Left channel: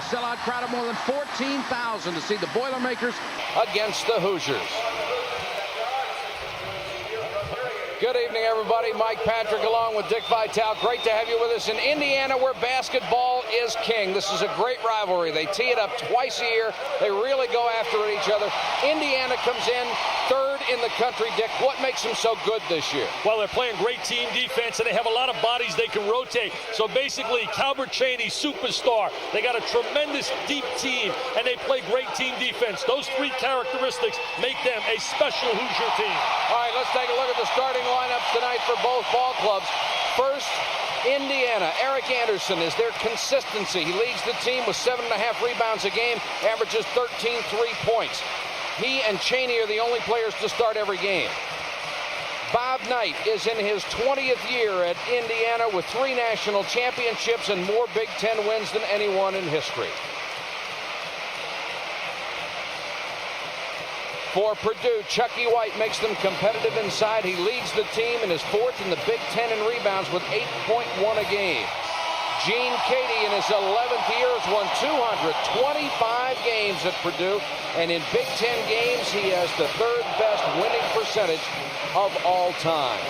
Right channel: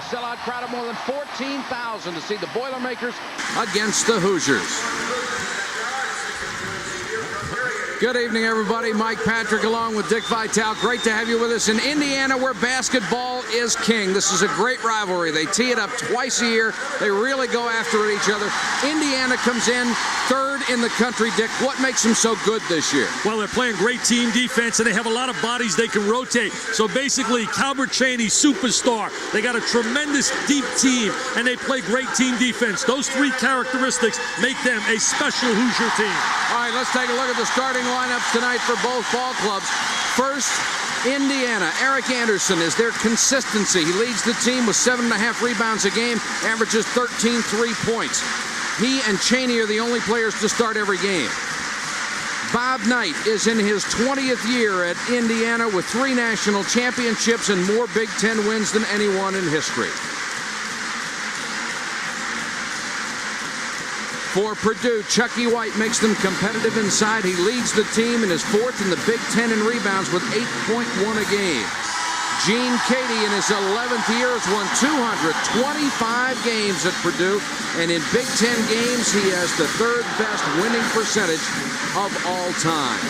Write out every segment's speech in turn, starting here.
a sellout crowd of more than 14,000 to see the Boilermakers against the Hoosiers. Good evening, everybody. Mike Patrick along with Dick Vitale. Great to have you with us in Indiana, where basketball is king. This is a great rivalry. They tee it up twice a year. They really go after it each other. Indiana comes in third in the country. Dick, what makes them so good this year? Well, they're playing great team defense, and they have a lot of bodies they can rotate. So basically, Calbert Chaney, superstar. They got a tremendous deep team, and they play great team defense. Those three characteristics make them a special Hoosier team. All right, let's take a look at the starting lineups tonight for both ball clubs. First, Indiana. Eric Anderson is their consistency. He leads the team with 7.5 rebounds a game, averages 13 3-points. He and Chaney are the only players to start every game. Bob Knight is in his 20th year at Indiana with 3 national championships and more Big Ten wins than anyone in history. For Purdue, Chucky White makes them competitive inside. He leads the team and is 4th in the Big Ten in rebounds with 8.1 a game. Gene Cady in his 11th year has won 225 games at Purdue, and in Big Ten games he has the 3rd best winning percentage of all time.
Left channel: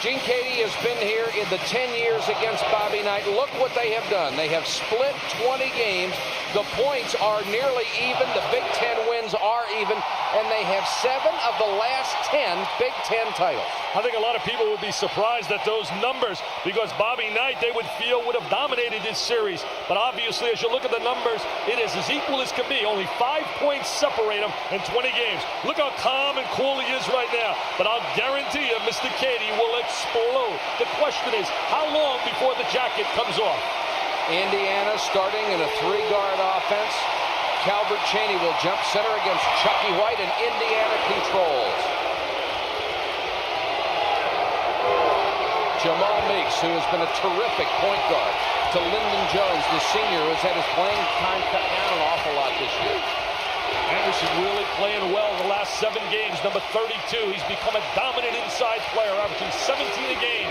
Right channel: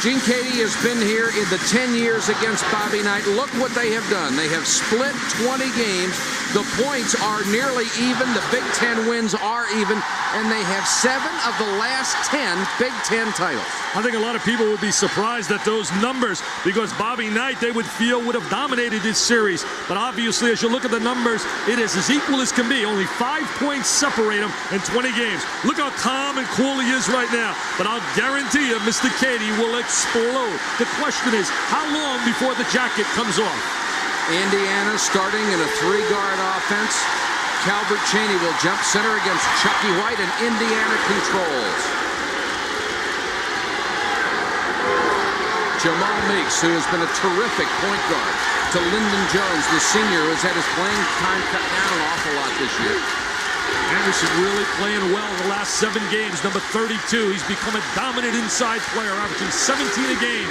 Gene Cady has been here in the 10 years against Bobby Knight. Look what they have done. They have split 20 games. The points are nearly even. The Big Ten wins are even. And they have 7 of the last 10 Big Ten titles. I think a lot of people would be surprised at those numbers because Bobby Knight, they would feel, would have dominated this series. But obviously, as you look at the numbers, it is as equal as can be. Only 5 points separate them in 20 games. Look how calm and cool he is right now. But I'll guarantee you, Mr. Cady will explode. The question is, how long before the jacket comes off? Indiana starting in a 3-guard offense. Calbert Chaney will jump center against Chucky White, and Indiana controls. Jamal Meeks, who has been a terrific point guard, to Lyndon Jones, the senior, who has had his playing time cut down an awful lot this year. Anderson really playing well in the last 7 games. Number 32, he's become a dominant inside player, averaging 17 a game.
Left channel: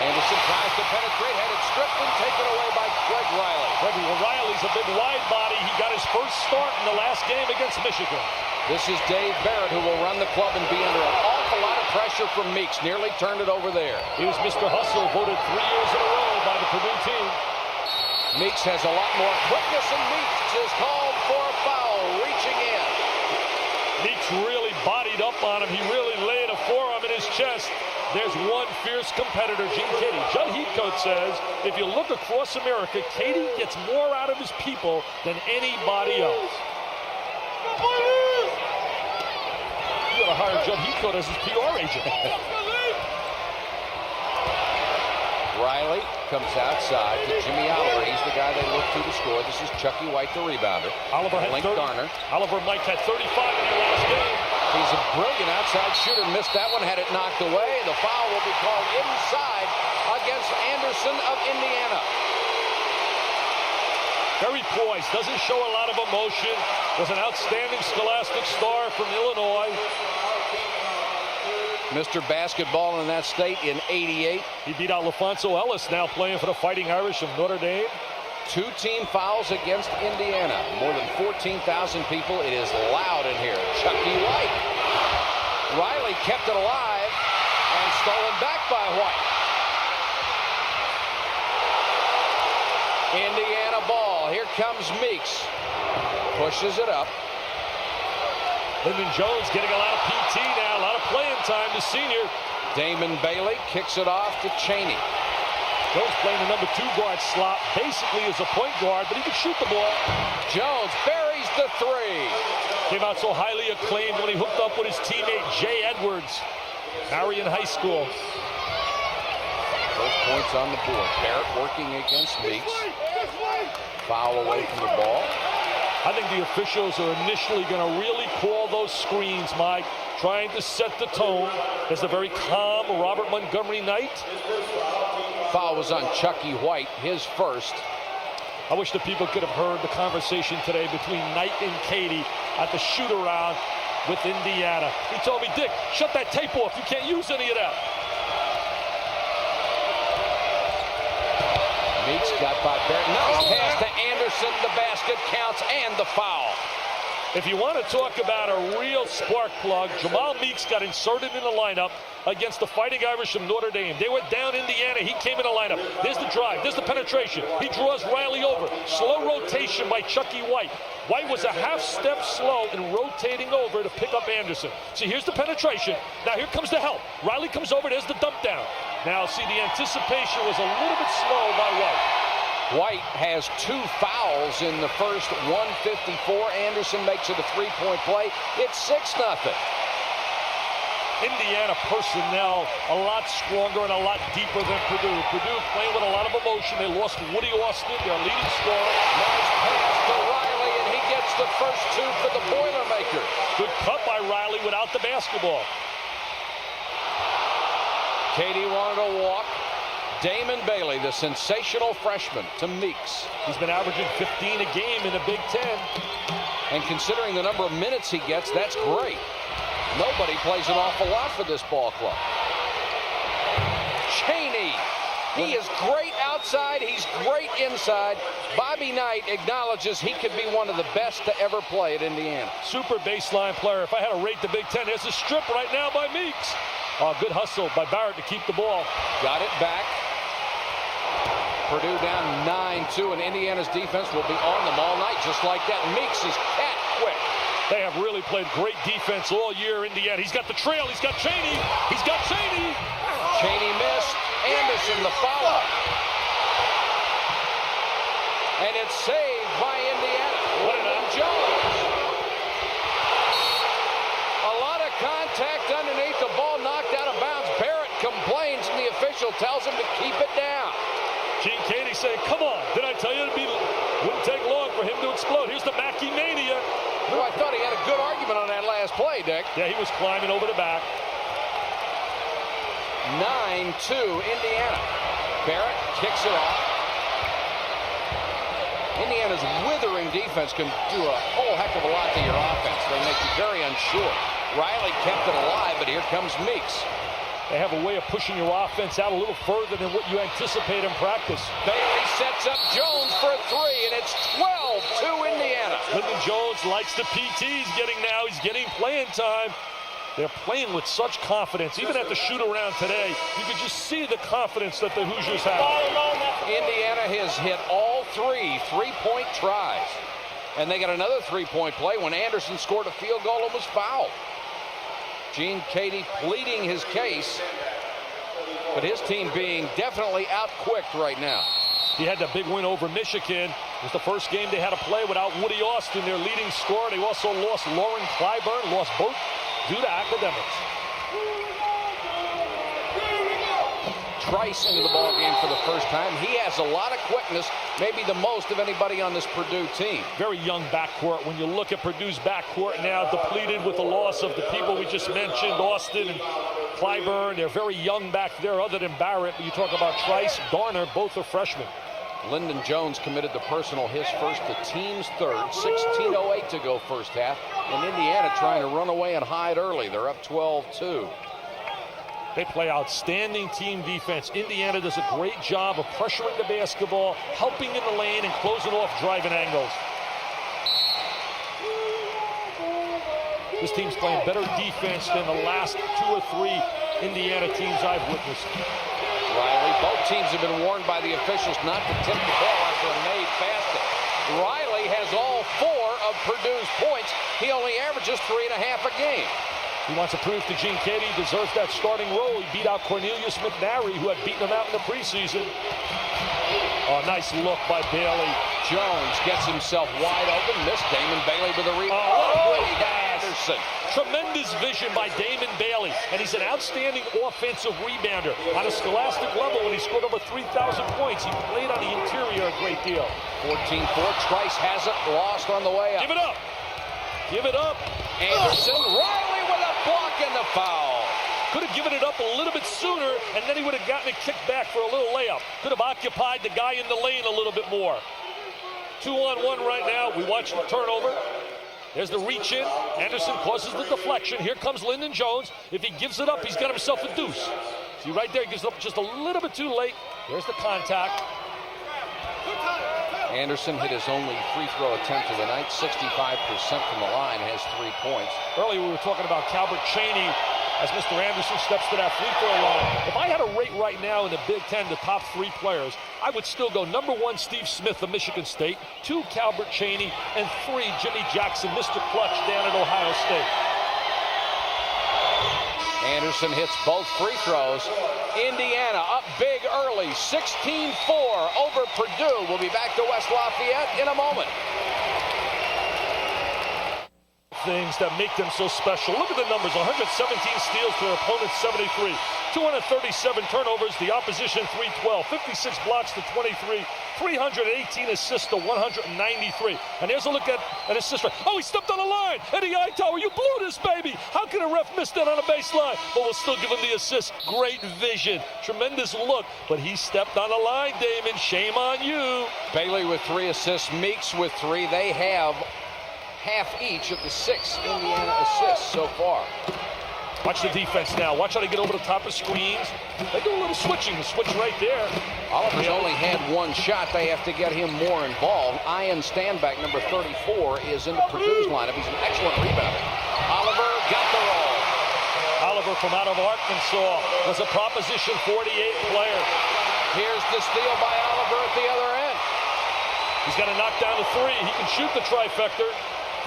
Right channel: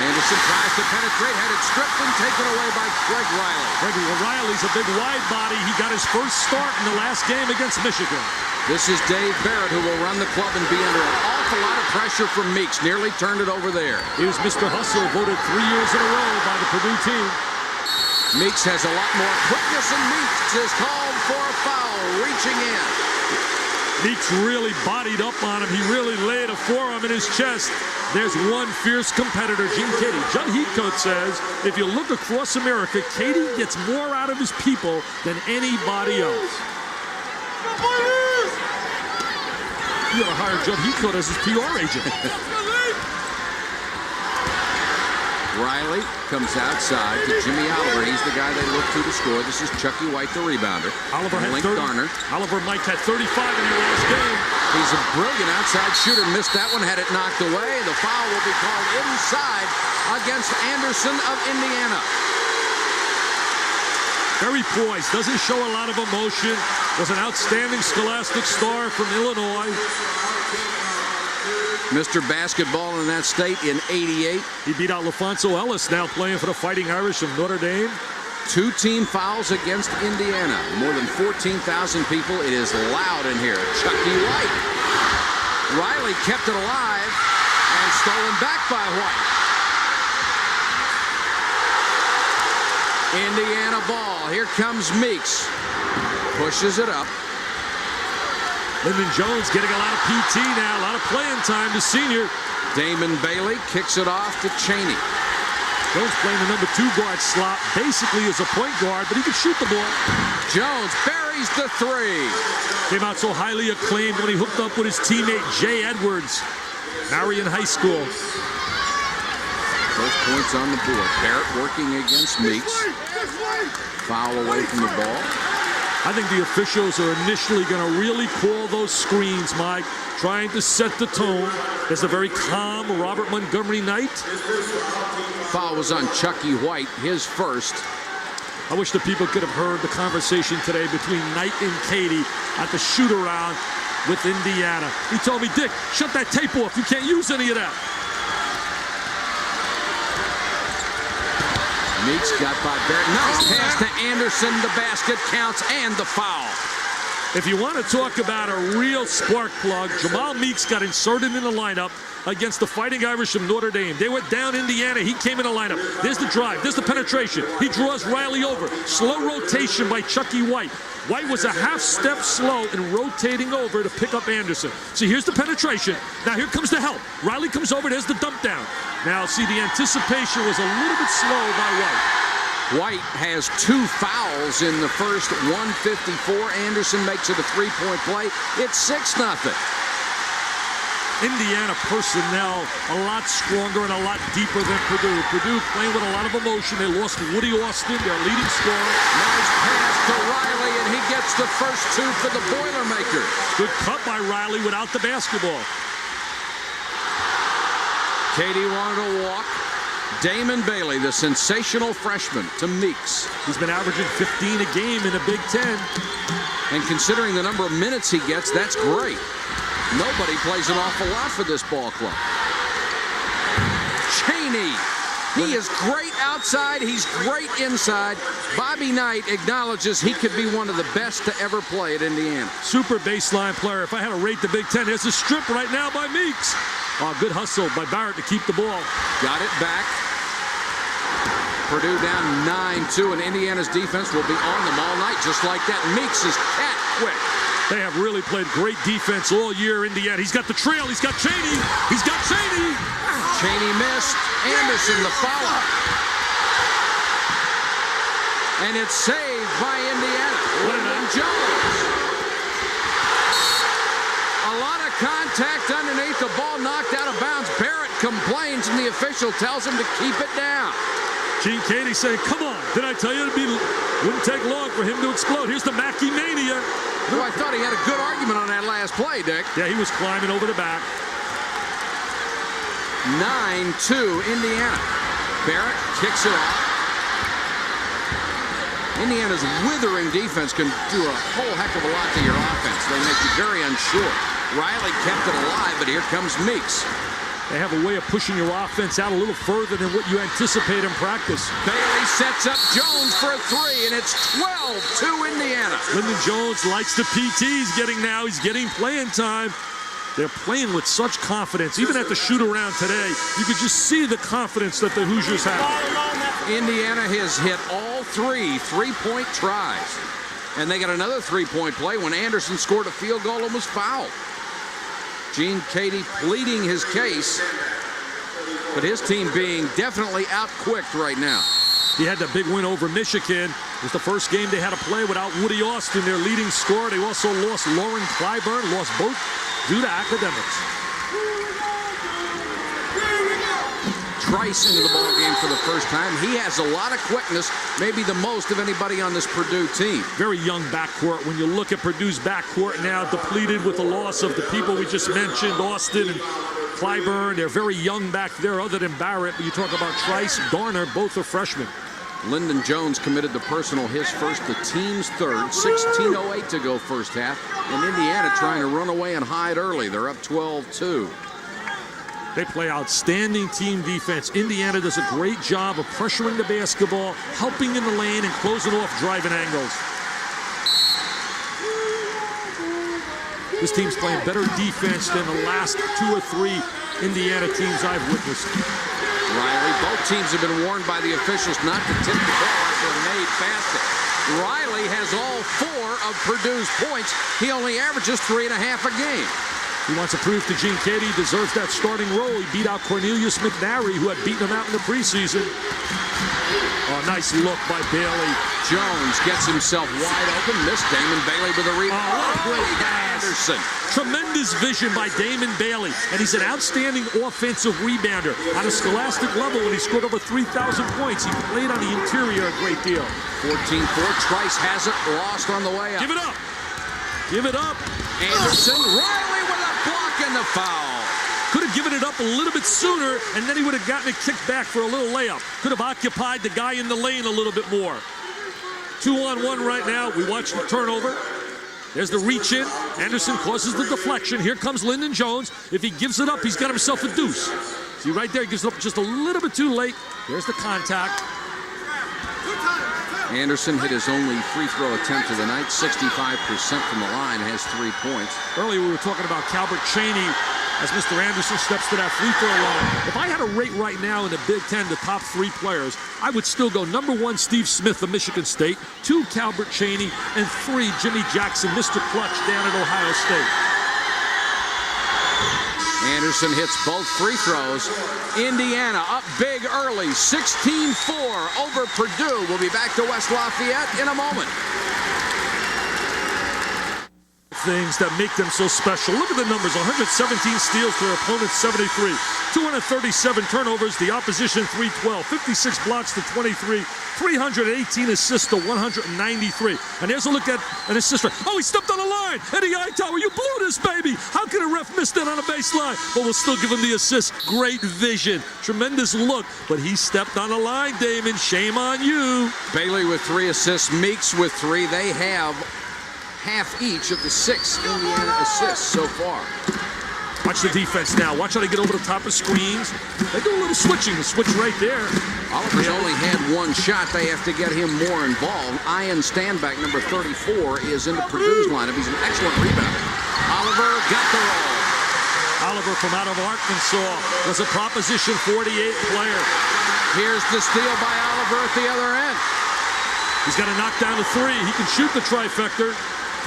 Anderson tries to penetrate, had it stripped and taken away by Greg Riley. Greg Riley's a big wide body. He got his first start in the last game against Michigan. This is Dave Barrett, who will run the club and be under an awful lot of pressure from Meeks. Nearly turned it over there. He was Mr. Hustle, voted 3 years in a row by the Purdue team. Meeks has a lot more quickness, and Meeks is called for a foul, reaching in. Meeks really bodied up on him. He really laid a forearm in his chest. There's one fierce competitor, Gene Cady. Judd Heathcote says, if you look across America, Cady gets more out of his people than anybody else. You gotta hire Judd Heathcote as his PR agent. Riley comes outside to Jimmy Oliver. He's the guy they look to score. This is Chucky White, the rebounder. Oliver had 30. Oliver Mike had 35 in the last game. He's a brilliant outside shooter. Missed that one, had it knocked away. The foul will be called inside against Anderson of Indiana. Very poised, doesn't show a lot of emotion. Was an outstanding scholastic star from Illinois. Mr. Basketball in that state in '88. He beat out LaFonso Ellis, now playing for the Fighting Irish of Notre Dame. 2 team fouls against Indiana. More than 14,000 people. It is loud in here. Chucky White. Riley kept it alive and stolen back by White. Indiana ball. Here comes Meeks. Pushes it up. Lyndon Jones getting a lot of PT now, a lot of playing time, the senior. Damon Bailey kicks it off to Chaney. Jones playing the number 2 guard slot, basically as a point guard, but he can shoot the ball. Jones buries the 3. Came out so highly acclaimed when he hooked up with his teammate Jay Edwards, Marion High School. First points on the board. Barrett working against Meeks. Foul away from the ball. I think the officials are initially going to really call those screens, Mike, trying to set the tone. There's a very calm Robert Montgomery Knight. Foul was on Chucky White, his first. I wish the people could have heard the conversation today between Knight and Cady at the shoot-around with Indiana. He told me, Dick, shut that tape off. You can't use any of that. Meeks got by Barrett. Nice pass to Anderson. The basket counts and the foul. If you want to talk about a real spark plug, Jamal Meeks got inserted in the lineup against the Fighting Irish from Notre Dame. They were down Indiana. He came in the lineup. There's the drive. There's the penetration. He draws Riley over. Slow rotation by Chucky White. White was a half step slow in rotating over to pick up Anderson. See, here's the penetration. Now here comes the help. Riley comes over. There's the dump down. Now, see, the anticipation was a little bit slow by White. White has 2 fouls in the first 154. Anderson makes it a 3-point play. It's 6-0. Indiana personnel a lot stronger and a lot deeper than Purdue. Purdue playing with a lot of emotion. They lost Woody Austin, their leading scorer. Nice pass to Riley, and he gets the first 2 for the Boilermakers. Good cut by Riley without the basketball. Katie wanted to walk. Damon Bailey, the sensational freshman, to Meeks. He's been averaging 15 a game in the Big Ten. And considering the number of minutes he gets, that's great. Nobody plays an awful lot for this ball club. Chaney. He is great outside. He's great inside. Bobby Knight acknowledges he could be one of the best to ever play at Indiana. Super baseline player. If I had to rate the Big Ten, there's a strip right now by Meeks. Good hustle by Barrett to keep the ball. Got it back. Purdue down 9-2, and Indiana's defense will be on them all night just like that. Meeks is cat quick. They have really played great defense all year, Indiana. He's got the trail. He's got Chaney. He's got Chaney. Chaney missed. Anderson the follow. And it's saved by Indiana. Lyndon Jones. A lot of contact underneath. The ball knocked out of bounds. Barrett complains, and the official tells him to keep it down. Gene Katie saying, come on. Did I tell you it wouldn't take long for him to explode? Here's the Mackey Mania. Oh, I thought he had a good argument on that last play, Dick. Yeah, he was climbing over the back. 9-2 Indiana. Barrett kicks it off. Indiana's withering defense can do a whole heck of a lot to your offense. They make you very unsure. Riley kept it alive, but here comes Meeks. They have a way of pushing your offense out a little further than what you anticipate in practice. Bailey sets up Jones for a 3, and it's 12-2 Indiana. Lyndon Jones likes the PT he's getting now. He's getting playing time. They're playing with such confidence. Even at the shoot-around today, you could just see the confidence that the Hoosiers have. Indiana has hit all 3 3-point tries. And they got another 3-point play when Anderson scored a field goal and was fouled. Gene Katie pleading his case, but his team being definitely out-quicked right now. He had that big win over Michigan. It was the first game they had to play without Woody Austin, their leading scorer. They also lost Lauren Clyburn, lost both due to academics. Trice into the ball game for the first time. He has a lot of quickness, maybe the most of anybody on this Purdue team. Very young backcourt. When you look at Purdue's backcourt now, depleted with the loss of the people we just mentioned, Austin and Clyburn. They're very young back there other than Barrett. But you talk about Trice, Garner, both are freshmen. Lyndon Jones committed the personal, his first, the team's third. 16:08 to go first half. And Indiana trying to run away and hide early. They're up 12-2. They play outstanding team defense. Indiana does a great job of pressuring the basketball, helping in the lane, and closing off driving angles. This team's playing better defense than the last 2 or 3 Indiana teams I've witnessed. Riley, both teams have been warned by the officials not to tip the ball after a made basket. Riley has all 4 of Purdue's points. He only averages 3.5 a game. He wants to prove to Gene Katie he deserves that starting role. He beat out Cornelius McNary, who had beaten him out in the preseason. Oh, nice look by Bailey. Jones gets himself wide open. Missed Damon Bailey with a rebound. Oh, what a great pass. Anderson. Tremendous vision by Damon Bailey. And he's an outstanding offensive rebounder. On a scholastic level, when he scored over 3,000 points, he played on the interior a great deal. 14-4. Trice has it. Lost on the way up. Give it up. Give it up. Anderson. Riley with a block and the foul. Could have given it up a little bit sooner, and then he would have gotten it kicked back for a little layup. Could have occupied the guy in the lane a little bit more. 2-on-1 right now. We watch the turnover. There's the reach in. Anderson causes the deflection. Here comes Lyndon Jones. If he gives it up, he's got himself a deuce. See right there, he gives it up just a little bit too late. There's the contact. Anderson hit his only free throw attempt of the night, 65% from the line, has 3 points. Earlier we were talking about Calbert Chaney as Mr. Anderson steps to that free throw line. If I had a rate right now in the Big Ten, the top 3 players, I would still go number 1, Steve Smith of Michigan State, 2, Calbert Chaney, and 3, Jimmy Jackson, Mr. Clutch down at Ohio State. Anderson hits both free throws. Indiana up big early, 16-4 over Purdue. We'll be back to West Lafayette in a moment. Things that make them so special. Look at the numbers. 117 steals to their opponent's 73. 237 turnovers, the opposition 312. 56 blocks to 23. 318 assists to 193. And there's a look at an assist. Oh, he stepped on the line. Eddie Hightower, you blew this, baby. How can a ref miss that on a baseline? But we'll still give him the assist. Great vision. Tremendous look. But he stepped on the line, Damon. Shame on you. Bailey with 3 assists. Meeks with 3. They have half each of the 6 Indiana assists so far. Watch the defense now. Watch how they get over the top of screens. They do a little switching. The switch right there. Oliver's only had 1 shot. They have to get him more involved. Ian Standback, number 34, is into Purdue's lineup. He's an excellent rebounder. Oliver got the roll. Oliver from out of Arkansas was a Proposition 48 player. Here's the steal by Oliver at the other end. He's got to knock down the 3. He can shoot the trifecta.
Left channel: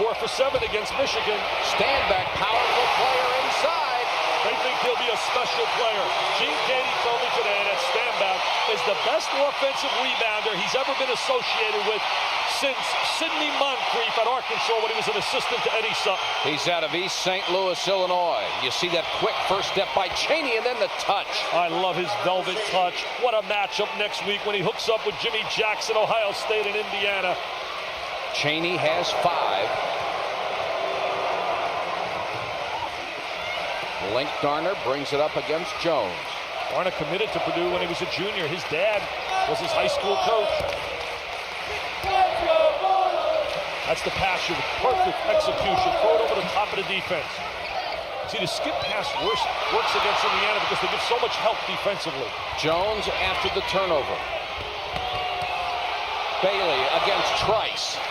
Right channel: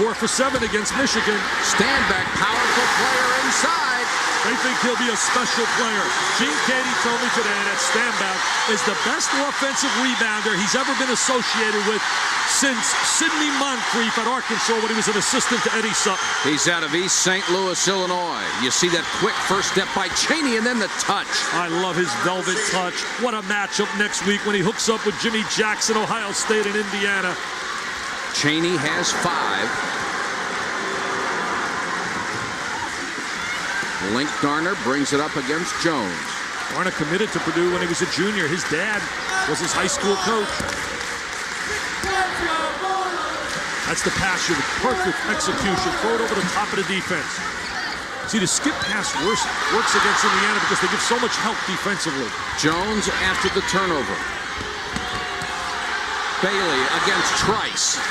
4 for 7 against Michigan. Standback, powerful player inside. They think he'll be a special player. Gene Katie told me today that Standback is the best offensive rebounder he's ever been associated with since Sidney Moncrief at Arkansas when he was an assistant to Eddie Sutton. He's out of East St. Louis, Illinois. You see that quick first step by Chaney and then the touch. I love his velvet touch. What a matchup next week when he hooks up with Jimmy Jackson, Ohio State and Indiana. Chaney has 5. Link Darner brings it up against Jones. Darner committed to Purdue when he was a junior. His dad was his high school coach. That's the pass with perfect execution. Throw it over the top of the defense. See, the skip pass works against Indiana because they give so much help defensively. Jones after the turnover. Bailey against Trice.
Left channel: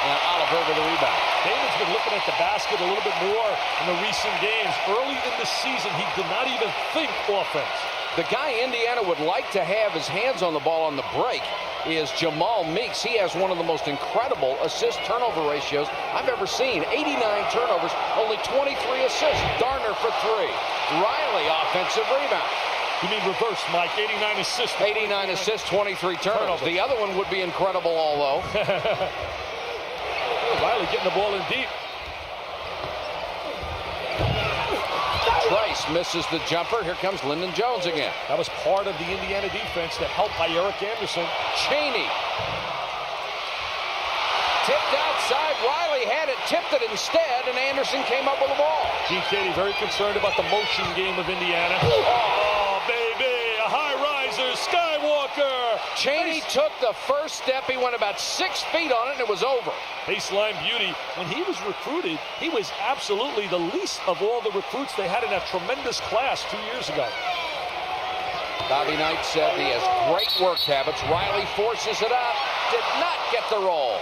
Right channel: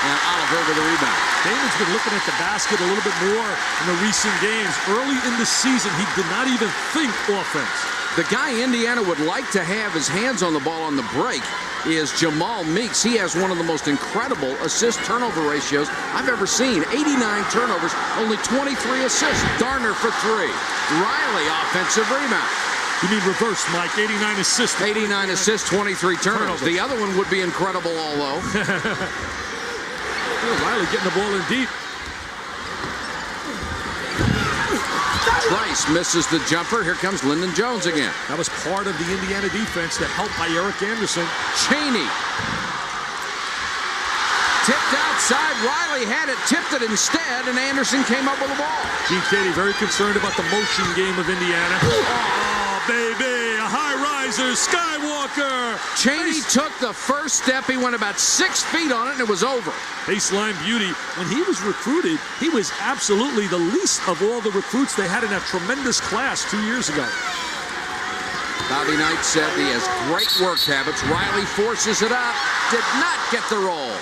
And Oliver with the rebound. Damon's been looking at the basket a little bit more in the recent games. Early in the season, he did not even think offense. The guy Indiana would like to have his hands on the ball on the break is Jamal Meeks. He has one of the most incredible assist-turnover ratios I've ever seen. 89 turnovers, only 23 assists. Darner for 3. Riley, offensive rebound. You mean reverse, Mike? 89 assists. 89 assists, 23 turnovers. The other one would be incredible, although. Riley getting the ball in deep. Trice misses the jumper. Here comes Lyndon Jones again. That was part of the Indiana defense that helped by Eric Anderson. Chaney. Tipped outside. Riley had it, tipped it instead, and Anderson came up with the ball. Gene Katie very concerned about the motion game of Indiana. Oh, baby, a high riser, Skywalker. Chaney took the first step. He went about 6 feet on it, and it was over. Baseline beauty. When he was recruited, he was absolutely the least of all the recruits they had in that tremendous class 2 years ago. Bobby Knight said he has great work habits. Riley forces it up, did not get the roll.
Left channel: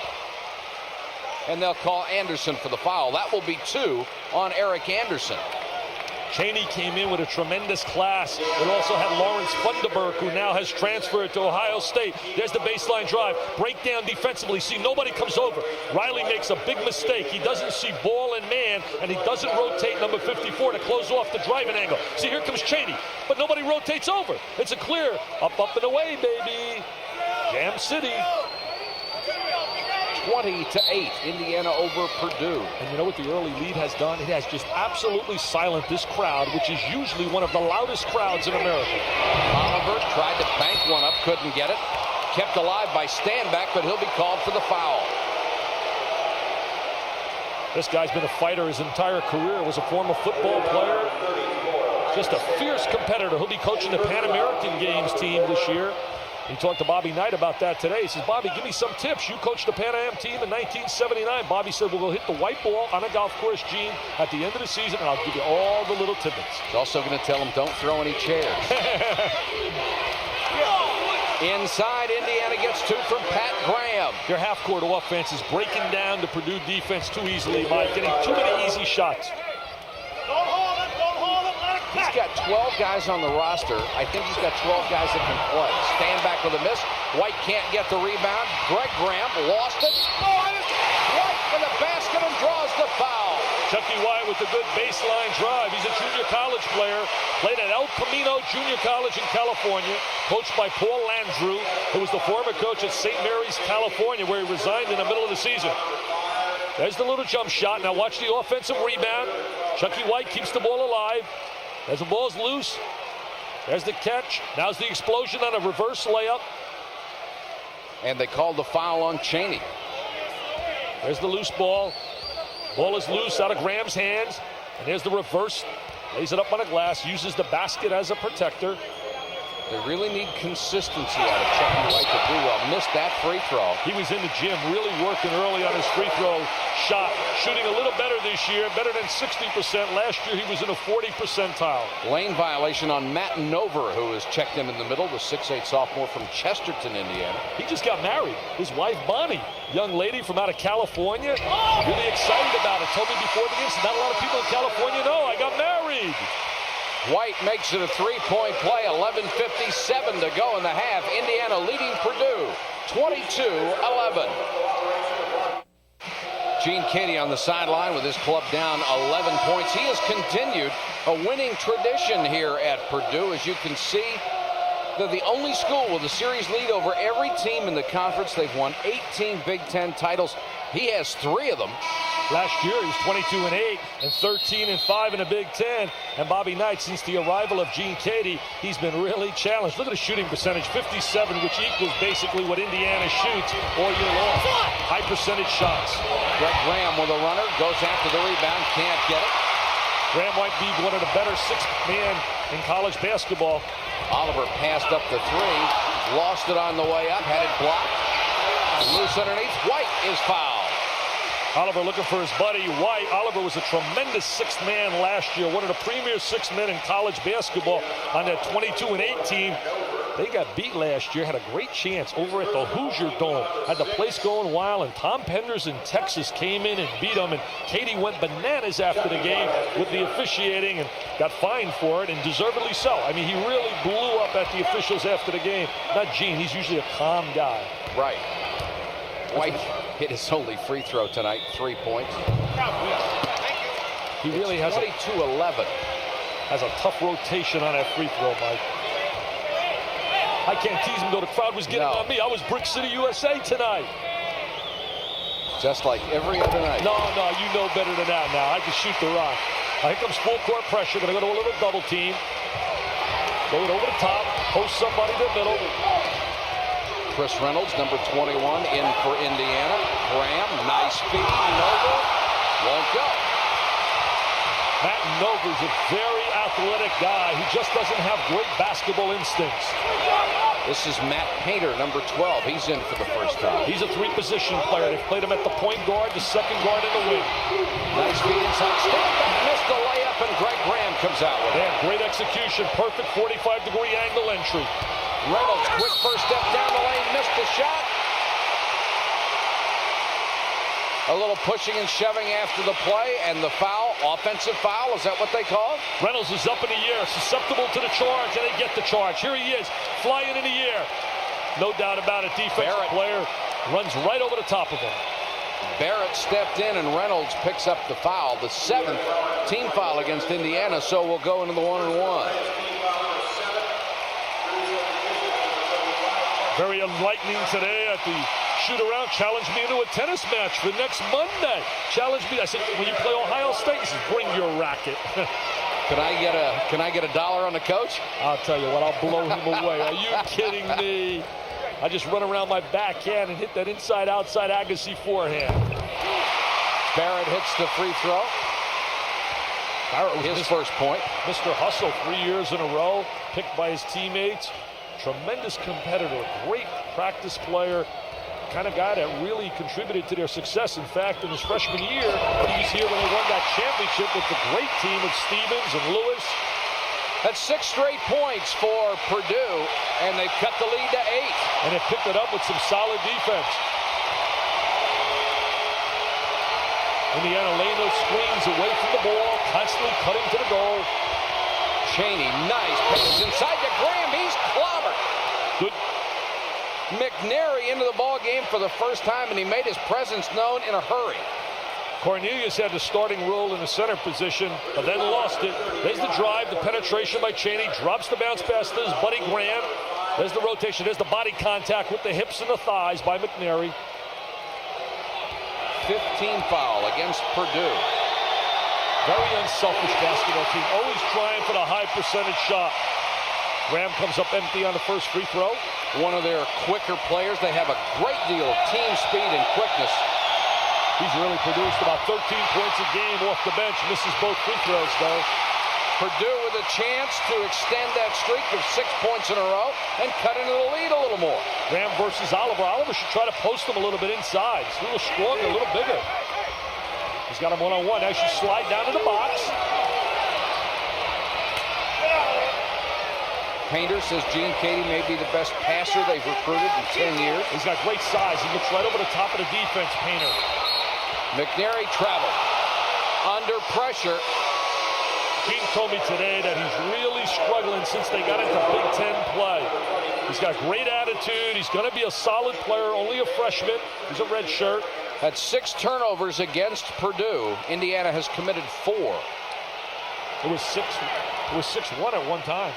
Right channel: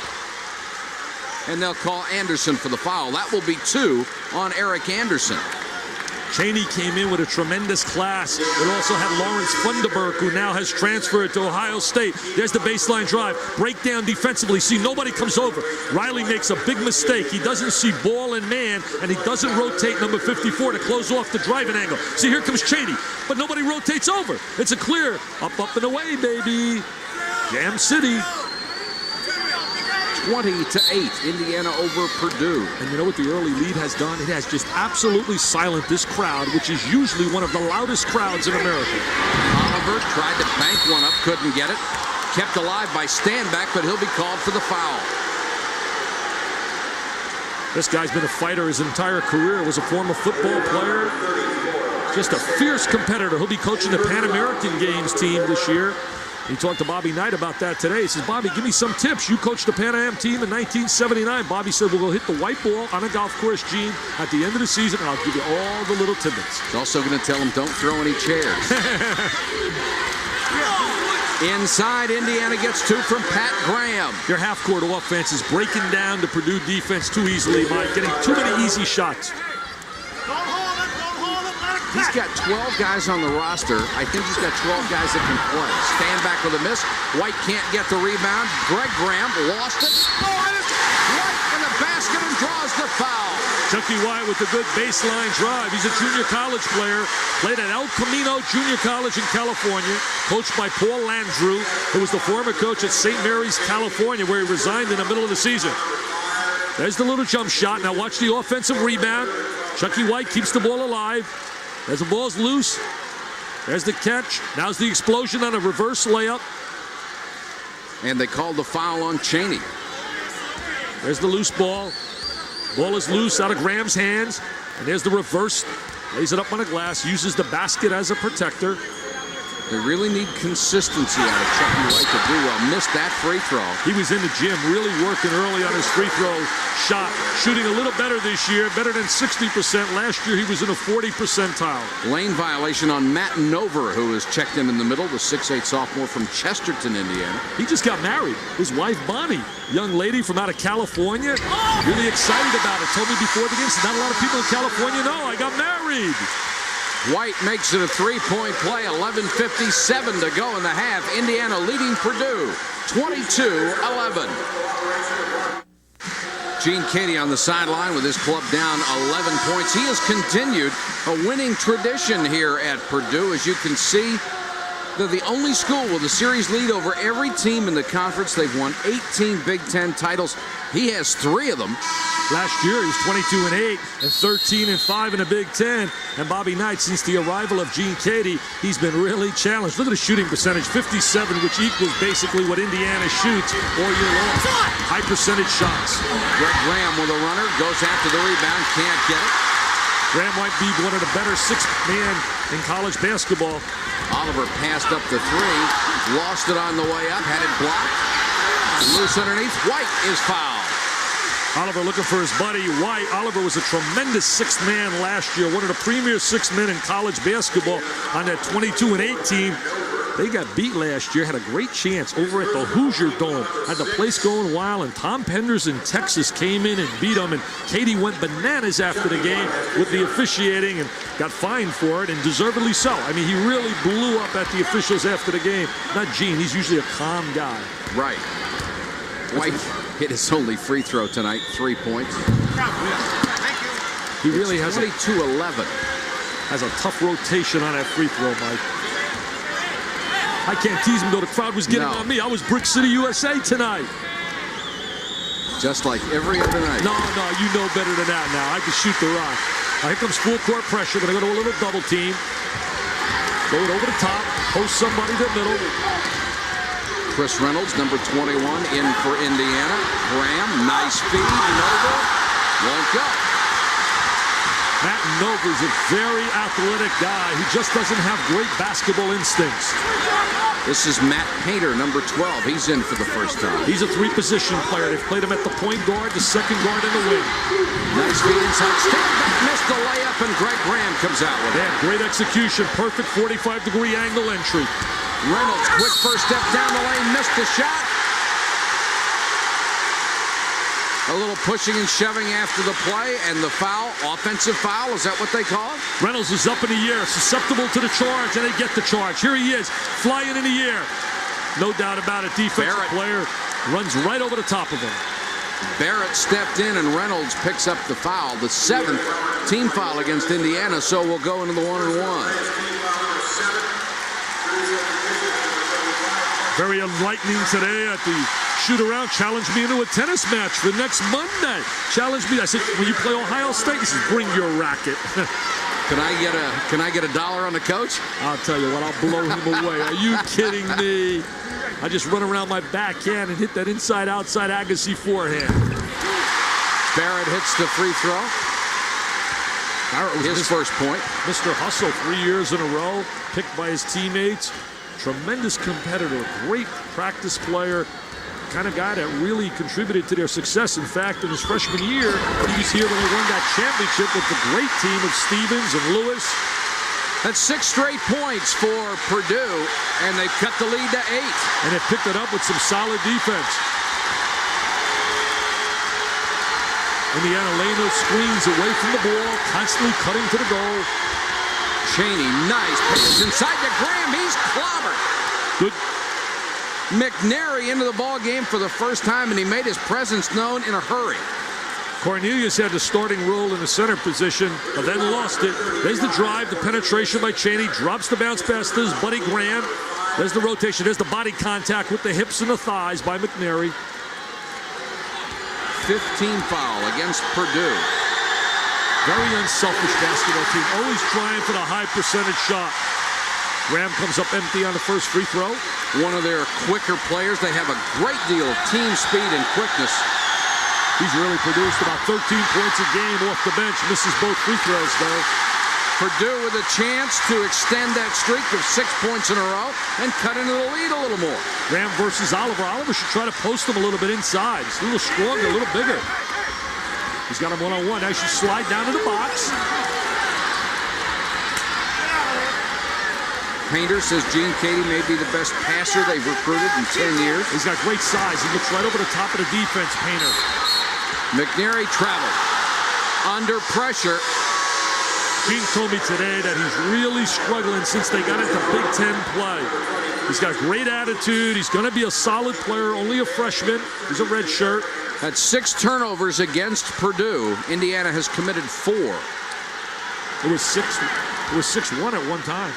And they'll call Anderson for the foul. That will be 2 on Eric Anderson. Chaney came in with a tremendous class. It also had Lawrence Funderburk, who now has transferred to Ohio State. There's the baseline drive. Breakdown defensively. See, nobody comes over. Riley makes a big mistake. He doesn't see ball and man, and he doesn't rotate number 54 to close off the driving angle. See, here comes Chaney, but nobody rotates over. It's a clear. Up, up, and away, baby. Jam City. 20-8, Indiana over Purdue. And you know what the early lead has done? It has just absolutely silent this crowd, which is usually one of the loudest crowds in America. Oliver tried to bank one up, couldn't get it. Kept alive by Standback, but he'll be called for the foul. This guy's been a fighter his entire career, was a former football player. Just a fierce competitor. He'll be coaching the Pan American Games team this year. He talked to Bobby Knight about that today. He says, Bobby, give me some tips. You coached the Pan Am team in 1979. Bobby said, we'll go hit the white ball on a golf course, Gene, at the end of the season, and I'll give you all the little tidbits. He's also going to tell him, don't throw any chairs. Inside, Indiana gets 2 from Pat Graham. Their half-court offense is breaking down the Purdue defense too easily, Mike, getting too many easy shots. He's got 12 guys on the roster. I think he's got 12 guys that can play. Stand back with a miss. White can't get the rebound. Greg Graham lost it. White in the basket and draws the foul. Chucky White with a good baseline drive. He's a junior college player. Played at El Camino Junior College in California. Coached by Paul Landrew, who was the former coach at St. Mary's, California, where he resigned in the middle of the season. There's the little jump shot. Now watch the offensive rebound. Chucky White keeps the ball alive. As the ball's loose, there's the catch. Now's the explosion on a reverse layup. And they called the foul on Chaney. There's the loose ball. Ball is loose out of Graham's hands. And there's the reverse. Lays it up on the glass, uses the basket as a protector. They really need consistency out of Chucky White to do well. Missed that free throw. He was in the gym really working early on his free throw shot. Shooting a little better this year, better than 60%. Last year he was in a 40 percentile. Lane violation on Matt Nover, who is checked in the middle, the 6'8" sophomore from Chesterton, Indiana. He just got married. His wife, Bonnie, young lady from out of California. Really excited about it. Told me before the game, not a lot of people in California know I got married. White makes it a three-point play. 11:57 to go in the half. Indiana leading Purdue 22-11. Gene Katie on the sideline with his club down 11 points. He has continued a winning tradition here at Purdue. As you can see, they're the only school with a series lead over every team in the conference. They've won 18 Big Ten titles. He has 3 of them. Last year, he was 22-8 and 13-5 in the Big Ten. And Bobby Knight, since the arrival of Gene Katie, he's been really challenged. Look at the shooting percentage, 57, which equals basically what Indiana shoots all year long. High percentage shots. Greg Graham with a runner, goes after the rebound, can't get it. Graham might be one of the better sixth-man in college basketball. Oliver passed up the 3, lost it on the way up, had it blocked. Loose underneath, White is fouled. Oliver looking for his buddy White. Oliver was a tremendous sixth man last year, one of the premier sixth men in college basketball on that 22-8 team. They got beat last year, had a great chance over at the Hoosier Dome. Had the place going wild, and Tom Penders in Texas came in and beat them, and Katie went bananas after the game with the officiating and got fined for it, and deservedly so. I mean, he really blew up at the officials after the game. Not Gene, he's usually a calm guy. Right. White hit his only free throw tonight, 3 points. He really has 22-11. Has a tough rotation on that free throw, Mike. I can't tease him, though. The crowd was getting on me. I was Brick City, USA tonight. Just like every other night. No, you know better than that now. I can shoot the rock. Now, here comes full court pressure. Going to go to a little double team. Go it over the top. Post somebody to the middle. Chris Reynolds, number 21, in for Indiana. Graham, nice feed. Nova won't go. Matt Nover's a very athletic guy. He just doesn't have great basketball instincts. This is Matt Painter, number 12. He's in for the first time. He's a 3-position player. They've played him at the point guard, the second guard, and the wing. Nice feed inside. Step back, missed the layup, and Greg Graham comes out with it. Yeah, great execution. Perfect 45-degree angle entry. Reynolds, quick first step down the lane, missed the shot. A little pushing and shoving after the play, and the foul, offensive foul, is that what they call it? Reynolds is up in the air, susceptible to the charge, and they get the charge. Here he is, flying in the air. No doubt about it, defensive player runs right over the top of him. Barrett stepped in, and Reynolds picks up the foul, the 7th team foul against Indiana, so we'll go into the 1-and-1. Very enlightening today at the shoot-around. Challenged me into a tennis match for next Monday. Challenged me. I said, when you play Ohio State, he says, bring your racket. Can I get $1 on the coach? I'll tell you what, I'll blow him away. Are you kidding me? I just run around my backhand and hit that inside-outside Agassi forehand. Barrett hits the free throw. Barrett was his first point. Mr. Hustle 3 years in a row, picked by his teammates. Tremendous competitor, great practice player, kind of guy that really contributed to their success. In fact, in his freshman year, he was here when they won that championship with the great team of Stevens and Lewis. That's 6 straight points for Purdue, and they've cut the lead to 8. And they picked it up with some solid defense. Indiana laying those screens away from the ball, constantly cutting to the goal. Chaney, nice pass inside to Graham. He's clobbered. Good. McNary into the ball game for the first time, and he made his presence known in a hurry. Cornelius had the starting role in the center position, but then lost it. There's the drive, the penetration by Chaney, drops the bounce pass to his buddy Graham. There's the rotation, there's the body contact with the hips and the thighs by McNary. 15 foul against Purdue. Very unselfish basketball team, always trying for the high percentage shot. Graham comes up empty on the first free throw. One of their quicker players. They have a great deal of team speed and quickness. He's really produced about 13 points a game off the bench. Misses both free throws, though. Purdue with a chance to extend that streak of 6 points in a row and cut into the lead a little more. Graham versus Oliver. Oliver should try to post him a little bit inside. He's a little stronger, a little bigger. He's got him one-on-one. Now he should slide down to the box. Painter says Gene Cady may be the best passer they've recruited in 10 years. He's got great size. He looks right over the top of the defense, Painter. McNary traveled under pressure. Gene told me today that he's really struggling since they got into Big Ten play. He's got great attitude. He's going to be a solid player, only a freshman. He's a red shirt. Had 6 turnovers against Purdue. Indiana has committed 4. It was 6-1 at one time.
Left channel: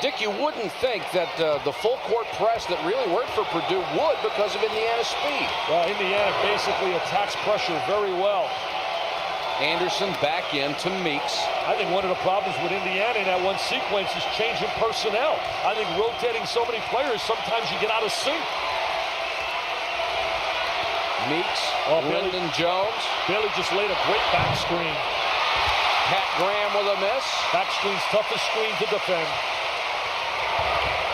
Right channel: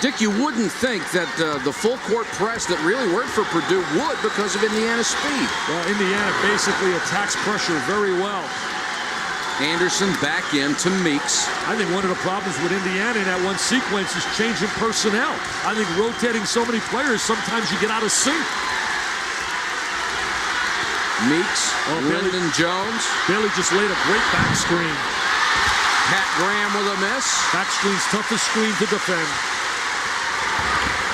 Dick, you wouldn't think that the full court press that really worked for Purdue would because of Indiana's speed. Well, Indiana basically attacks pressure very well. Anderson back in to Meeks. I think one of the problems with Indiana in that one sequence is changing personnel. I think rotating so many players, sometimes you get out of sync. Meeks, Lyndon Jones. Bailey just laid a great back screen. Pat Graham with a miss. Back screen's toughest screen to defend.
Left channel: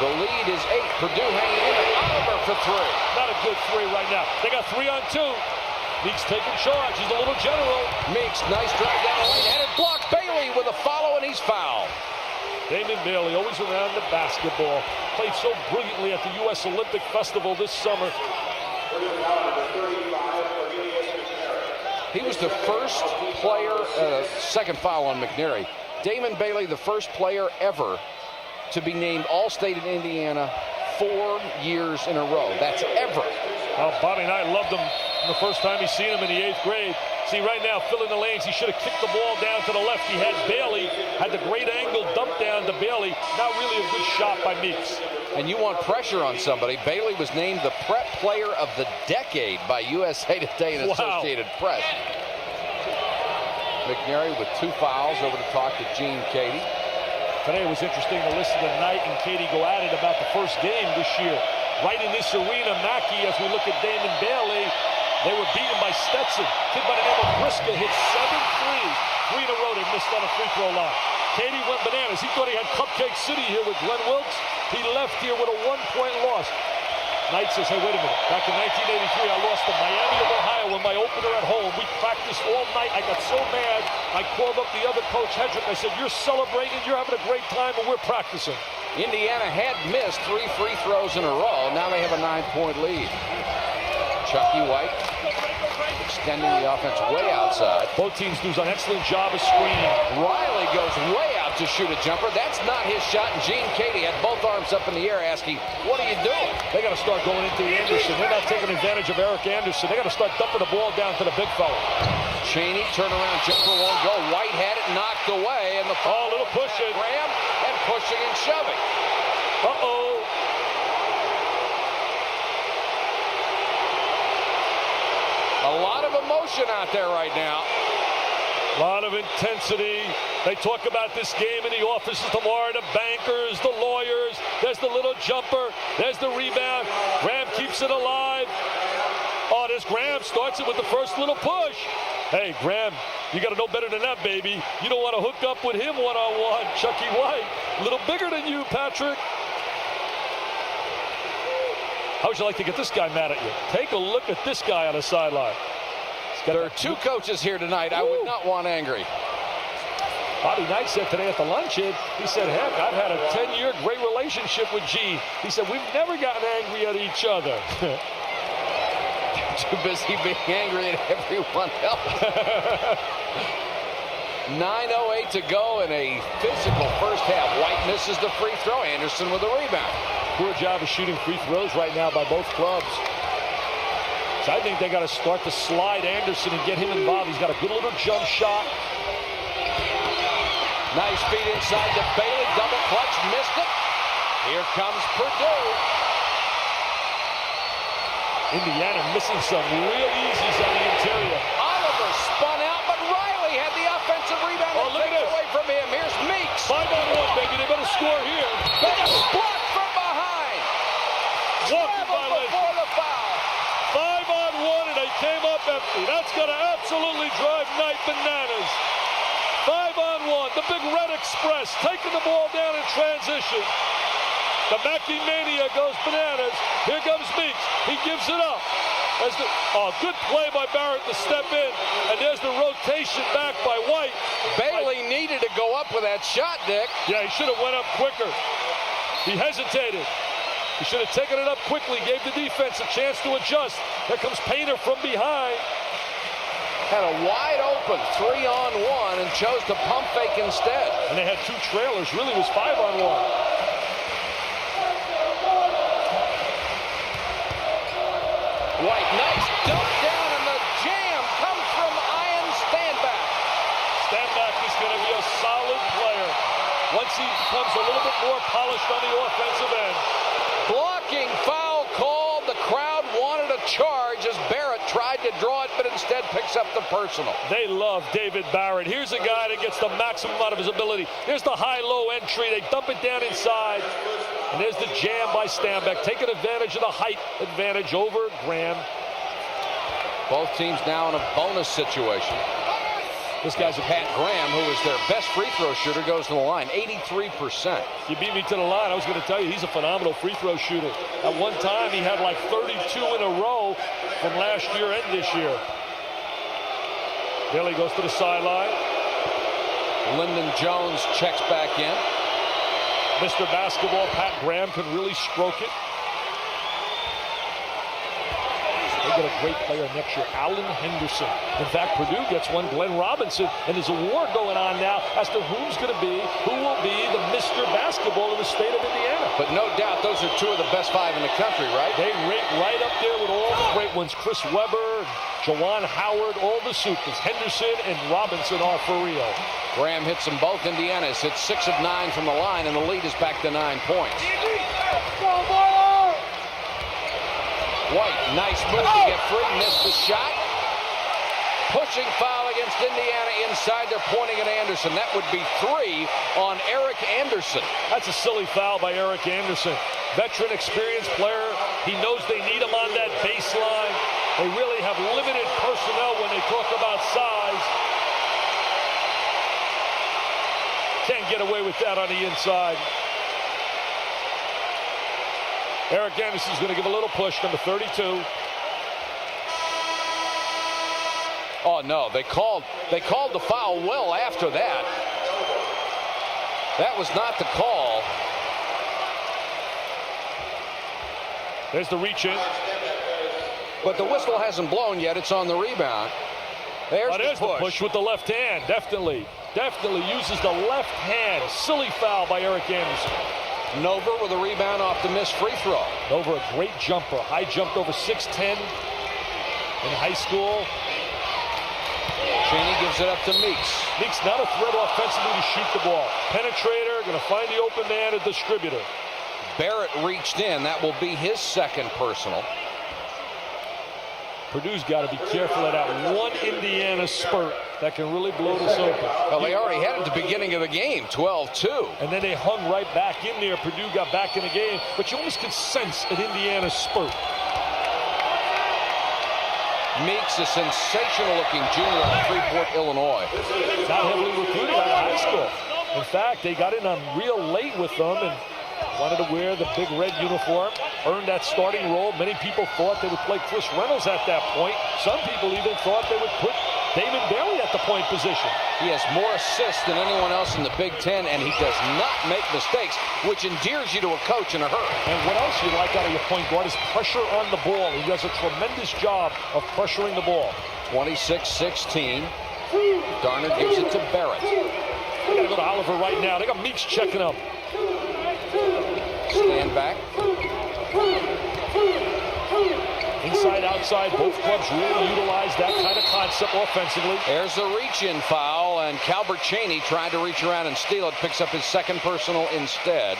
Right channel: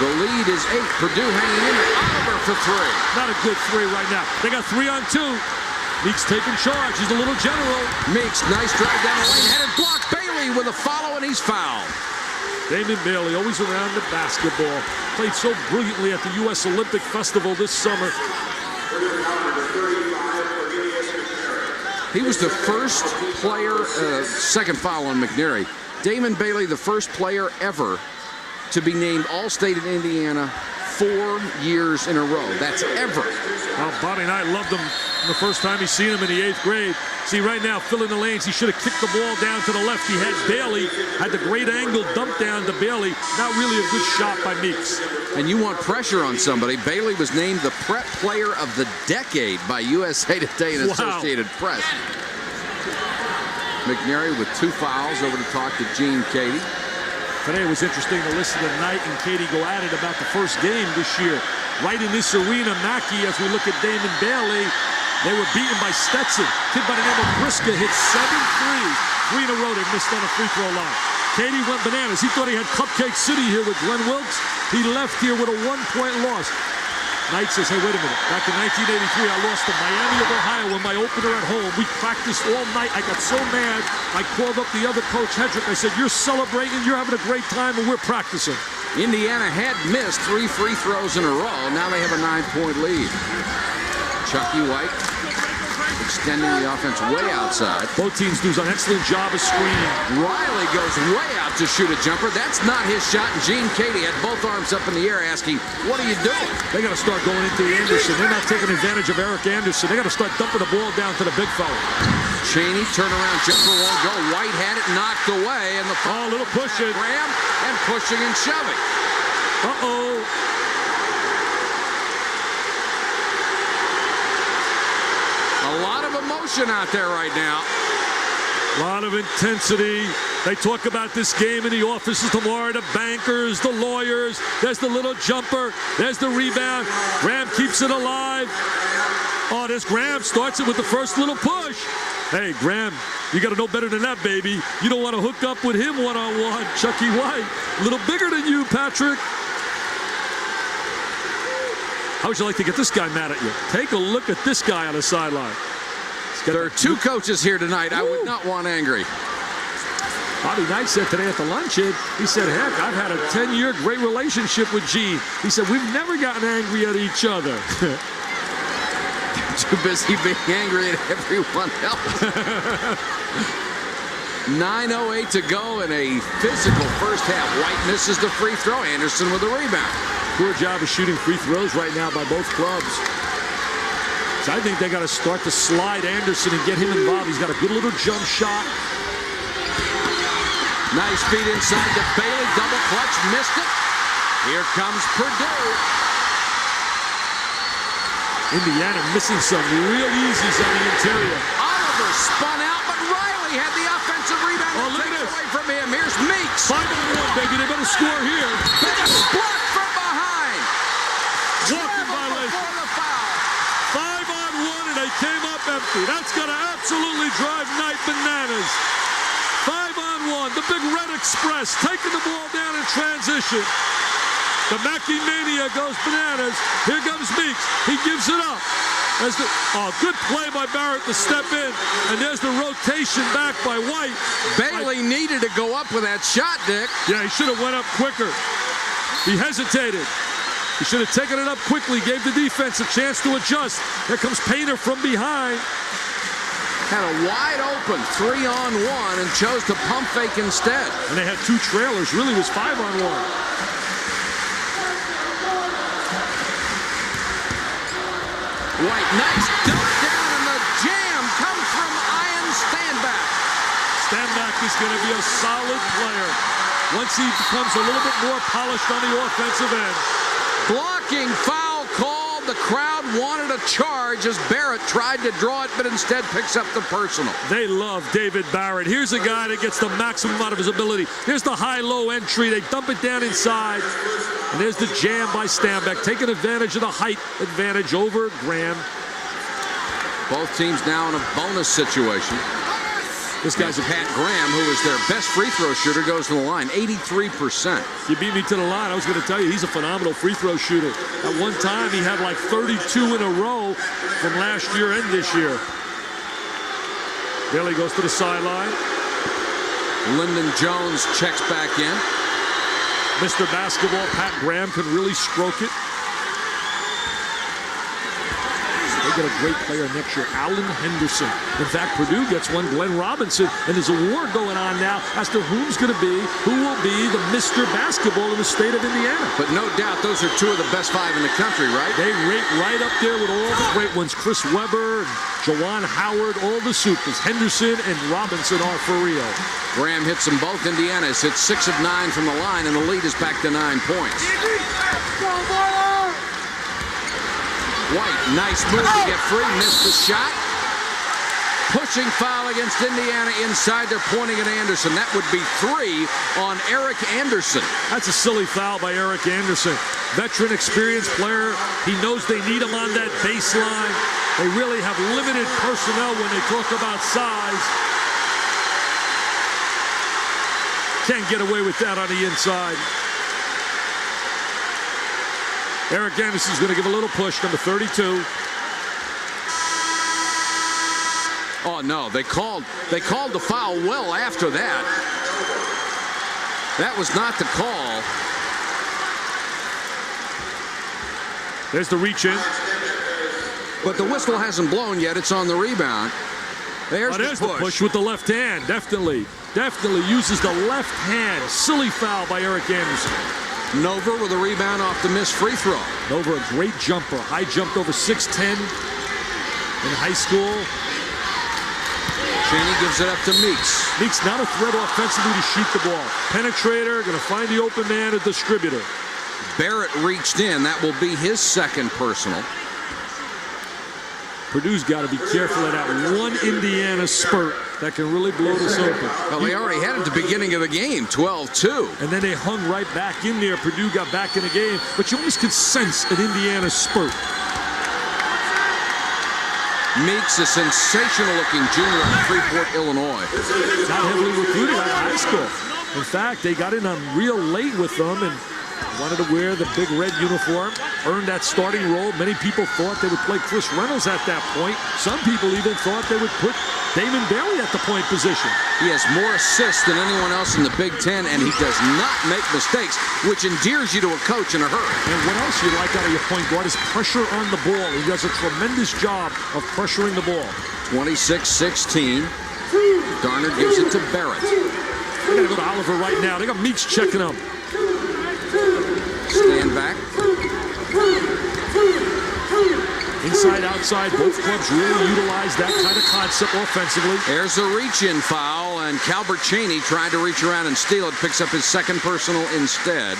The lead is 8. Purdue hanging in at Oliver for 3. Not a good 3 right now. They got 3 on 2. Meeks taking charge. He's a little general. Meeks, nice drive down the lane. Headed block. Bailey with a follow, and he's fouled. Damon Bailey, always around the basketball. Played so brilliantly at the U.S. Olympic Festival this summer. He was the first player, second foul on McNary. Damon Bailey, the first player ever to be named All-State in Indiana 4 years in a row. That's ever. Well, Bobby Knight loved him the first time he seen him in the 8th grade. See, right now, filling the lanes, he should have kicked the ball down to the left. He had Bailey, had the great angle dump down to Bailey. Not really a good shot by Meeks. And you want pressure on somebody. Bailey was named the Prep Player of the Decade by USA Today and Associated Press. McNary with 2 fouls, over to talk to Gene Cady. Today it was interesting to listen to Knight and Cady go at it about the first game this year. Right in this arena, Mackey, as we look at Damon Bailey, they were beaten by Stetson. Kid by the name of Briska hit 7 threes. 3 in a row they missed on a free throw line. Cady went bananas. He thought he had Cupcake City here with Glenn Wilkes. He left here with a 1-point loss. Knight says, hey, wait a minute. Back in 1983, I lost to Miami of Ohio in my opener at home. We practiced all night. I got so mad, I called up the other coach, Hedrick. I said, you're celebrating, you're having a great time, and we're practicing. Indiana had missed 3 free throws in a row. Now they have a 9-point lead. Chucky White extending the offense way outside. Both teams do an excellent job of screening. Riley goes way out to shoot a jumper. That's not his shot, and Gene Cady had both arms up in the air asking, what are you doing? They got to start going into Anderson. They're not taking advantage of Eric Anderson. They got to start dumping the ball down to the big fella. Chaney, turnaround jumper won't go. White had it knocked away, and the little pushing. Graham, and pushing and shoving. Uh-oh. A lot of emotion out there right now. A lot of intensity. They talk about this game in the offices tomorrow, the bankers, the lawyers. There's the little jumper. There's the rebound. Graham keeps it alive. Oh, there's Graham. Starts it with the first little push. Hey, Graham, you got to know better than that, baby. You don't want to hook up with him one-on-one. Chucky White, a little bigger than you, Patrick. How would you like to get this guy mad at you? Take a look at this guy on the sideline. There are 2 coaches here tonight. I would not want angry. Bobby Knight said today at the luncheon, he said, heck, I've had a 10-year great relationship with Gene. He said, we've never gotten angry at each other. Too busy being angry at everyone else. 9:08 to go in a physical first half. White misses the free throw. Anderson with a rebound. Poor job of shooting free throws right now by both clubs. So I think they got to start to slide Anderson and get him involved. He's got a good little jump shot. Nice feed inside to Bailey. Double clutch. Missed it. Here comes Purdue. Indiana missing some real easies on the interior. Oliver spun out, but Riley had the offensive rebound. Oh, look at this. Away from him. Here's Meeks. 5-on-1, baby. They better score here. Better blocked from behind. Walking violation. Before the foul. 5-on-1, and they came up empty. That's going to absolutely drive Knight bananas. 5-on-1. The Big Red Express taking the ball down in transition. The Mackey Mania goes bananas. Here comes Meeks. He gives it up. Good play by Barrett to step in. And there's the rotation back by White. Bailey needed to go up with that shot, Dick. Yeah, he should have went up quicker. He hesitated. He should have taken it up quickly, gave the defense a chance to adjust. Here comes Painter from behind. Had a wide open 3-on-1 and chose to pump fake instead. And they had two trailers. Really was 5-on-1. White, nice dump down, and the jam comes from Ian Standback. Standback is going to be a solid player once he becomes a little bit more polished on the offensive end. Blocking foul called. The crowd wanted a charge as Barrett tried to draw it, but instead picks up the personal. They love David Barrett. Here's a guy that gets the maximum out of his ability. Here's the high-low entry. They dump it down inside. And there's the jam by Standback, taking advantage of the height advantage over Graham. Both teams now in a bonus situation. This guy's Pat Graham, who is their best free throw shooter, goes to the line, 83%. You beat me to the line. I was going to tell you, he's a phenomenal free throw shooter. At one time, he had like 32 in a row from last year and this year. Bailey goes to the sideline. Lyndon Jones checks back in. Mr. Basketball, Pat Graham, can really stroke it. They get a great player next year, Alan Henderson. In fact, Purdue gets one, Glenn Robinson, and there's a war going on now as to who will be the Mr. Basketball in the state of Indiana. But no doubt those are two of the best 5 in the country, right? They rate right up there with all the great ones. Chris Webber, Jawan Howard, all the supers. Henderson and Robinson are for real. Graham hits them both. Indiana's hit 6 of 9 from the line, and the lead is back to 9 points. White, nice move to get free, missed the shot. Pushing foul against Indiana inside. They're pointing at Anderson. That would be 3 on Eric Anderson. That's a silly foul by Eric Anderson. Veteran, experienced player. He knows they need him on that baseline. They really have limited personnel when they talk about size. Can't get away with that on the inside. Eric Anderson's going to give a little push, number 32. Oh no, they called the foul well after that. That was not the call. There's the reach in. But the whistle hasn't blown yet. It's on the rebound. There's the push with the left hand. Definitely uses the left hand. Silly foul by Eric Anderson. Nova with a rebound off the missed free throw. Nova, a great jumper. High jumped over 6'10" in high school. Cheney gives it up to Meeks. Meeks not a threat offensively to shoot the ball. Penetrator, going to find the open man, a distributor. Barrett reached in. That will be his second personal. Purdue's got to be careful of that one Indiana spurt that can really blow this open. Well, they already had it at the beginning of the game, 12-2. And then they hung right back in there. Purdue got back in the game, but you almost could sense an Indiana spurt. Meeks, a sensational-looking junior out of Freeport, Illinois. Not heavily recruited out of high school. In fact, they got in on real late with them and wanted to wear the big red uniform, earned that starting role. Many people thought they would play Chris Reynolds at that point. Some people even thought they would put Damon Bailey at the point position. He has more assists than anyone else in the Big Ten, and he does not make mistakes, which endears you to a coach in a hurry. And what else you like out of your point guard is pressure on the ball. He does a tremendous job of pressuring the ball. 26-16. Garner gives it to Barrett. They got to go to Oliver right now. They got Meeks checking him. Stand back. Inside, outside, both clubs really utilize that kind of concept offensively. There's a reach-in foul, and Calbert Chaney tried to reach around and steal it. Picks up his second personal instead.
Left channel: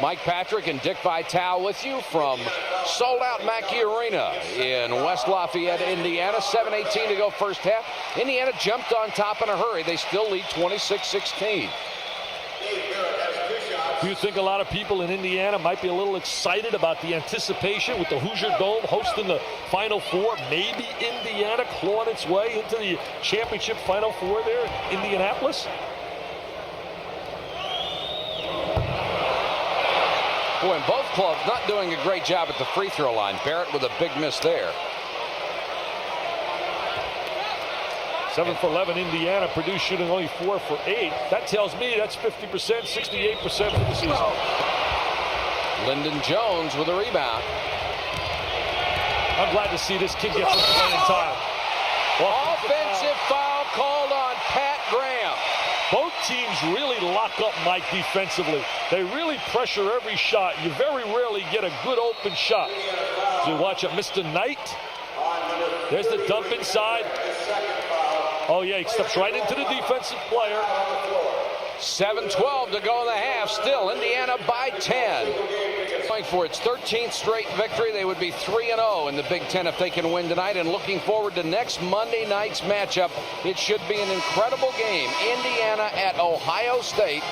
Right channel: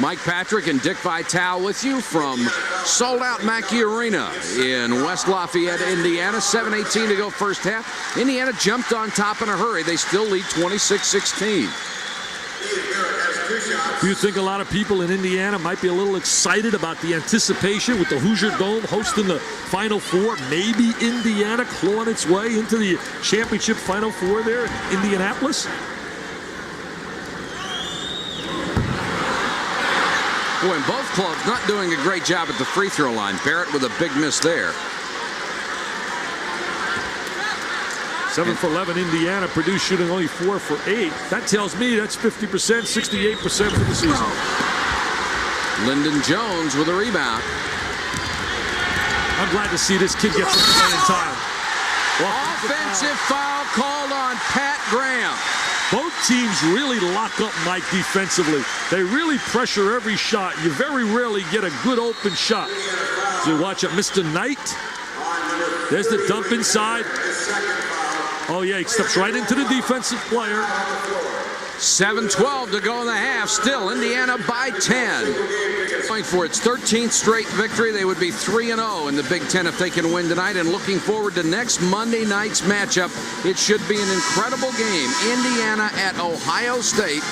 Mike Patrick and Dick Vitale with you from sold-out Mackey Arena in West Lafayette, Indiana. 7:18 to go first half. Indiana jumped on top in a hurry. They still lead 26-16. Do you think a lot of people in Indiana might be a little excited about the anticipation with the Hoosier Dome hosting the Final Four? Maybe Indiana clawing its way into the championship Final Four there in Indianapolis? Boy, and both clubs not doing a great job at the free throw line. Barrett with a big miss there. 7 for 11 Indiana. Purdue shooting only 4 for 8. That tells me that's 50%, 68% for the season. Lyndon Jones with a rebound. I'm glad to see this kid get some playing time. Offensive foul called on Pat Graham. Both teams really lock up Mike defensively. They really pressure every shot. You very rarely get a good open shot. So watch it, Mr. Knight. There's the dump inside. Oh, yeah, he steps right into the defensive player. 7:12 to go in the half. Still Indiana by 10. Going for its 13th straight victory. They would be 3-0 in the Big Ten if they can win tonight. And looking forward to next Monday night's matchup. It should be an incredible game. Indiana at Ohio State.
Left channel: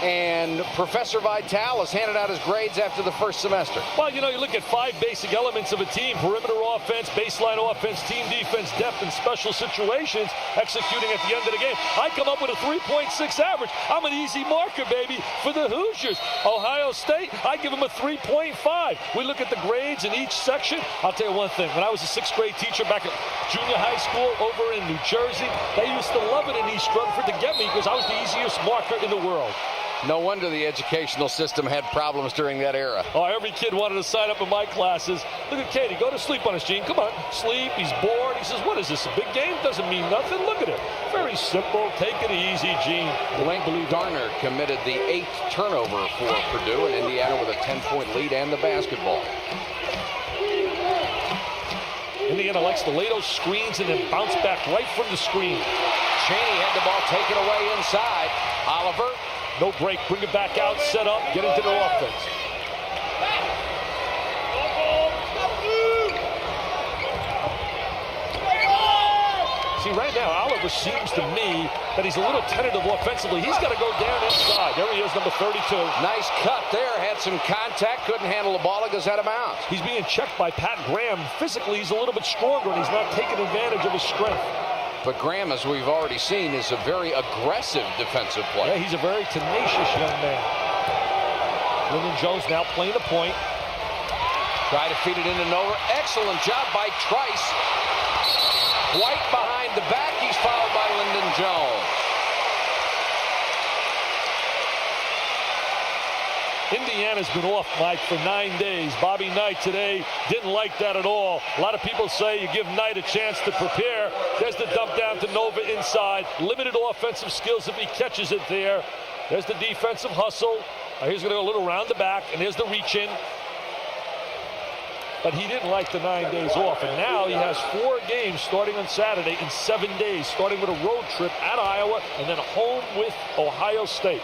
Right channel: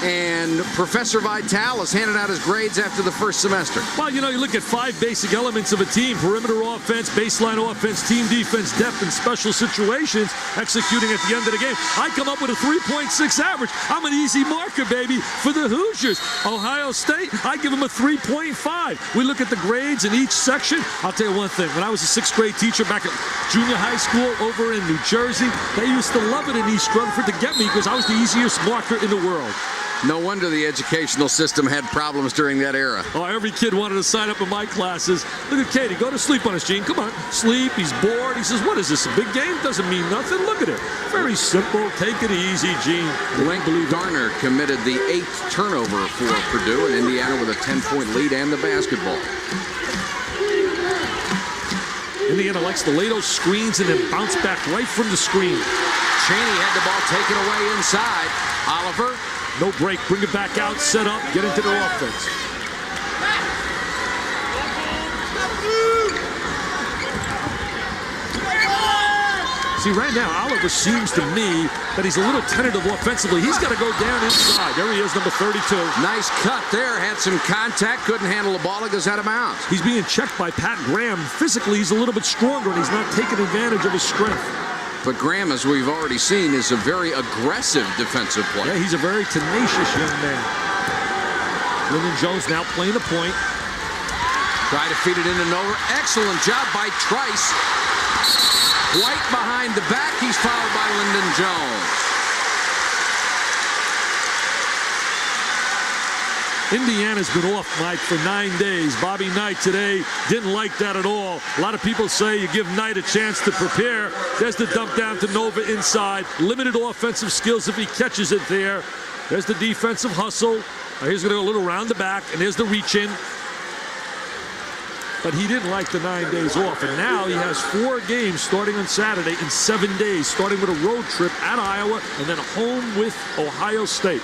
And Professor Vitale has handed out his grades after the first semester. Well, you know, you look at 5 basic elements of a team: perimeter offense, baseline offense, team defense, depth, and special situations, executing at the end of the game. I come up with a 3.6 average. I'm an easy marker, baby, for the Hoosiers. Ohio State, I give them a 3.5. We look at the grades in each section. I'll tell you one thing. When I was a 6th grade teacher back at junior high school over in New Jersey, they used to love it in East Rutherford to get me because I was the easiest marker in the world. No wonder the educational system had problems during that era. Oh, every kid wanted to sign up in my classes. Look at Katie. Go to sleep on us, Gene. Come on. Sleep. He's bored. He says, what is this, a big game? Doesn't mean nothing. Look at it. Very simple. Take it easy, Gene. Garner committed the 8th turnover for Purdue, and Indiana with a 10-point lead and the basketball. Indiana likes to lay those screens and then bounce back right from the screen. Chaney had the ball taken away inside. Oliver. No break. Bring it back out. Set up. Get into their offense. See, right now, Oliver seems to me that he's a little tentative offensively. He's got to go down inside. There he is, number 32. Nice cut there. Had some contact. Couldn't handle the ball. It goes out of bounds. He's being checked by Pat Graham. Physically, he's a little bit stronger, and he's not taking advantage of his strength. But Graham, as we've already seen, is a very aggressive defensive player. Yeah, he's a very tenacious young man. Lyndon Jones now playing the point. Try to feed it in and over. Excellent job by Trice. White behind the back. He's fouled by Lyndon Jones. Indiana's been off, Mike, for 9 days. Bobby Knight today didn't like that at all. A lot of people say you give Knight a chance to prepare. There's the dump down to Nova inside. Limited offensive skills if he catches it there. There's the defensive hustle. He's going to go a little round the back, and there's the reach in. But he didn't like the 9 days off, and now he has 4 games starting on Saturday in 7 days, starting with a road trip at Iowa and then home with Ohio State.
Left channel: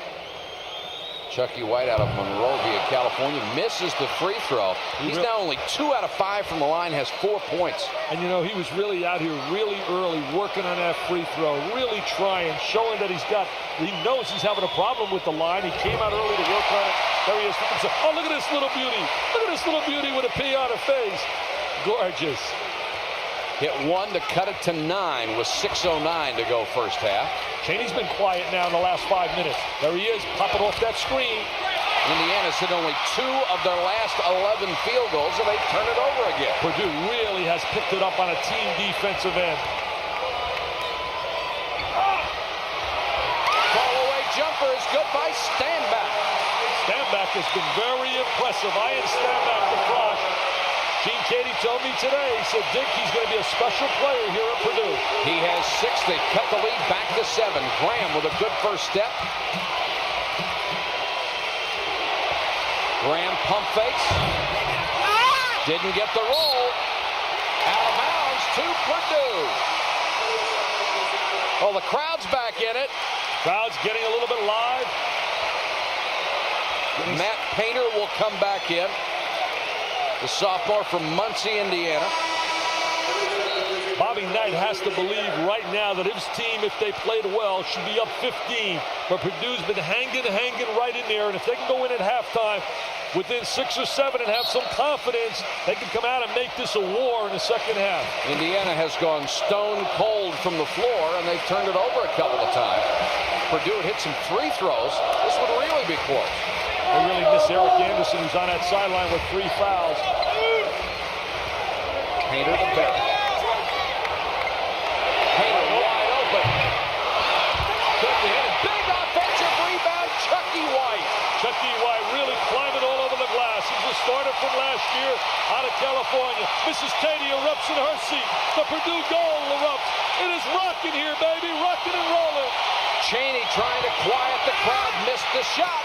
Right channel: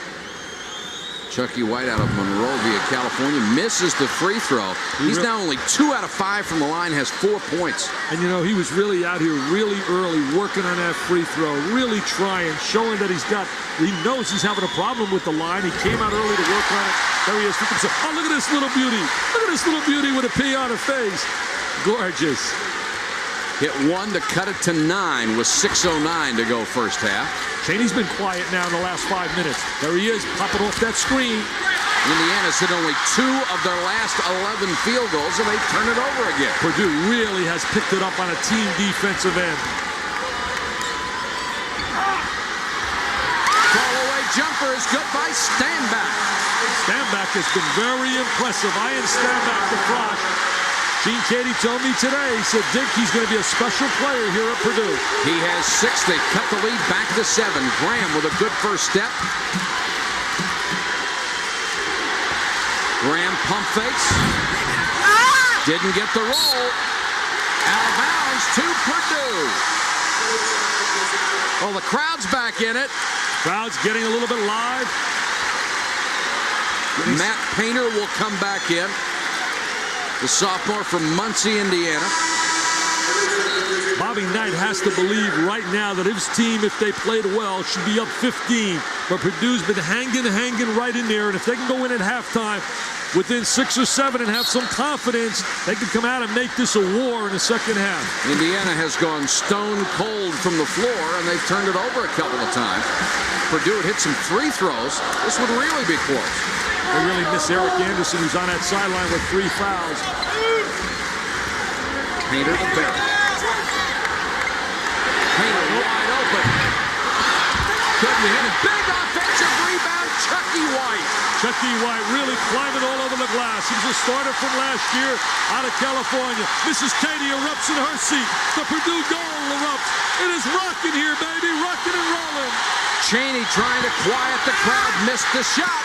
Chucky White out of Monrovia, California, misses the free throw. He's now only 2 out of 5 from the line, has 4 points. And, you know, he was really out here really early working on that free throw, really trying, showing that he knows he's having a problem with the line. He came out early to work on it. There he is. Oh, look at this little beauty. Look at this little beauty with a P on her face. Gorgeous. Hit 1 to cut it to 9 with 6:09 to go first half. Chaney's been quiet now in the last 5 minutes. There he is, popping off that screen. Indiana's hit only 2 of their last 11 field goals, and they turn it over again. Purdue really has picked it up on a team defensive end. fall-away jumper is good by Stanback. Stanback has been very impressive. Ian Stanback, the Frosh. Gene Katie told me today, he said, Dick, he's going to be a special player here at Purdue. He has 6. They cut the lead back to 7. Graham with a good first step. Graham pump fakes. Didn't get the roll. Out of bounds to Purdue. Oh, the crowd's back in it. Crowd's getting a little bit live. Matt Painter will come back in. The sophomore from Muncie, Indiana. Bobby Knight has to believe right now that his team, if they played well, should be up 15. But Purdue's been hanging right in there. And if they can go in at halftime within 6 or 7 and have some confidence, they can come out and make this a war in the second half. Indiana has gone stone cold from the floor, and they've turned it over a couple of times. Purdue had hit some free throws. This would really be close. They really miss Eric Anderson, who's on that sideline with 3 fouls. Painter to Barrett. Painter wide open. Couldn't hit it. Big offensive rebound, Chucky White. Chucky White really climbing all over the glass. He was a starter from last year out of California. Mrs. Katie erupts in her seat. The Purdue goal erupts. It is rocking here, baby. Rocking and rolling. Chaney trying to quiet the crowd. Missed the shot.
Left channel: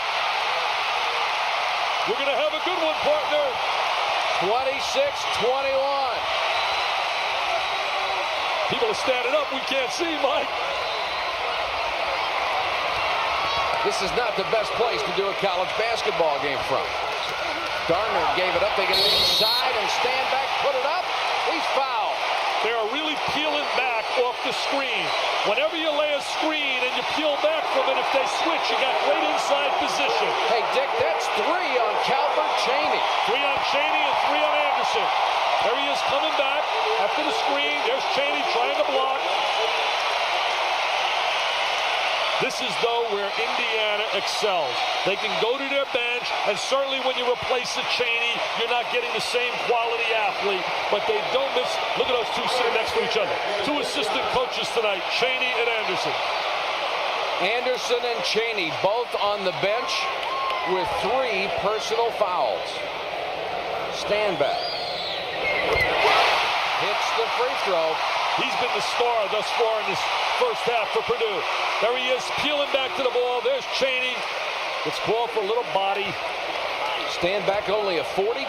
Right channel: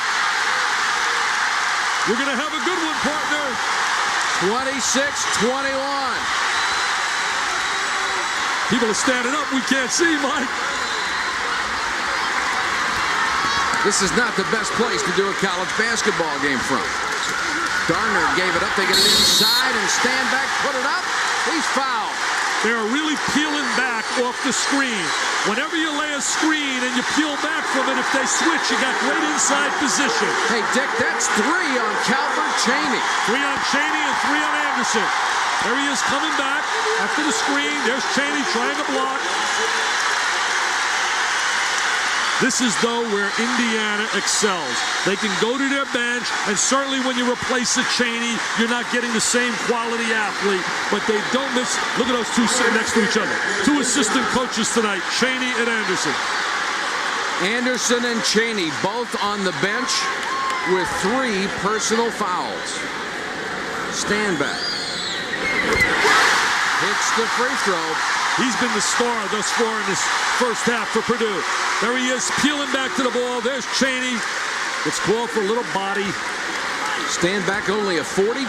We're going to have a good one, partner. 26-21. People are standing up. We can't see, Mike. This is not the best place to do a college basketball game from. Darner gave it up. They get it inside, and Stanback put it up. He's fouled. They are really peeling back off the screen. Whenever you lay a screen and you peel back from it, if they switch, you got great inside position. Hey, Dick, that's 3 on Calvert Chaney. 3 on Chaney and 3 on Anderson. There he is coming back after the screen. There's Chaney trying to block. This is, though, where Indiana excels. They can go to their bench, and certainly when you replace a Chaney, you're not getting the same quality athlete, but they don't miss. Look at those 2 sitting next to each other. 2 assistant coaches tonight, Chaney and Anderson. Anderson and Chaney both on the bench with 3 personal fouls. Stanback hits the free throw. He's been the star thus far in this first half for Purdue. There he is, peeling back to the ball. There's Chaney. It's called for a little body. Stanback, only a 42%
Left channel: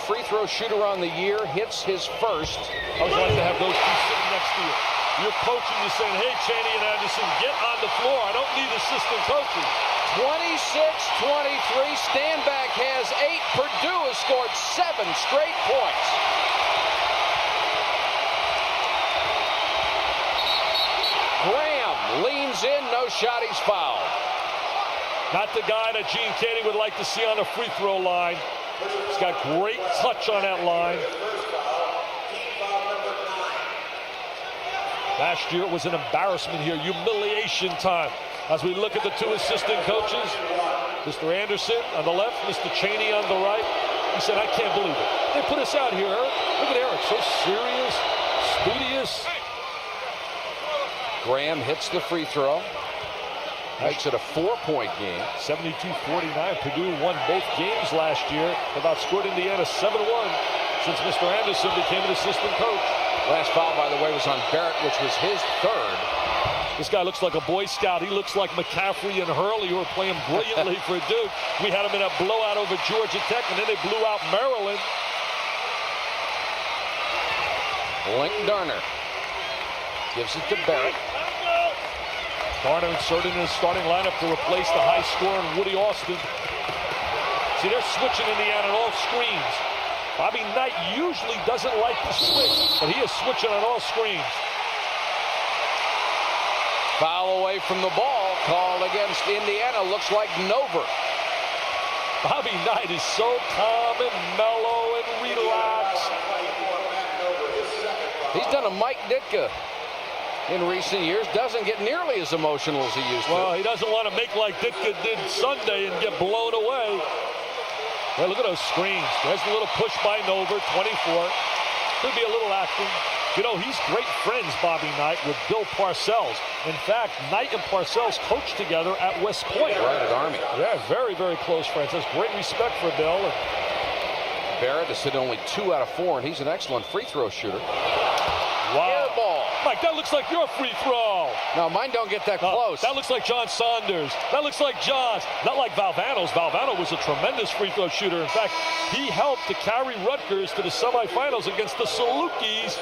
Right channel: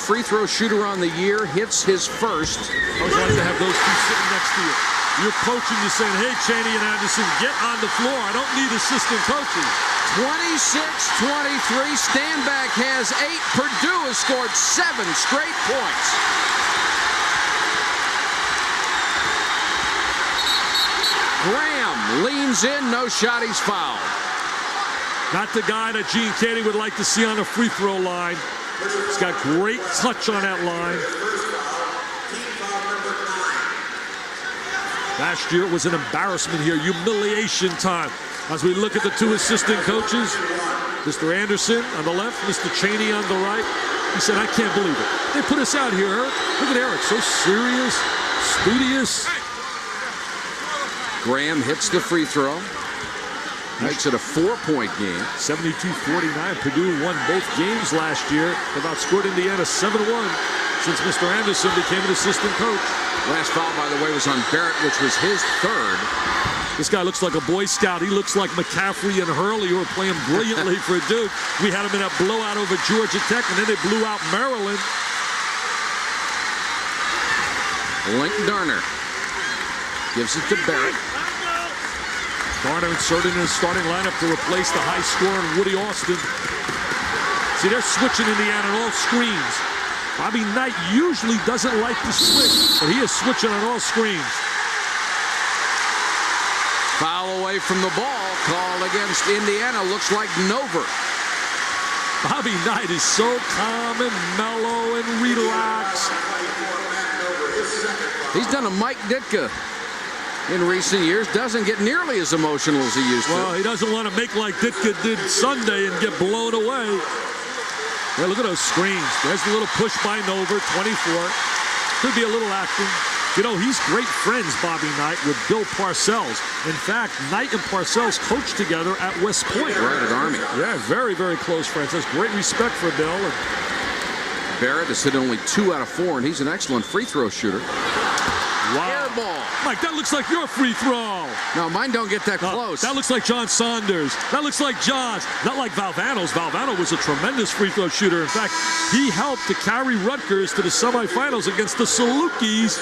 free throw shooter on the year, hits his first. I was glad to have those 2 sitting next to you. You're coaching, you're saying, hey, Chaney and Anderson, get on the floor. I don't need assistant coaching. 26-23. Stanback has 8. Purdue has scored 7 straight points. Graham leans in, no shot, he's fouled. Not the guy that Gene Katie would like to see on the free throw line. He's got great touch on that line. Last year it was an embarrassment here, humiliation time. As we look at the 2 assistant coaches, Mr. Anderson on the left, Mr. Chaney on the right. He said, I can't believe it. They put us out here, Eric. Look at Eric, so serious, studious. Graham hits the free throw. Makes it a 4-point game. 72-49. Purdue won both games last year. They've outscored Indiana 7-1 since Mr. Anderson became an assistant coach. Last foul, by the way, was on Barrett, which was his 3rd. This guy looks like a Boy Scout. He looks like McCaffrey and Hurley, who are playing brilliantly for Duke. We had him in a blowout over Georgia Tech, and then they blew out Maryland. Link Darner gives it to Barrett. Darner inserted in his starting lineup to replace the high scorer Woody Austin. See, they're switching Indiana on all screens. Bobby Knight usually doesn't like to switch, but he is switching on all screens. Foul away from the ball, called against Indiana. Looks like Nover. Bobby Knight is so calm and mellow and relaxed. He's done a Mike Ditka in recent years. Doesn't get nearly as emotional as he used to. Well, he doesn't want to make like Ditka did Sunday and get blown away. Well, look at those screens. There's the little push by Nover, 24. Could be a little action. You know, he's great friends, Bobby Knight, with Bill Parcells. In fact, Knight and Parcells coached together at West Point. Right at Army. Yeah, very, very close friends. Has great respect for Bill. And Barrett has hit only 2 out of 4, and he's an excellent free throw shooter. wow. Air ball. Mike, that looks like your free throw. No, mine don't get that close. That looks like John Saunders. That looks like John's. Not like Valvano's. Valvano was a tremendous free throw shooter. In fact, he helped to carry Rutgers to the semifinals against the Salukis.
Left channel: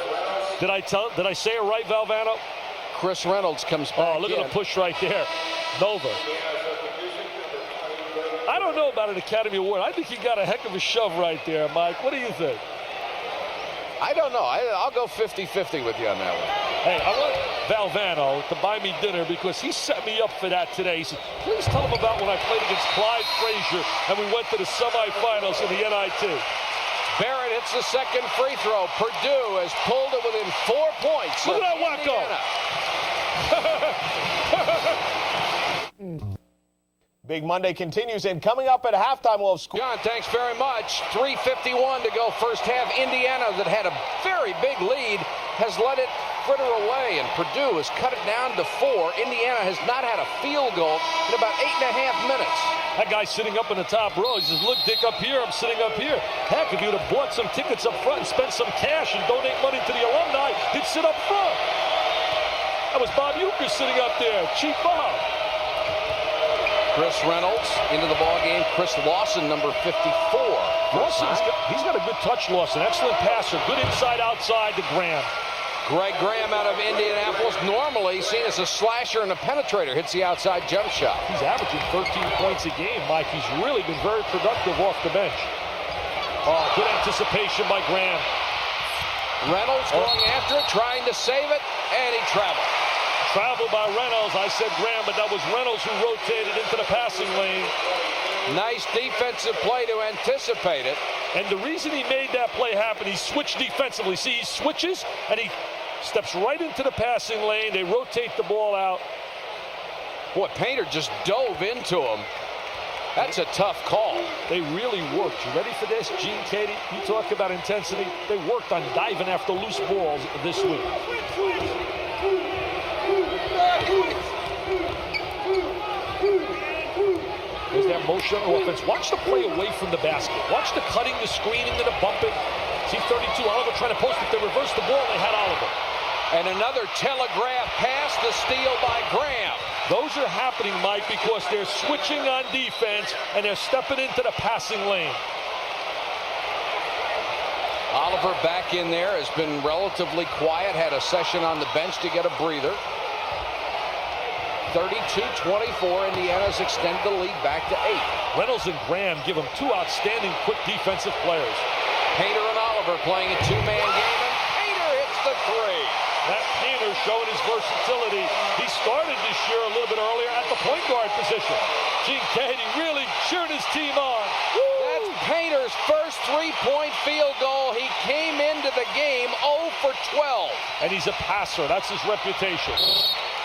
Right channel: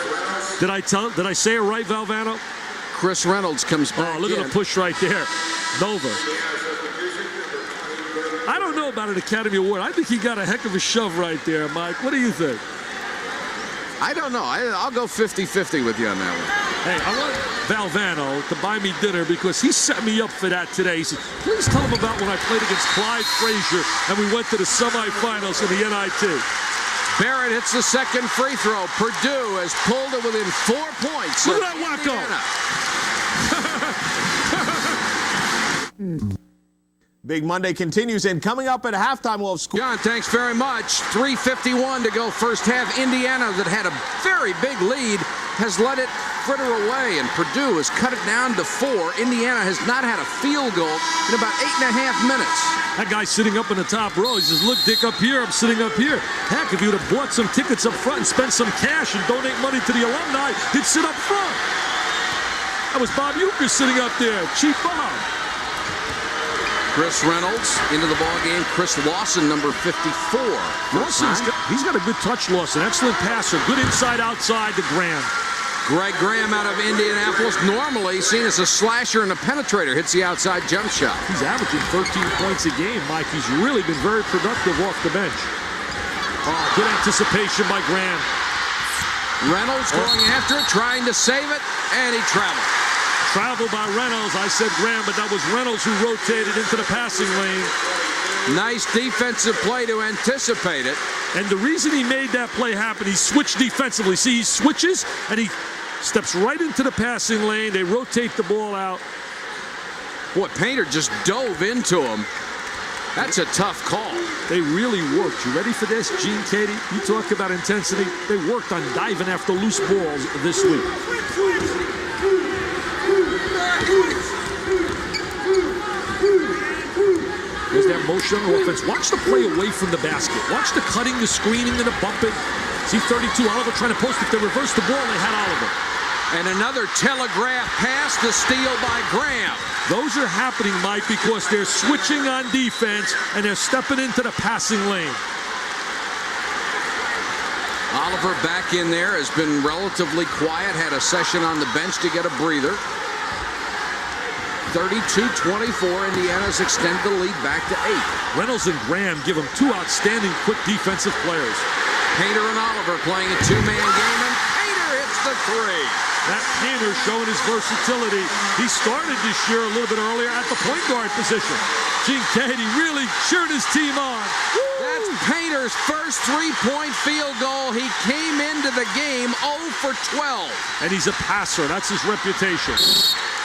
Did I say it right, Valvano? Chris Reynolds comes back. Oh, look at the push right there. Nova. I don't know about an Academy Award. I think he got a heck of a shove right there, Mike. What do you think? I don't know. I'll go 50-50 with you on that one. Hey, I want Valvano to buy me dinner because he set me up for that today. He said, please tell him about when I played against Clyde Frazier and we went to the semifinals in the NIT. Barrett hits the second free throw. Purdue has pulled it within 4 points. Look at that wacko. Big Monday continues, and coming up at halftime, we'll have school. John, thanks very much. 3:51 to go first half. Indiana, that had a very big lead, has let it fritter away, and Purdue has cut it down to 4. Indiana has not had a field goal in about 8.5 minutes. That guy sitting up in the top row, he says, look, Dick, up here, I'm sitting up here. Heck, if you would have bought some tickets up front and spent some cash and donate money to the alumni, he'd sit up front. That was Bob Euchre sitting up there, Chief Bob. Chris Reynolds into the ball game. Chris Lawson, number 54. He's got a good touch, Lawson. Excellent passer. Good inside, outside to Graham. Greg Graham out of Indianapolis, normally seen as a slasher and a penetrator, hits the outside jump shot. He's averaging 13 points a game, Mike. He's really been very productive off the bench. Oh, good anticipation by Graham. Reynolds going after it, trying to save it, and he traveled. Travel by Reynolds. I said Graham, but that was Reynolds who rotated into the passing lane. Nice defensive play to anticipate it. And the reason he made that play happen, he switched defensively. See, he switches, and he steps right into the passing lane. They rotate the ball out. Boy, Painter just dove into him. That's a tough call. They really worked. You ready for this, Gene Katie? You talk about intensity. They worked on diving after loose balls this week. There's that motion on offense. Watch the play away from the basket. Watch the cutting, the screening, and the bumping. See 32, Oliver trying to post. If they reverse the ball, they had Oliver. And another telegraph pass, the steal by Graham. Those are happening, Mike, because they're switching on defense and they're stepping into the passing lane. Oliver back in there, has been relatively quiet, had a session on the bench to get a breather. 32-24, Indiana's extended the lead back to 8. Reynolds and Graham give them 2 outstanding quick defensive players. Painter and Oliver playing a 2-man game, and Painter hits the 3. That Painter showing his versatility. He started this year a little bit earlier at the point guard position. Gene Katie really cheering his team on. That's Painter's first 3-point field goal. He came into the game 0 for 12. And he's a passer. That's his reputation.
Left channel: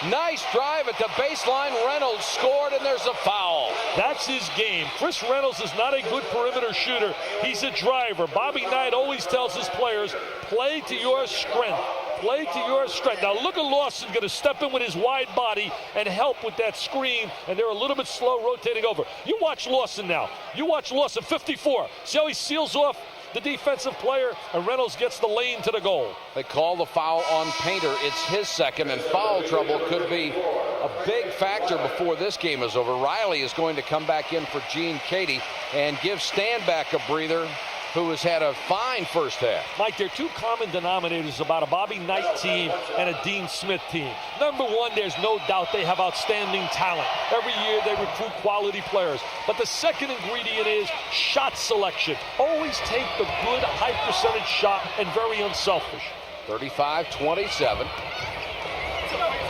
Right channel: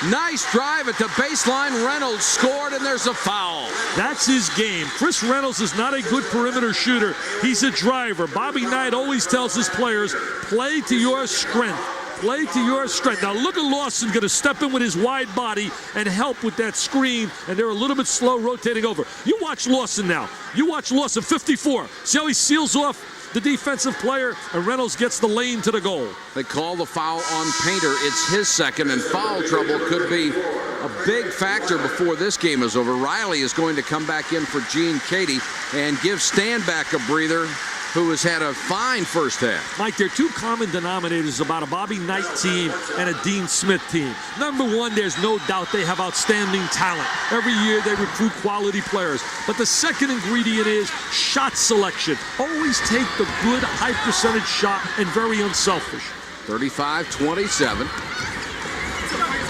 Nice drive at the baseline. Reynolds scored, and there's a foul. That's his game. Chris Reynolds is not a good perimeter shooter. He's a driver. Bobby Knight always tells his players, play to your strength. Play to your strength. Now look at Lawson going to step in with his wide body and help with that screen, and they're a little bit slow rotating over. You watch Lawson now. You watch Lawson, 54. See how he seals off the defensive player, and Reynolds gets the lane to the goal. They call the foul on Painter. It's his second, and foul trouble could be a big factor before this game is over. Riley is going to come back in for Gene Katie and give Standback a breather, who has had a fine first half. Mike, there are 2 common denominators about a Bobby Knight team and a Dean Smith team. Number one, there's no doubt they have outstanding talent. Every year they recruit quality players. But the second ingredient is shot selection. Always take the good high percentage shot and very unselfish. 35-27.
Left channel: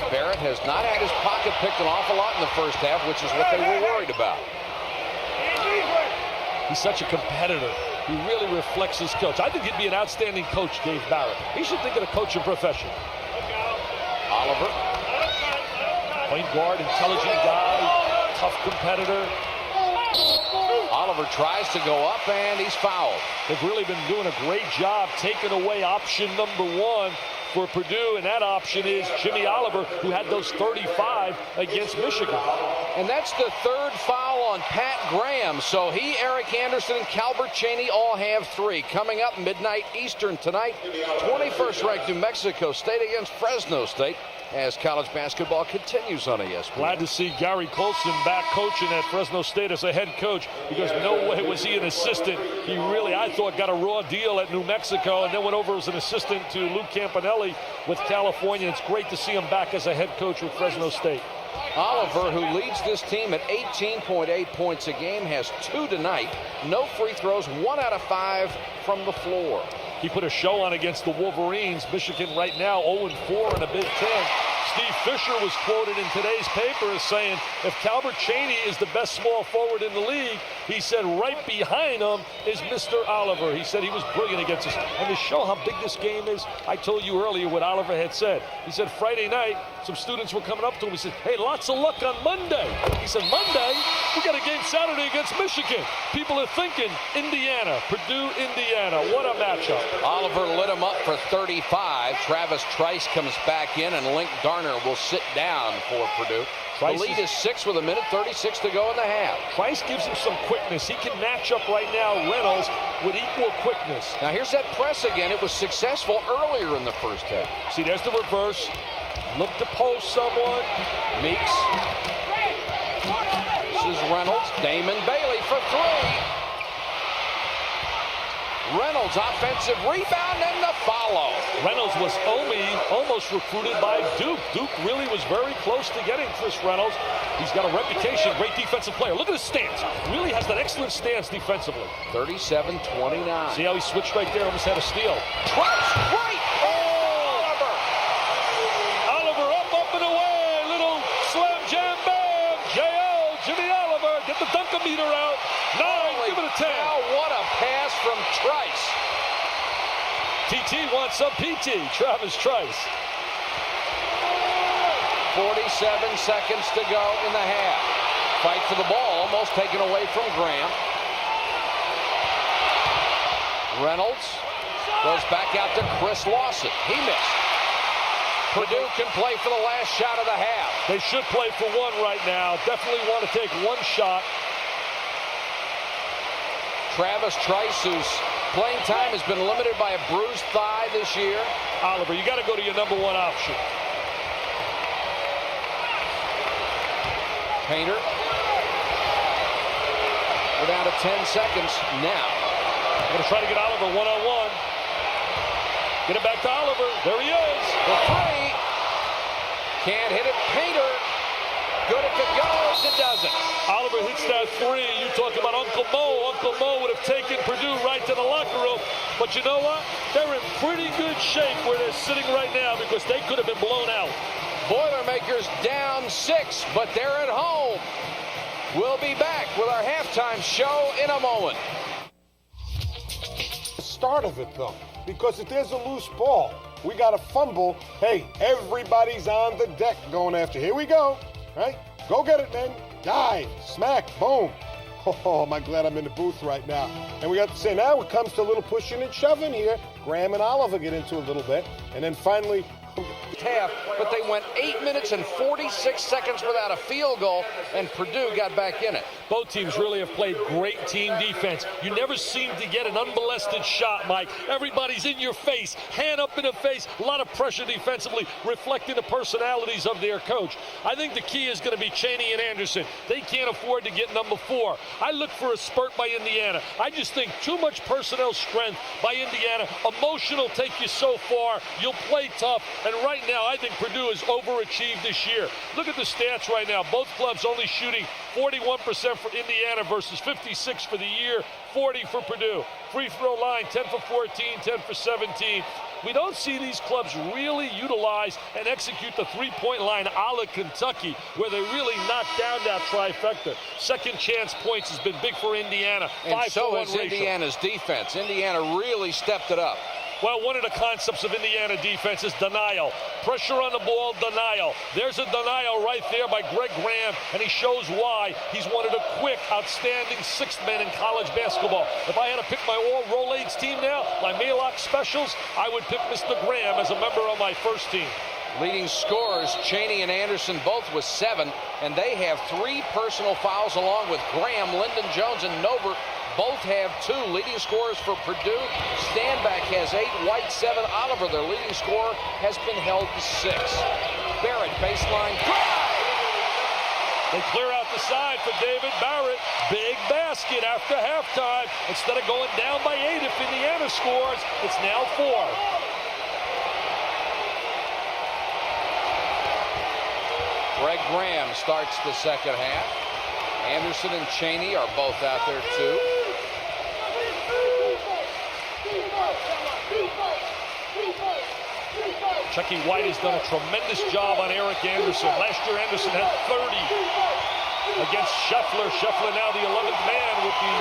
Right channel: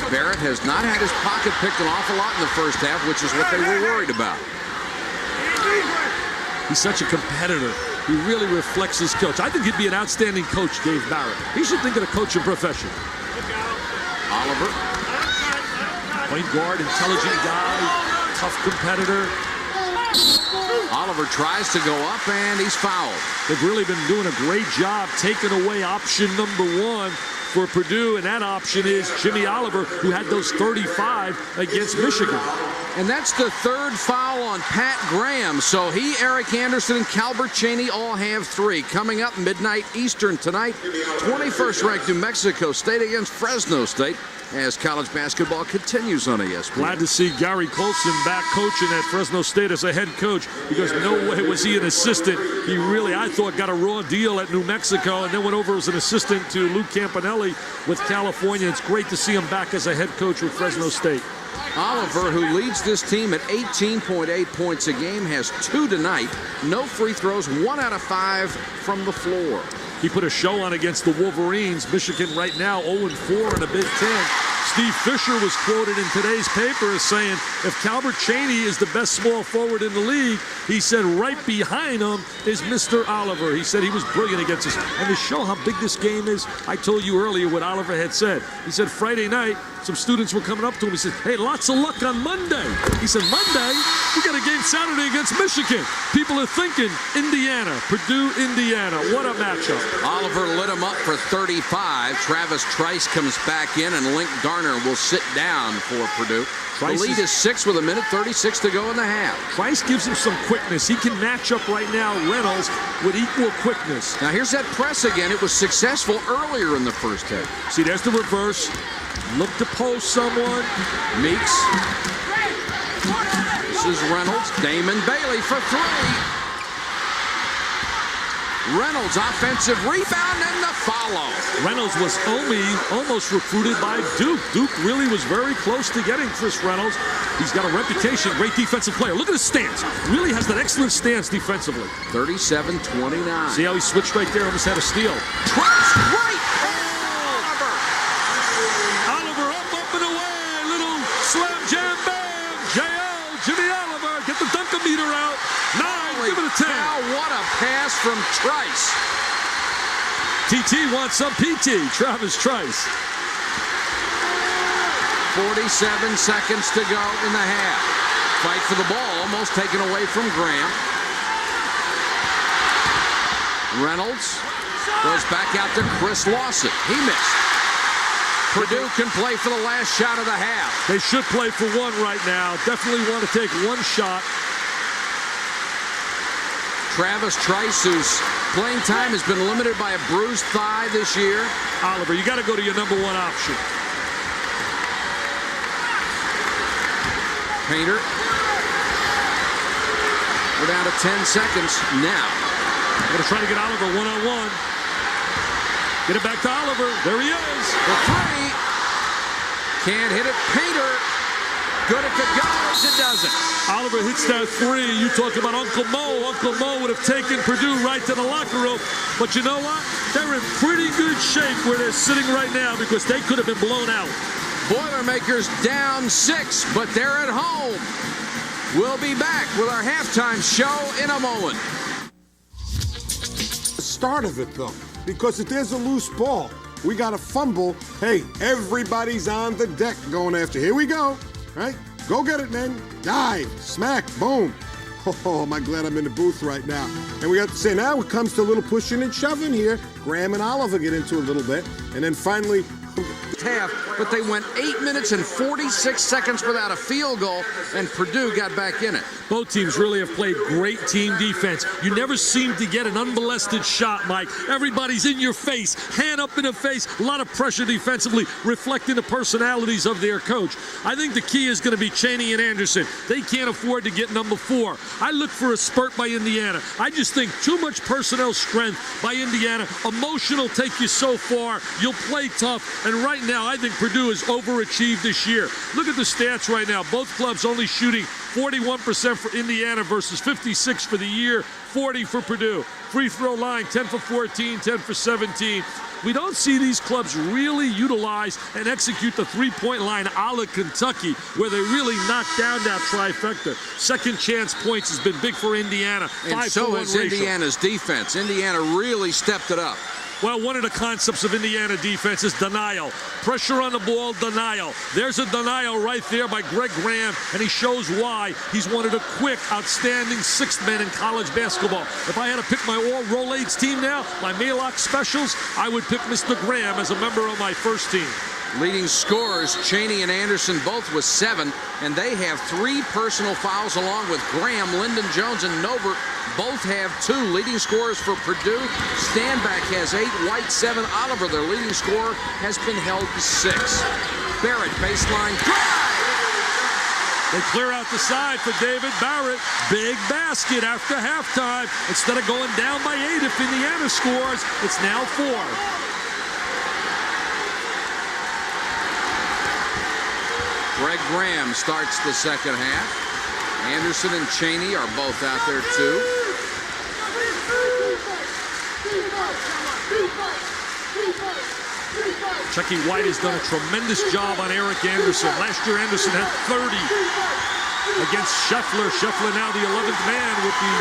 Barrett has not had his pocket picked an awful lot in the first half, which is what they were worried about. He's such a competitor. He really reflects his coach. I think he'd be an outstanding coach, Dave Barrett. He should think of the coaching profession. Oliver. Point guard, intelligent guy, tough competitor. Oliver tries to go up, and he's fouled. They've really been doing a great job taking away option number 1 for Purdue, and that option is Jimmy Oliver, who had those 35 against Michigan. And that's the third foul on Pat Graham. So he, Eric Anderson, and Calbert Chaney all have 3. Coming up midnight Eastern tonight, 21st ranked New Mexico State against Fresno State as college basketball continues on ESPN. Glad to see Gary Colson back coaching at Fresno State as a head coach, because no way was he an assistant. He really, I thought, got a raw deal at New Mexico and then went over as an assistant to Luke Campanelli with California. It's great to see him back as a head coach with Fresno State. Oliver, who leads this team at 18.8 points a game, has 2 tonight. No free throws, 1 out of 5 from the floor. He put a show on against the Wolverines. Michigan right now 0-4 in the Big Ten. Steve Fisher was quoted in today's paper as saying, if Calbert Chaney is the best small forward in the league, he said right behind him is Mr. Oliver. He said he was brilliant against us. And to show how big this game is, I told you earlier what Oliver had said. He said Friday night, some students were coming up to him. He said, hey, lots of luck on Monday. He said, Monday? We got a game Saturday against Michigan. People are thinking Indiana, Purdue, Indiana. What a matchup. Oliver lit him up for 35. Travis Trice comes back in, and Link Garner will sit down for Purdue. The lead is 6 with 1:36 to go in the half. Trice gives him some quickness. He can match up right now Reynolds with equal quickness. Now here's that press again. It was successful earlier in the first half. See, there's the reverse. Look to post someone. Meeks. This is Reynolds. Damon Bailey for 3. Reynolds offensive rebound and the follow. Reynolds was almost recruited by Duke. Duke really was very close to getting Chris Reynolds. He's got a reputation, great defensive player. Look at his stance. Really has that excellent stance defensively. 37-29. See how he switched right there, almost had a steal. Trice right. Oliver up and away. Little slam jam bam. JL, Jimmy Oliver. Get the dunkometer out. 9, give it a 10. Now what a pass from Trice. TT wants some PT. Travis Trice. 47 seconds to go in the half. Fight for the ball, almost taken away from Graham. Reynolds goes back out to Chris Lawson. He missed. Purdue can play for the last shot of the half. They should play for one right now. Definitely want to take one shot. Travis Trice, whose playing time has been limited by a bruised thigh this year. Oliver, you got to go to your #1 option. Painter. We're down to 10 seconds now. Going to try to get Oliver one-on-one. Get it back to Oliver. There he is. The 3. Can't hit it. Painter. Good if it goes. It doesn't. Oliver hits that 3. You talk about Uncle Mo. Uncle Mo would have taken Purdue right to the locker room. But you know what? They're in pretty good shape where they're sitting right now, because they could have been blown out. Boilermakers down 6, but they're at home. We'll be back with our halftime show in a moment. The start of it, though, because if there's a loose ball, we got a fumble. Hey, everybody's on the deck going after. Here we go. Right? Go get it, man. Dive, smack, boom. Oh, am I glad I'm in the booth right now. And we got to say, now it comes to a little pushing and shoving here. Graham and Oliver get into a little bit. And then finally, half, but they went 8 minutes and 46 seconds without a field goal, and Purdue got back in it. Both teams really have played great team defense. You never seem to get an unmolested shot, Mike. Everybody's in your face, hand up in the face, a lot of pressure defensively, reflecting the personalities of their coach. I think the key is going to be Chaney and Anderson. They can't afford to get #4. I look for a spurt by Indiana. I just think too much personnel strength by Indiana. Emotional take you so far. You'll play tough, and right now I think Purdue has overachieved this year. Look at the stats right now. Both clubs only shooting 41% for Indiana versus 56 for the year, 40 for Purdue. Free throw line, 10 for 14, 10 for 17. We don't see these clubs really utilize and execute the three-point line a la Kentucky, where they really knock down that trifecta. Second chance points has been big for Indiana. And so has Indiana's defense. Indiana really stepped it up. Well, one of the concepts of Indiana defense is denial. Pressure on the ball, denial. There's a denial right there by Greg Graham, and he shows why he's one of the quick, outstanding sixth men in college basketball. If I had to pick my all-Rolaids team now, my Mayock specials, I would pick Mr. Graham as a member of my first team. Leading scorers, Chaney and Anderson both with 7, and they have 3 personal fouls along with Graham, Lyndon Jones, and Nover. Both have 2. Leading scorers for Purdue, Standback has 8, White 7, Oliver, their leading scorer, has been held to 6. Barrett, baseline drive! They clear out the side for David Barrett. Big basket after halftime. Instead of going down by 8 if Indiana scores, it's now 4. Greg Graham starts the second half. Anderson and Chaney are both out there too. Chucky White has done a tremendous job on Eric Anderson. Last year, Anderson had 30 against Scheffler. Scheffler now the 11th man with the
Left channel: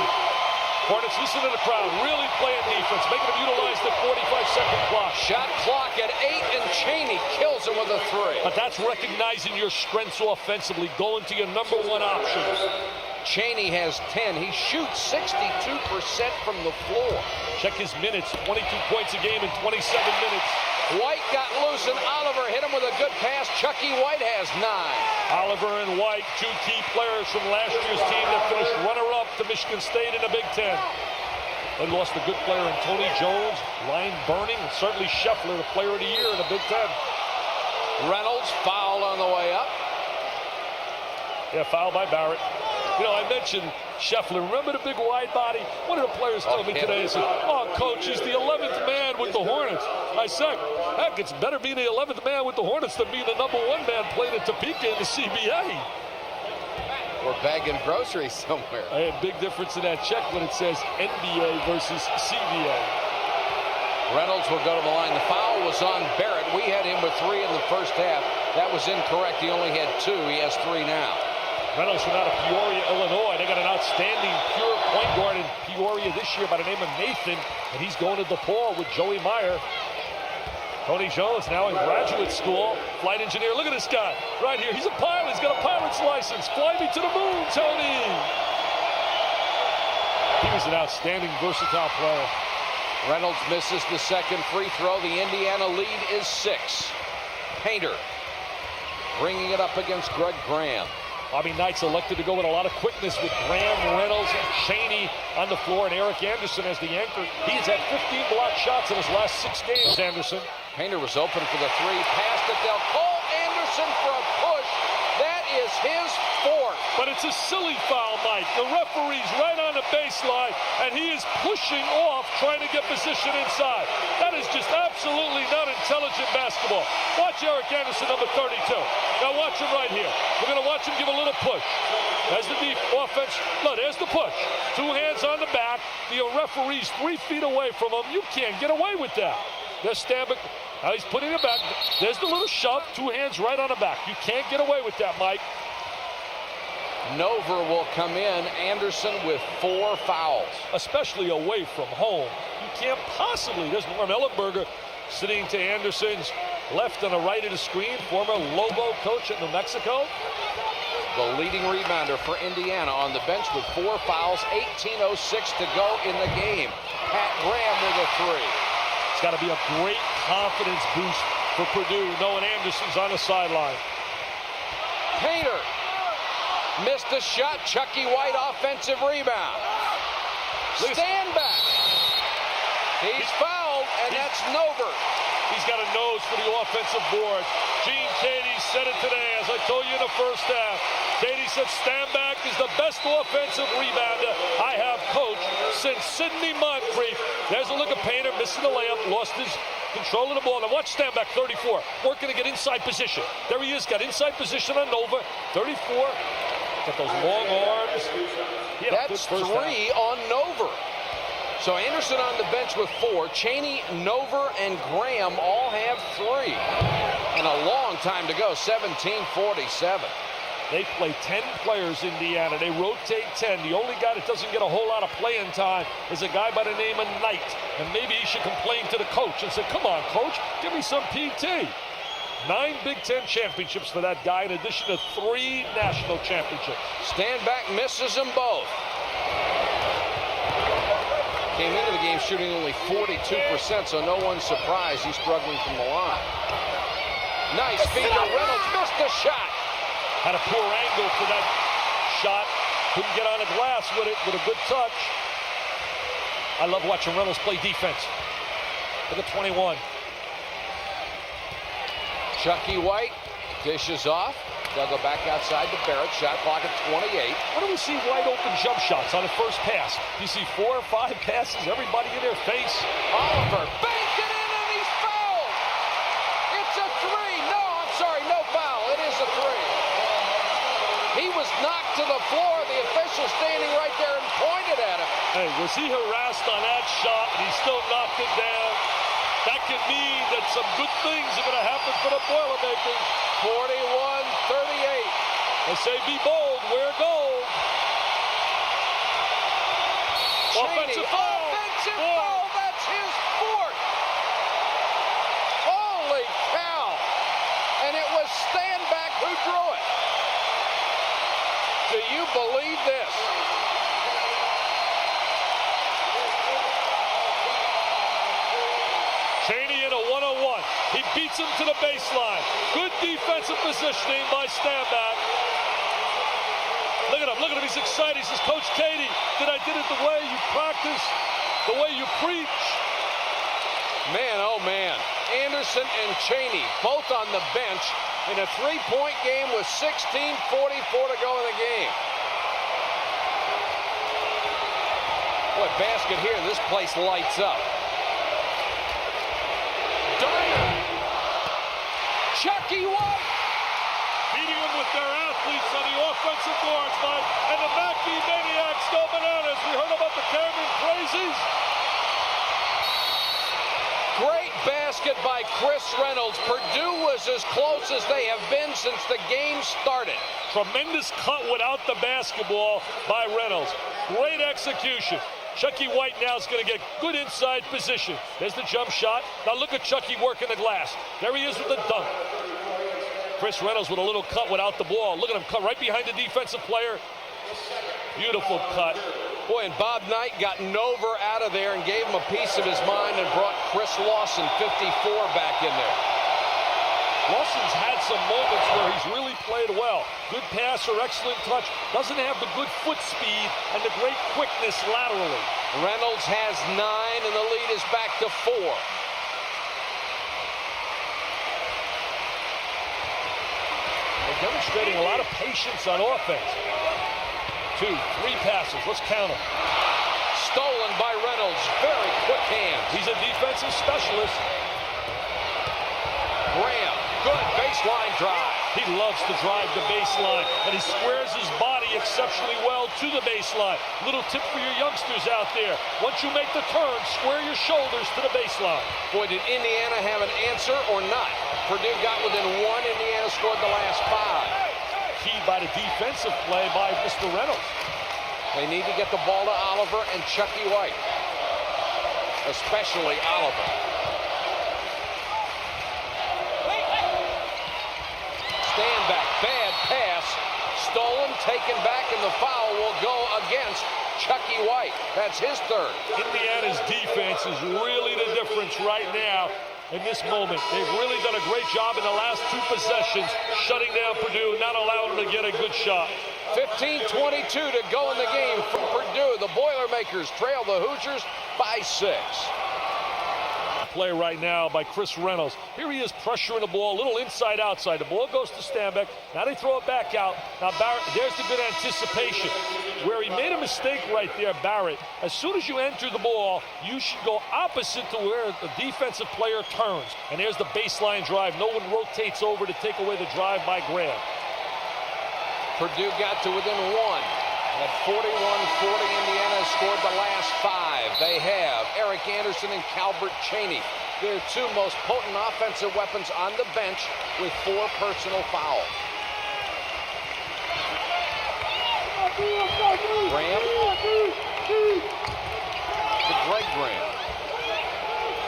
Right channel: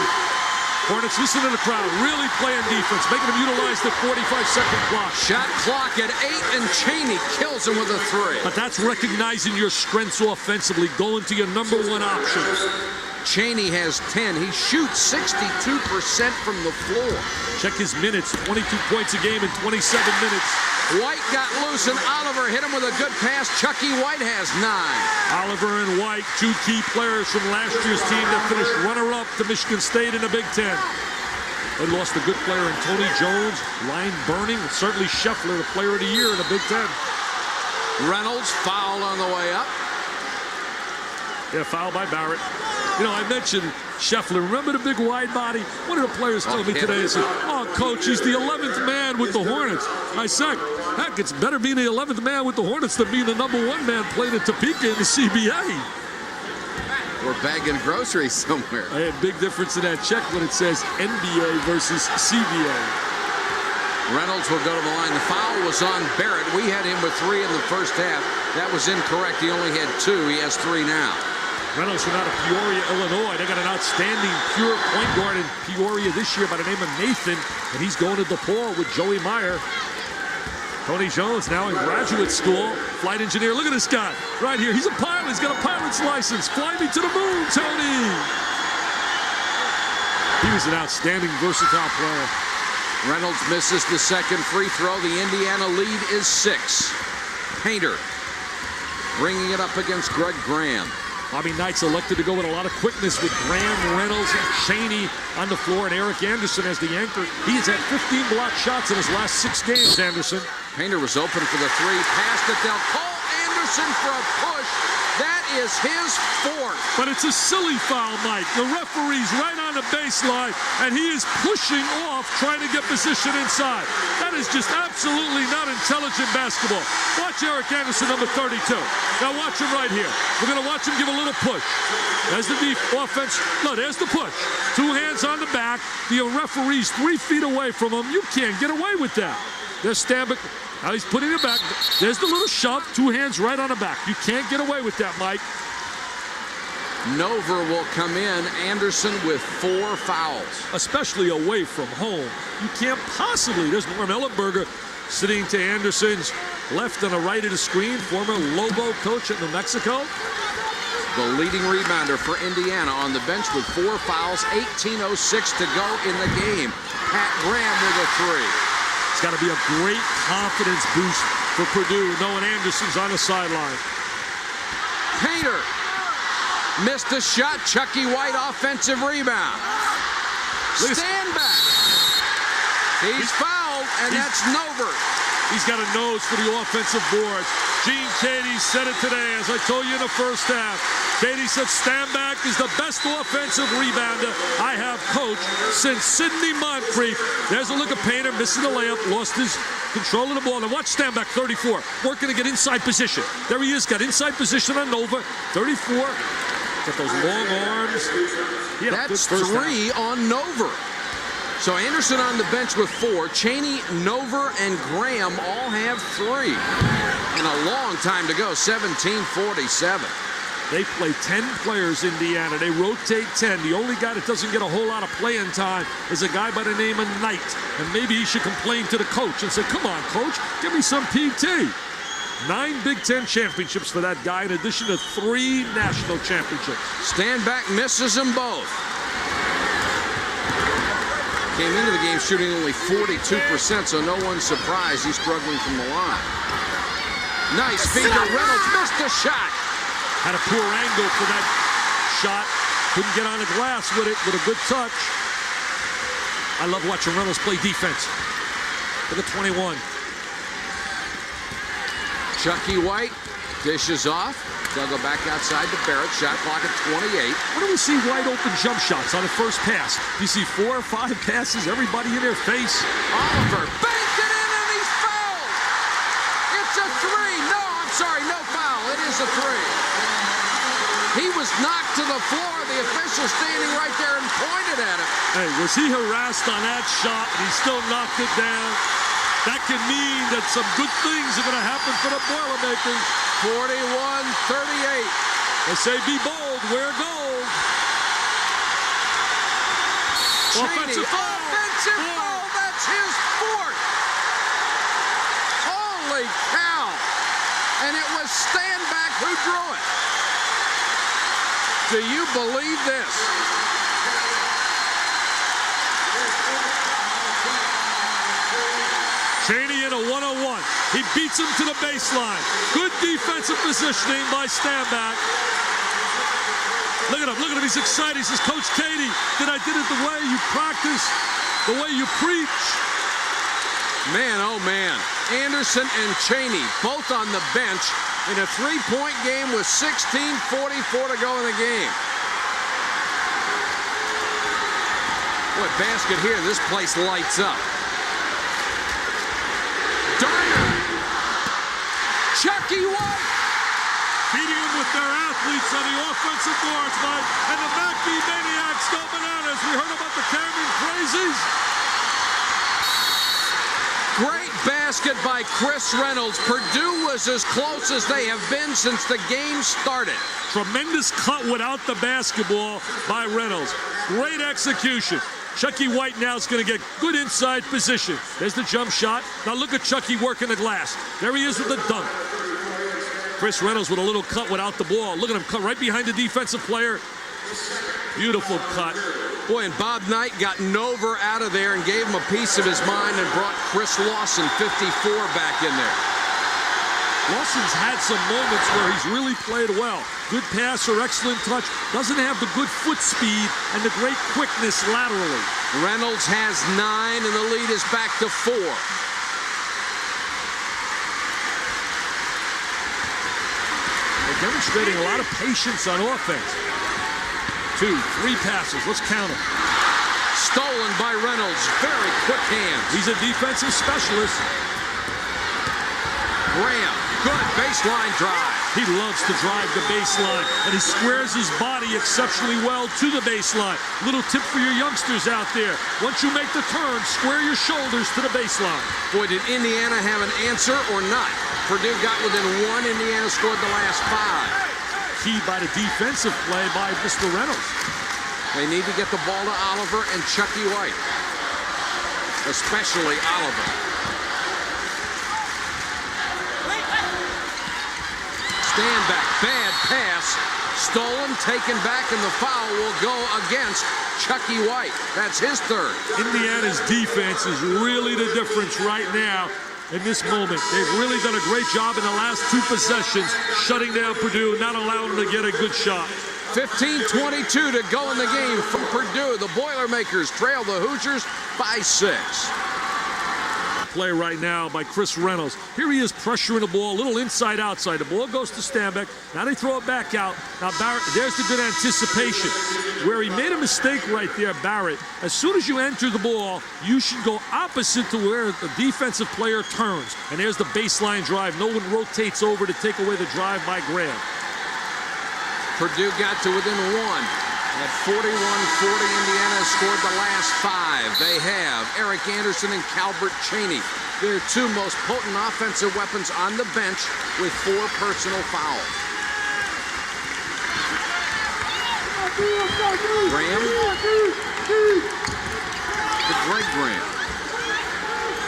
Hornets. Listen to the crowd, really playing defense, making them utilize the 45-second clock. Shot clock at 8, and Chaney kills him with a 3. But that's recognizing your strengths offensively, going to your number 1 option. Chaney has 10. He shoots 62% from the floor. Check his minutes, 22 points a game in 27 minutes. White got loose, and Oliver hit him with a good pass. Chucky White has 9. Oliver and White, 2 key players from last year's team that finished runner-up to Michigan State in the Big Ten. They lost a good player in Tony Jones, line burning, and certainly Scheffler, the player of the year in the Big Ten. Reynolds fouled on the way up. Yeah, foul by Barrett. You know, I mentioned Scheffler. Remember the big wide body? One of the players told me today, he said, "Oh, coach, he's the 11th man with the Hornets." I said, heck, it's better being the 11th man with the Hornets than being the number 1 man playing at Topeka in the CBA. We're bagging groceries somewhere. Hey, big difference in that check when it says NBA versus CBA. Reynolds will go to the line. The foul was on Barrett. We had him with 3 in the first half. That was incorrect. He only had 2. He has 3 now. Reynolds from out of Peoria, Illinois. They got an outstanding pure point guard in Peoria this year by the name of Nathan, and he's going to DePaul with Joey Meyer. Tony Jones now in graduate school, flight engineer. Look at this guy right here. He's a pilot. He's got a pilot's license. Fly me to the moon, Tony. He was an outstanding, versatile player. Reynolds misses the second free throw. The Indiana lead is 6. Painter bringing it up against Greg Graham. Bobby Knight's elected to go with a lot of quickness with Graham, Reynolds, and Chaney on the floor, and Eric Anderson as the anchor. He's had 15 blocked shots in his last 6 games, Anderson. Painter was open for the 3. Passed it. They'll call Anderson for a push. That is his 4th. But it's a silly foul, Mike. The referee's right on the baseline, and he is pushing off, trying to get position inside. That is just absolutely not intelligent basketball. Watch Eric Anderson, number 32. Now watch him right here. We're going to watch him give a little push. There's the deep offense. No, there's the push. 2 hands on the back. The referee's 3 feet away from him. You can't get away with that. There's Standback. Now he's putting it back. There's the little shove. 2 hands right on the back. You can't get away with that, Mike. Nover will come in. Anderson with 4 fouls. Especially away from home. You can't possibly. There's Norm Ellenberger sitting to Anderson's left and the right of the screen. Former Lobo coach at New Mexico. The leading rebounder for Indiana on the bench with 4 fouls. 18:06 to go in the game. Pat Graham with a 3. It's got to be a great confidence boost for Purdue, knowing Anderson's on the sideline. Painter missed a shot. Chucky White offensive rebound. Standback. He's fouled, and that's Nover. He's got a nose for the offensive boards. Gene Katie said it today, as I told you in the first half. Katie said Standback is the best offensive rebounder I have coached since Sidney Moncrief. There's a look at Painter, missing the layup, lost his control of the ball. Now watch Standback, 34, working to get inside position. There he is, got inside position on Nova, 34. Got those long arms. That's 3 on Nover. So Anderson on the bench with 4. Chaney, Nover, and Graham all have 3. And a long time to go, 17:47. They play 10 players, Indiana. They rotate 10. The only guy that doesn't get a whole lot of playing time is a guy by the name of Knight. And maybe he should complain to the coach and say, come on, coach, give me some PT. 9 Big Ten championships for that guy, in addition to 3 national championships. Stanback misses them both. Came into the game shooting only 42%, so no one's surprised he's struggling from the line. Nice feed to Reynolds, missed the shot. Had a poor angle for that shot. Couldn't get on the glass with it, with a good touch. I love watching Reynolds play defense. Look at 21. Chucky White dishes off. They'll go back outside to Barrett. Shot clock at 28. When do we see wide open jump shots on the first pass? You see 4 or 5 passes, everybody in their face. Oliver banked it in and he's fouled. It's a 3. No, I'm sorry, no foul. It is a 3. He was knocked to the floor. The official standing right there and pointed at him. Hey, was he harassed on that shot and he still knocked it down? That can mean that some good things are going to happen for the Boilermakers. 41-38. They say be bold, wear gold. Offensive foul. Offensive foul. That's his 4th. Holy cow. And it was Stanback who drew it. Do you believe this? Chaney in a 1-on-1. He beats him to the baseline. Good defensive positioning by Stanback. Look at him, look at him. He's excited. He says, Coach Katie, I did it the way you practice, the way you preach. Man, oh man. Anderson and Chaney both on the bench in a 3-point game with 16:44 to go in the game. Boy, basket here. This place lights up. Chucky White. Beating them with their athletes on the offensive boards, Mike. And the Mackey Maniacs go bananas. We heard about the Cameron Crazies. Great basket by Chris Reynolds. Purdue was as close as they have been since the game started. Tremendous cut without the basketball by Reynolds. Great execution. Chucky White now is going to get good inside position. There's the jump shot. Now look at Chucky working the glass. There he is with the dunk. Chris Reynolds with a little cut without the ball. Look at him cut right behind the defensive player. Beautiful cut. Boy, and Bob Knight got Nover out of there and gave him a piece of his mind and brought Chris Lawson, 54, back in there. Lawson's had some moments where he's really played well. Good passer, excellent touch. Doesn't have the good foot speed and the great quickness laterally. Reynolds has 9 and the lead is back to 4. They're demonstrating a lot of patience on offense. 2, 3 passes. Let's count them. Stolen by Reynolds. Very quick hands. He's a defensive specialist. Graham. Good baseline drive. He loves to drive the baseline, and he squares his body exceptionally well to the baseline. Little tip for your youngsters out there. Once you make the turn, square your shoulders to the baseline. Boy, did Indiana have an answer or not? Purdue got within 1. Indiana scored the last 5. Key by the defensive play by Mr. Reynolds. They need to get the ball to Oliver and Chucky White, especially Oliver. Stanback, bad pass, stolen, taken back, and the foul will go against Chucky White. That's his 3rd. Indiana's defense is really the difference right now in this moment. They've really done a great job in the last 2 possessions, shutting down Purdue, not allowing them to get a good shot. 15:22 to go in the game from Purdue. The Boilermakers trail the Hoosiers by 6. Play right now by Chris Reynolds. Here he is pressuring the ball, a little inside-outside. The ball goes to Stanback. Now they throw it back out. Now Barrett, there's the good anticipation. Where he made a mistake right there, Barrett. As soon as you enter the ball, you should go opposite to where the defensive player turns. And there's the baseline drive. No one rotates over to take away the drive by Graham. Purdue got to within 1. At 41-40, Indiana has scored the last 5. They have Eric Anderson and Calbert Chaney. Their 2 most potent offensive weapons on the bench with 4 personal fouls. Graham. To Greg Graham.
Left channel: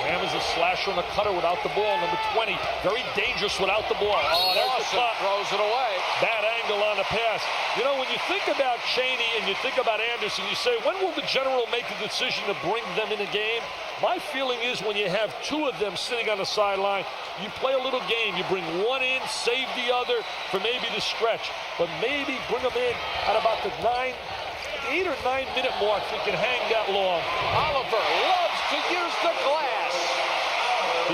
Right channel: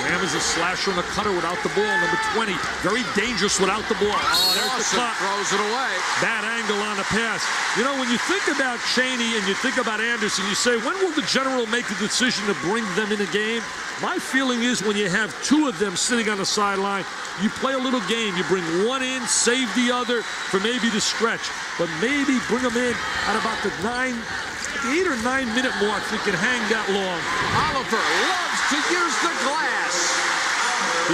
Graham is a slasher and a cutter without the ball. Number 20, very dangerous without the ball. Oh, there's the cut. Throws it away. Bad angle on the pass. You know, when you think about Chaney and you think about Anderson, you say, when will the general make a decision to bring them in a game? My feeling is when you have two of them sitting on the sideline, you play a little game. You bring one in, save the other for maybe the stretch. But maybe bring them in at about the 8 or 9 minute mark if we can hang that long. Oliver loves to use the glass.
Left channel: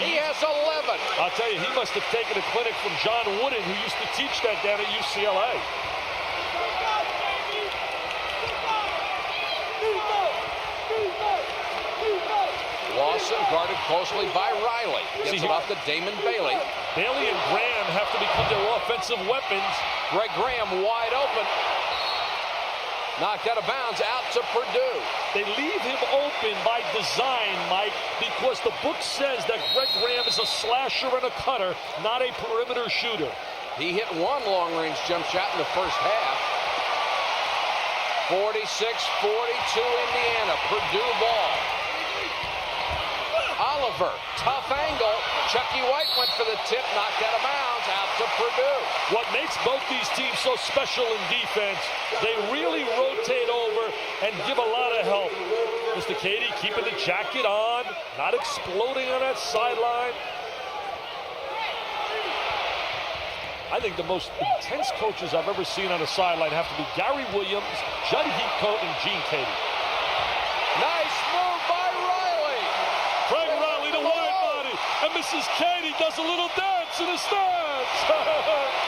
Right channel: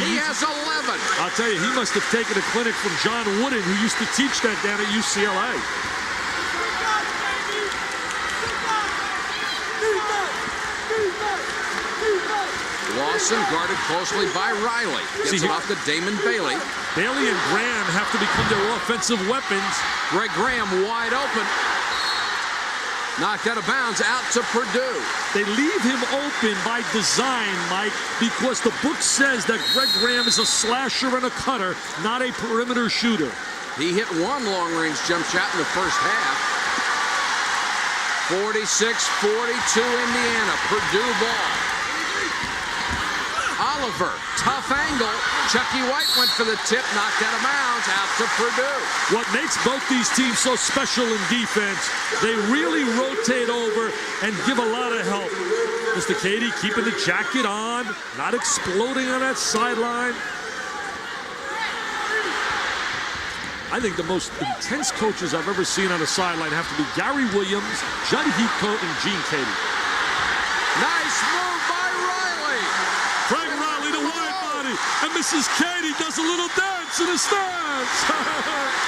He has 11. I'll tell you, he must have taken a clinic from John Wooden, who used to teach that down at UCLA. Lawson guarded closely by Riley. Gets it off to Damon Bailey. Bailey and Graham have to become their offensive weapons. Greg Graham wide open. Knocked out of bounds, out to Purdue. They leave him open by design, Mike, because the book says that Greg Graham is a slasher and a cutter, not a perimeter shooter. He hit one long-range jump shot in the first half. 46-42 Indiana. Purdue ball. Oliver, tough angle. Chucky White went for the tip, knocked out of bounds, out to Purdue. What makes both these teams so special in defense, they really rotate over and give a lot of help. Mr. Cady keeping the jacket on, not exploding on that sideline. I think the most intense coaches I've ever seen on a sideline have to be Gary Williams, Judd Heathcote, and Gene Cady. Nice move by Riley. Frank Riley, the wide body, and Mrs. Cady does a little dance in the stands.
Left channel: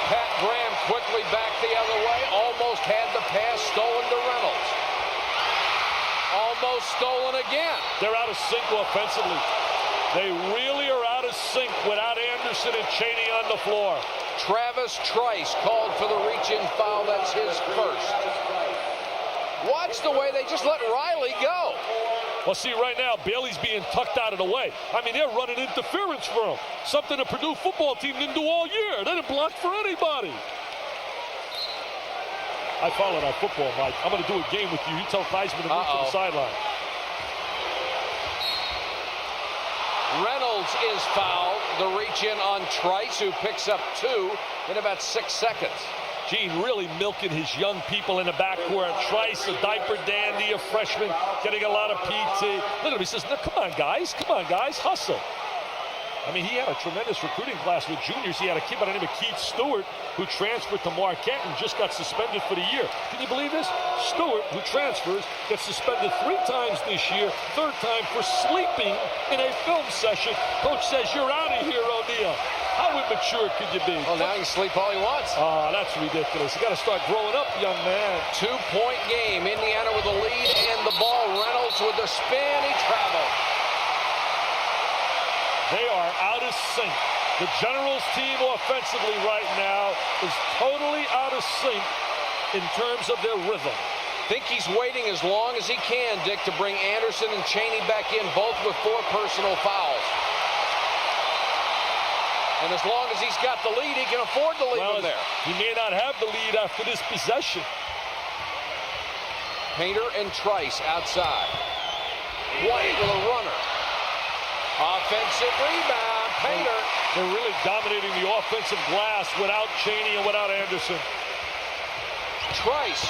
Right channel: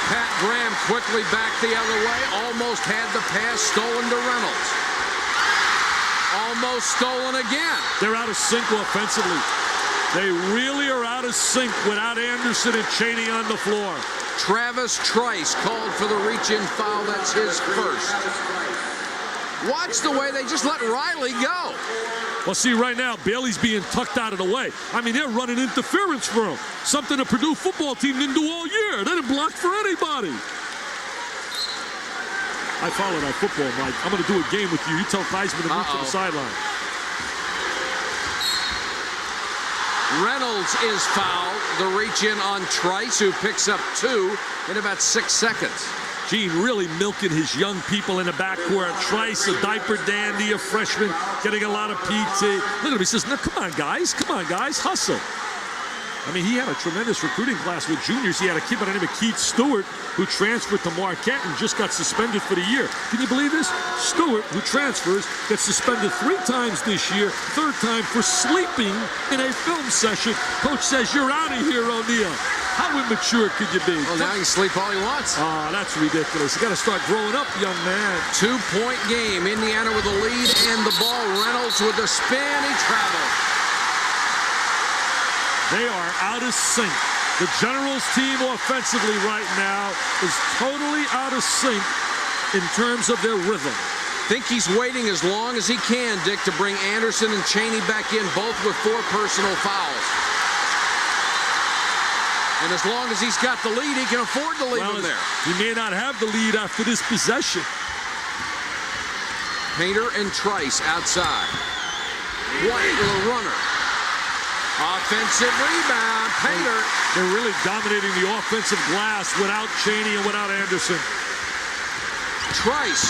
Pat Graham quickly back the other way, almost had the pass stolen to Reynolds. Almost stolen again. They're out of sync offensively. They really are out of sync without Anderson and Chaney on the floor. Travis Trice called for the reach-in foul. That's his first. Watch the way they just let Riley go. Well, see, right now, Bailey's being tucked out of the way. I mean, they're running interference for him. Something the Purdue football team didn't do all year. They didn't block for anybody. I followed our football, Mike. I'm going to do a game with you. You tell Theismann to move to the sideline. Reynolds is fouled. The reach-in on Trice, who picks up 2 in about 6 seconds. Gene really milking his young people in the backcourt. Trice, a diaper dandy, a freshman, getting a lot of PT. Look at him. He says, no, come on, guys, hustle. I mean, he had a tremendous recruiting class with juniors. He had a kid by the name of Keith Stewart, who transferred to Marquette and just got suspended for the year. Can you believe this? Stewart, who transfers, gets suspended 3 times this year, 3rd time for sleeping in a film session. Coach says, you're out of here, O'Neal. How immature could you be? Well, now he can sleep all he wants. Oh, that's ridiculous. You got to start growing up, young man. 2-point game. Indiana with the lead and the ball. Reynolds with the spin. He traveled. They are out of sync. The Generals team offensively right now is totally out of sync in terms of their rhythm. Think he's waiting as long as he can, Dick, to bring Anderson and Chaney back in, both with 4 personal fouls. And as long as he's got the lead, he can afford to leave him there. He may not have the lead after this possession. Painter and Trice outside. White with a runner. Offensive rebound. Painter. They're really dominating the offensive glass without Chaney and without Anderson. Trice.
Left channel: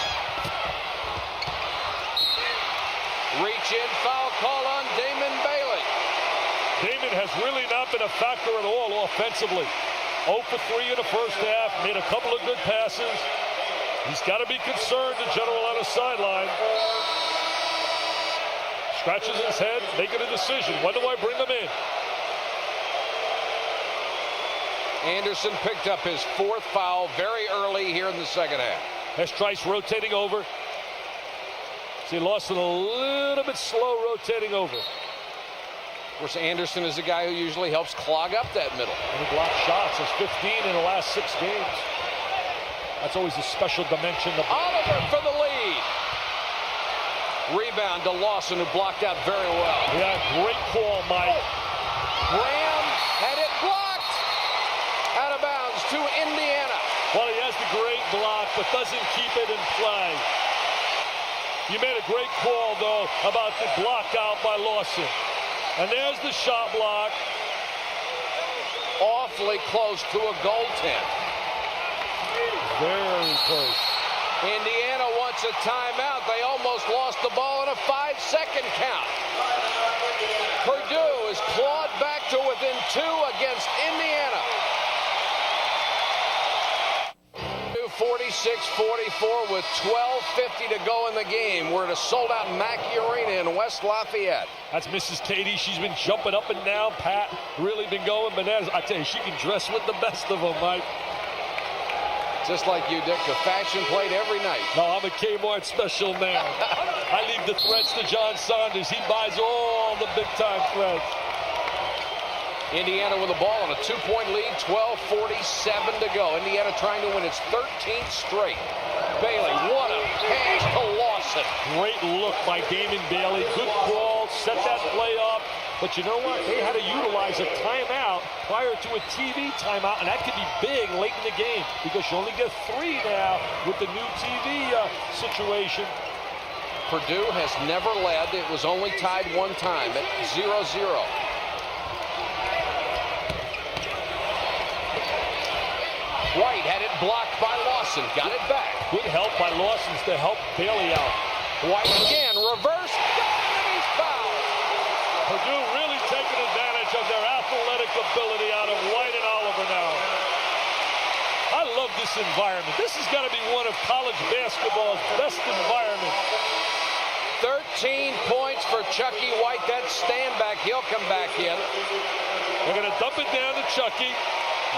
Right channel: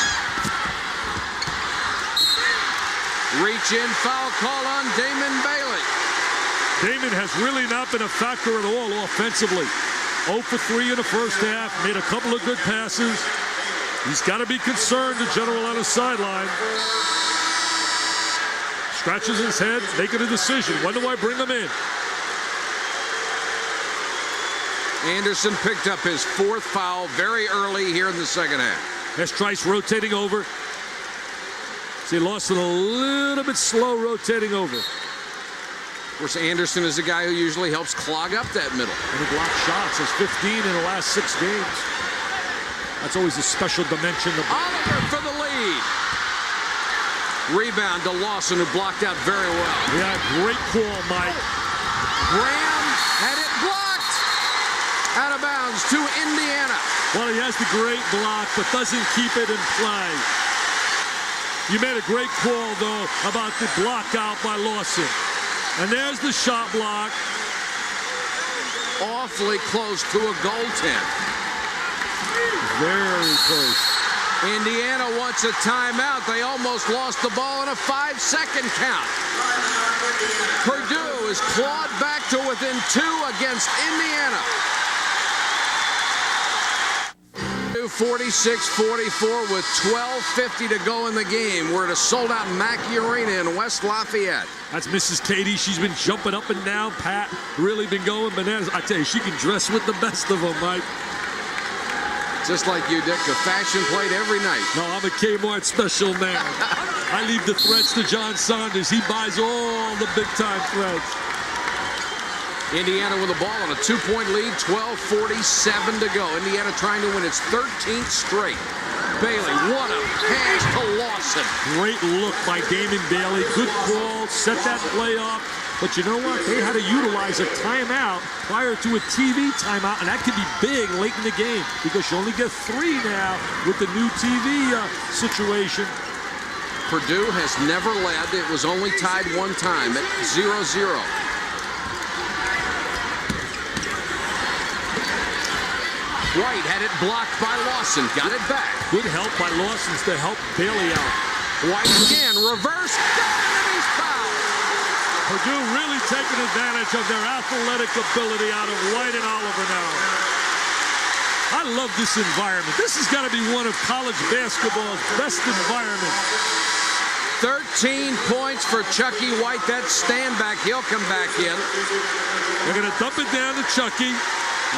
Reach-in foul call on Damon Bailey. Damon has really not been a factor at all offensively. 0 for 3 in the first half. Made a couple of good passes. He's got to be concerned, the general on the sideline. Scratches his head, making a decision. When do I bring him in? Anderson picked up his 4th foul very early here in the second half. As Trice rotating over. See, Lawson a little bit slow rotating over. Of course, Anderson is a guy who usually helps clog up that middle. And he blocked shots. Has 15 in the last 6 games. That's always a special dimension. Oliver for the lead. Rebound to Lawson, who blocked out very well. Yeah, great call, Mike. Graham had it blocked. Out of bounds to Indiana. Well, he has the great block, but doesn't keep it in play. You made a great call, though, about the block out by Lawson. And there's the shot block. Awfully close to a goaltend. Very close. Indiana wants a timeout. They almost lost the ball in a 5-second count. Purdue is clawed back to within 2 against Indiana. 46-44 with 12:50 to go in the game. We're at a sold-out Mackey Arena in West Lafayette. That's Mrs. Katie. She's been jumping up and down. Pat really been going bananas. I tell you, she can dress with the best of them, Mike. Just like you, Dick, a fashion plate every night. No, I'm a Kmart special man. I leave the threads to John Saunders. He buys all the big-time threads. Indiana with the ball on a 2-point lead, 12:47 to go. Indiana trying to win its 13th straight. Bailey, what a pass to Lawson. Great look by Damon Bailey. Good call, set that play up. But you know what? They had to utilize a timeout prior to a TV timeout, and that could be big late in the game because you only get 3 now with the new TV situation. Purdue has never led. It was only tied one time at 0-0. White had it blocked by Lawson. Got it back. Good help by Lawson to help Bailey out. White again. Reverse. And he's fouled. Purdue really taking advantage of their athletic ability out of White and Oliver now. I love this environment. This has got to be one of college basketball's best environments. 13 points for Chucky White. That stand back. He'll come back in. They're going to dump it down to Chucky.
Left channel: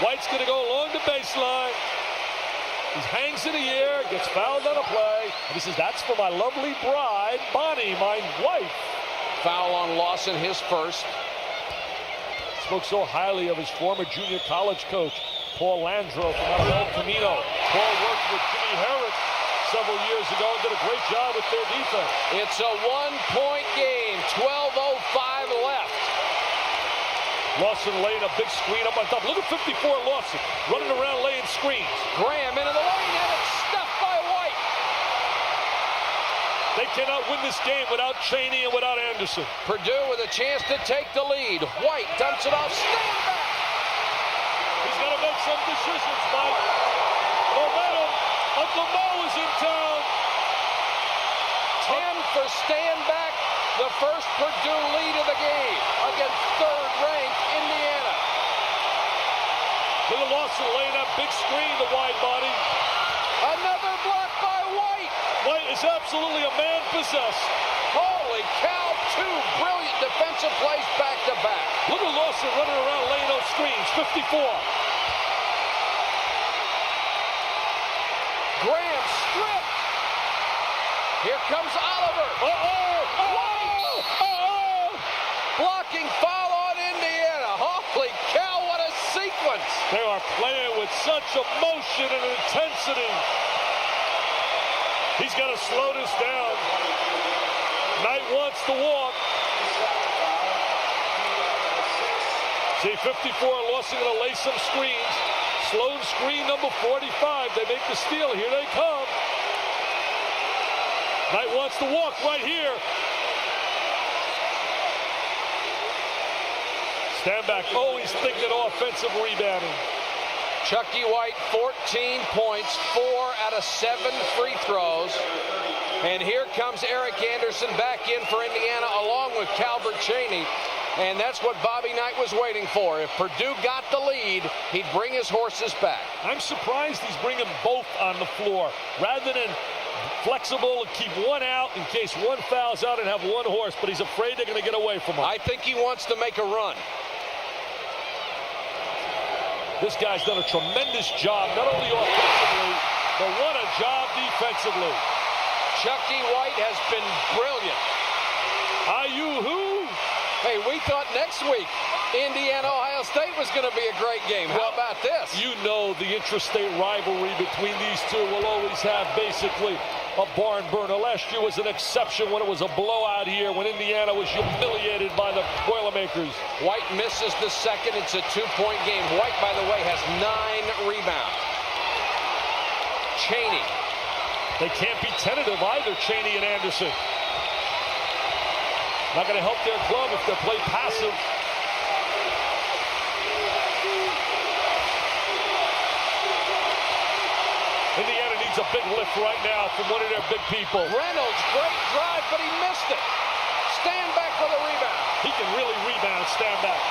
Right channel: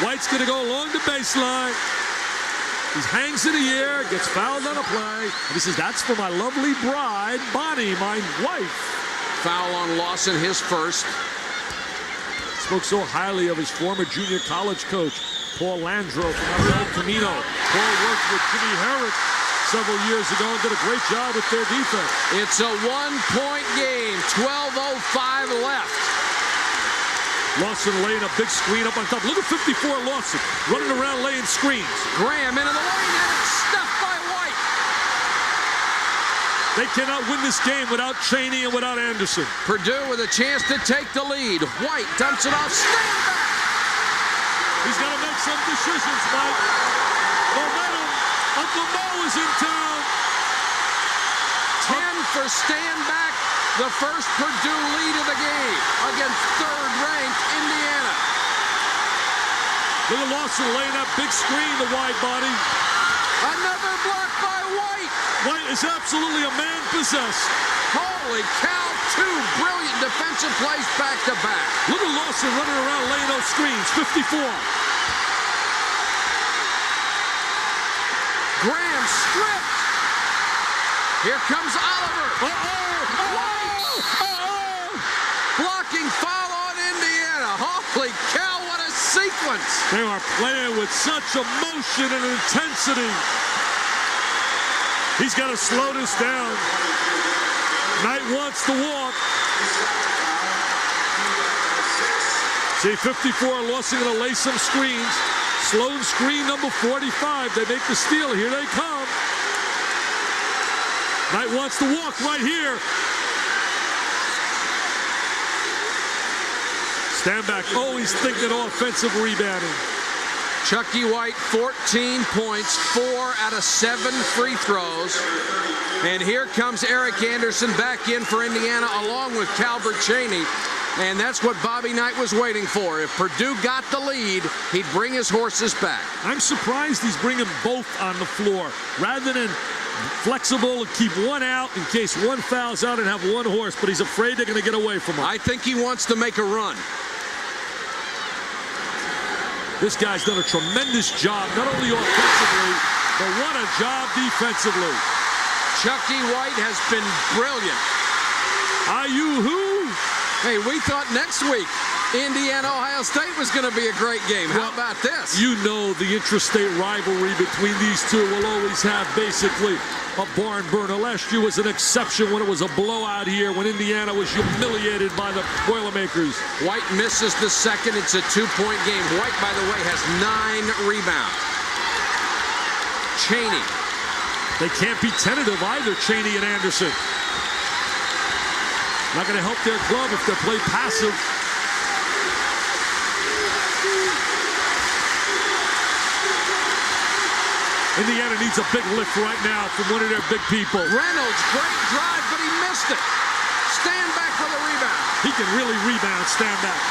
White's going to go along the baseline. He hangs in the air, gets fouled on a play. And he says, that's for my lovely bride, Bonnie, my wife. Foul on Lawson, his first. Spoke so highly of his former junior college coach, Paul Landro from El Camino. Paul worked with Jimmy Herrick several years ago and did a great job with their defense. It's a 1-point game, 12:05 left. Lawson laying a big screen up on top. Look at 54 Lawson running around laying screens. Graham into the lane, and it's stuffed by White. They cannot win this game without Chaney and without Anderson. Purdue with a chance to take the lead. White dumps it off, stand back. He's got to make some decisions, Mike. Momentum. Uncle Mo is in town. 10 for stand back. The first Purdue lead of the game against third-ranked Indiana. Look at Lawson laying that big screen, the wide body. Another block by White. White is absolutely a man possessed. Holy cow, 2 brilliant defensive plays back-to-back. Look at Lawson running around laying those screens, 54. Graham stripped. Here comes Oliver. Blocking foul on Indiana. Holy cow, what a sequence. They are playing with such emotion and intensity. He's got to slow this down. Knight wants to walk. See, 54, Lawson going to lay some screens. Sloan screen number 45. They make the steal. Here they come. Knight wants to walk right here. Stand back. Oh, he's thinking offensive rebounding. Chucky White, 14 points, 4 out of 7 free throws. And here comes Eric Anderson back in for Indiana along with Calbert Chaney. And that's what Bobby Knight was waiting for. If Purdue got the lead, he'd bring his horses back. I'm surprised he's bringing both on the floor rather than flexible and keep one out in case one fouls out and have one horse, but he's afraid they're going to get away from him. I think he wants to make a run. This guy's done a tremendous job, not only offensively, but what a job defensively. Chucky White has been brilliant. Who? Hey, we thought next week Indiana-Ohio State was going to be a great game. How about this? You know the intrastate rivalry between these two will always have basically a barn burner. Last year was an exception when it was a blowout here when Indiana was humiliated by the Boilermakers. White misses the second. It's a 2-point game. White, by the way, has 9 rebounds. Chaney They can't be tentative either, Chaney and Anderson. Not going to help their club if they play passive. Indiana needs a big lift right now from one of their big people. Reynolds, great drive, but he missed it. Stand back for the rebound. He can really rebound, stand back.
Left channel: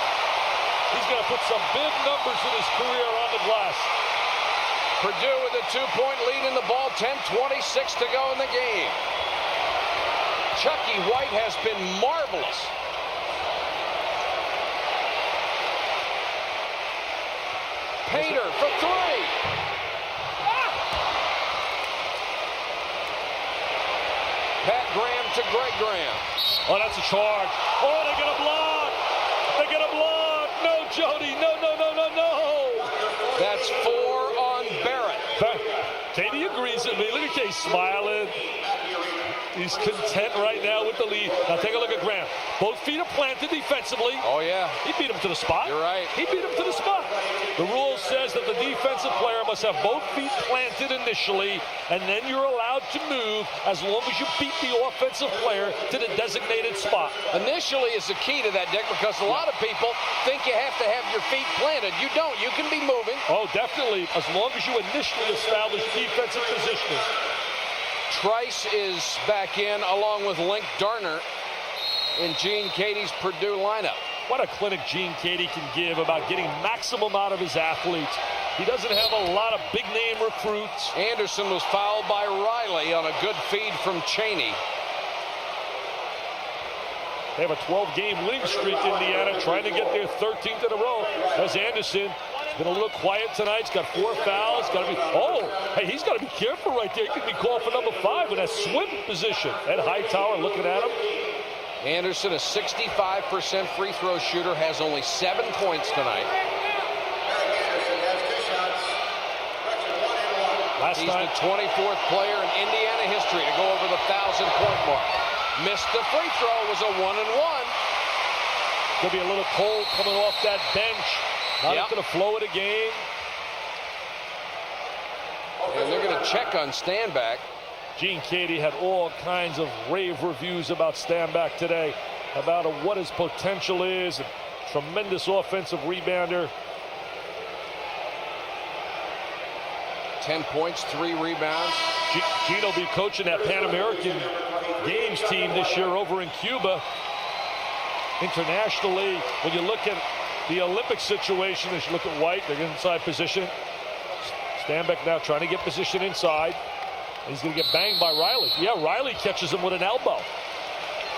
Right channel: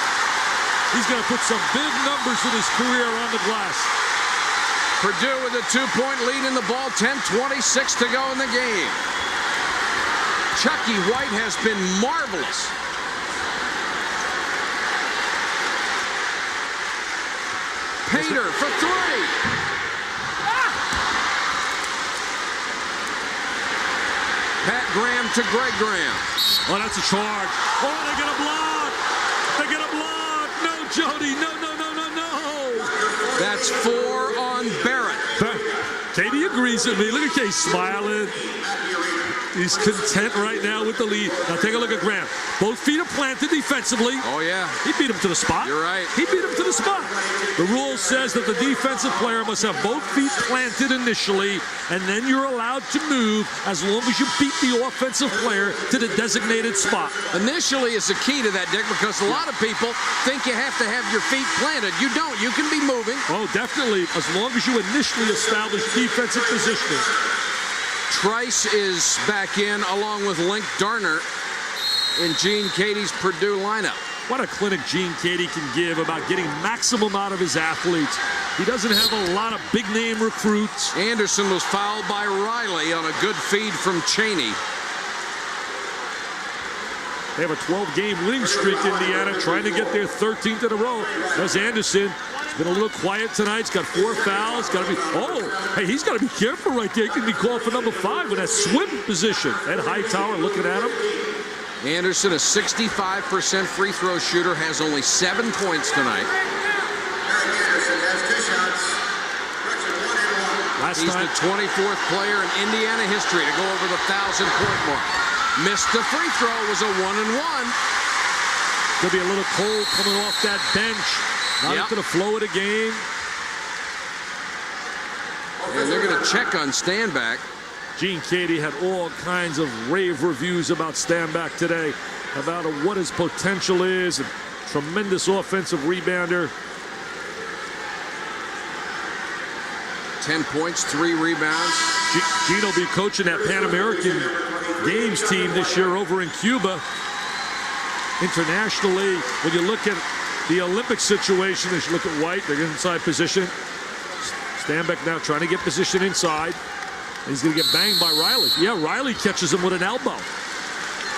He's going to put some big numbers in his career on the glass. Purdue with a 2-point lead in the ball, 10:26 to go in the game. Chucky White has been marvelous. Painter for three. Pat Graham to Greg Graham. Oh, that's a charge. Oh, they get a block. They get a block. No, Jody. No, no, no, no, no. That's 4 on Barrett. Katie agrees with me. Look at Katie smiling. He's content right now with the lead. Now take a look at Graham. Both feet are planted defensively. Oh, yeah. He beat him to the spot. You're right. He beat him to the spot. The rule says that the defensive player must have both feet planted initially, and then you're allowed to move as long as you beat the offensive player to the designated spot. Initially is the key to that, Dick, because a lot of people think you have to have your feet planted. You don't. You can be moving. Oh, definitely, as long as you initially establish defensive positioning. Trice is back in along with Link Darner in Gene Katie's Purdue lineup. What a clinic Gene Katie can give about getting maximum out of his athletes. He doesn't have a lot of big-name recruits. Anderson was fouled by Riley on a good feed from Chaney. They have a 12-game winning streak, Indiana, trying to get their 13th in a row. There's Anderson. He's been a little quiet tonight. He's got 4 fouls. Got to be. Oh, hey, he's got to be careful right there. He can be called for number 5 in that swim position. Ed Hightower looking at him. Anderson, a 65% free throw shooter, has only 7 points tonight. He's the 24th player in Indiana history to go over the 1,000-point mark. Missed the free throw. Was a 1-and-1. Could be a little cold coming off that bench. Not into the flow of the game. And they're going to check on Standback. Gene Katie had all kinds of rave reviews about Standback today, about what his potential is. A tremendous offensive rebounder. 10 points, 3 rebounds. Gene will be coaching that Pan American Games team this year over in Cuba. Internationally, when you look at the Olympic situation, as you look at White, they're inside position. Standback now trying to get position inside. He's going to get banged by Riley. Yeah, Riley catches him with an elbow.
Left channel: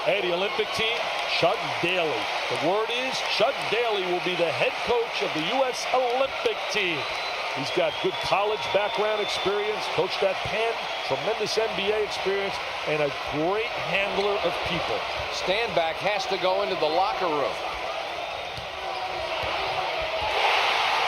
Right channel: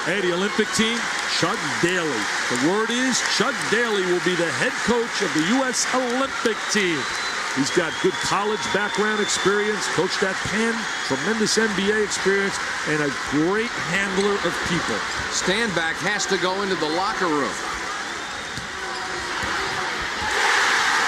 Hey, the Olympic team, Chuck Daly. The word is Chuck Daly will be the head coach of the U.S. Olympic team. He's got good college background experience, coached at Penn, tremendous NBA experience, and a great handler of people. Standback has to go into the locker room.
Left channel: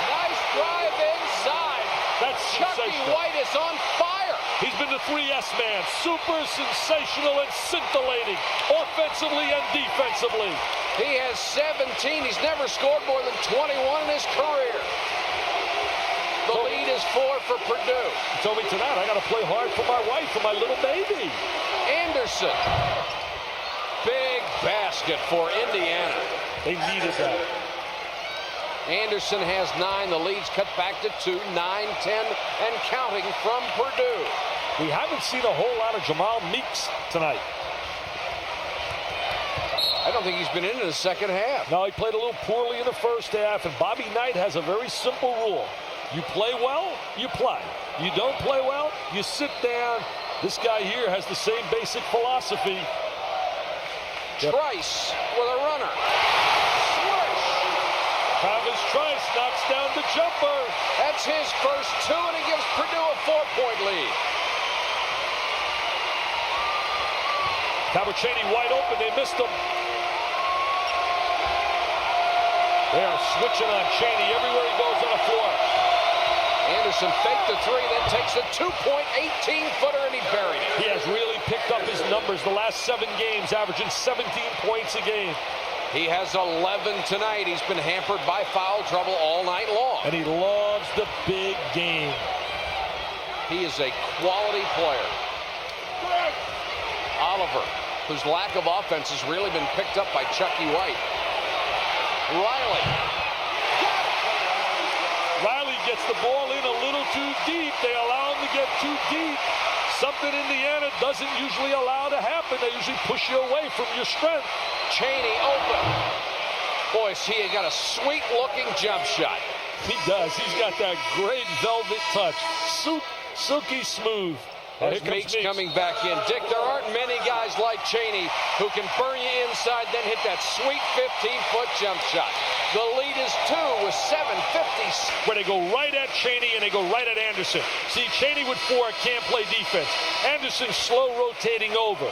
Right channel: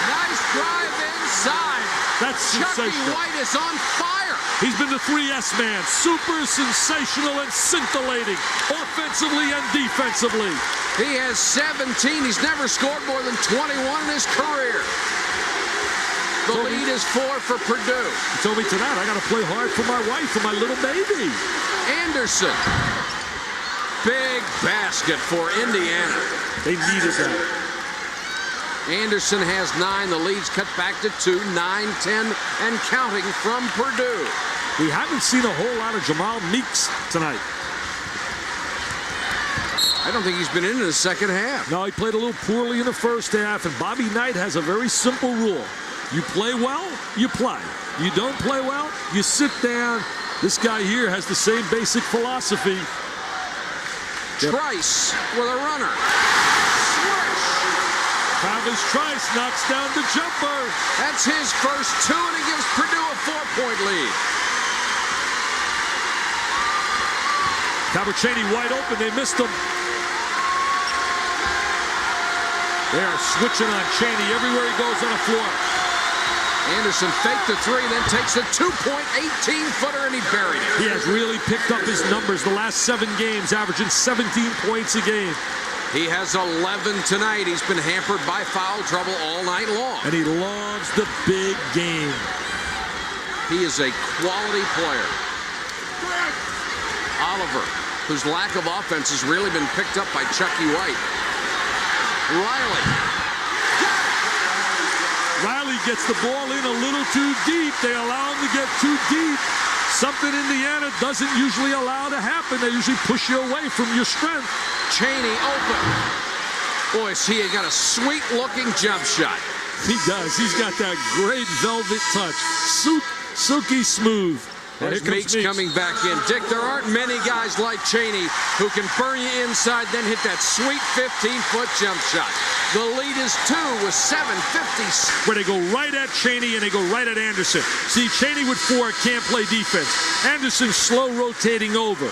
Nice drive inside. That's Chucky sensational. White is on fire. He's been the 3S man. Super sensational and scintillating, offensively and defensively. He has 17. He's never scored more than 21 in his career. The lead is 4 for Purdue. He told me tonight, I got to play hard for my wife, for my little baby. Anderson. Big basket for Indiana. They needed that. Anderson has 9. The lead's cut back to 2, 9, 10, and counting from Purdue. We haven't seen a whole lot of Jamal Meeks tonight. I don't think he's been in the second half. No, he played a little poorly in the first half, and Bobby Knight has a very simple rule. You play well, you play. You don't play well, you sit down. This guy here has the same basic philosophy. Trice with a runner. Travis Trice knocks down the jumper. That's his first 2, and he gives Purdue a 4-point lead. Chaney wide open, they missed him. They are switching on Chaney everywhere he goes on the floor. Anderson faked the 3, then takes a 2-point 18-footer, and he buried it. He has really picked up his numbers the last 7 games, averaging 17 points a game. He has 11 tonight. He's been hampered by foul trouble all night long. And he loves the big game. He is a quality player. Oliver, whose lack of offense has really been picked up by Chucky White. Riley gets the ball in a little too deep. They allow him to get too deep. Something Indiana doesn't usually allow to happen. They usually push you away from your strength. Cheney open. Boy, he got a sweet-looking jump shot. He does. He's got that great velvet touch. Silky smooth. There's Meeks coming back in. Dick, there aren't many guys like Cheney who can burn you inside, then hit that sweet 15-foot jump shot. The lead is 2 with 7:50. Where they go right at Cheney and they go right at Anderson. See, Cheney with 4 can't play defense. Anderson slow rotating over.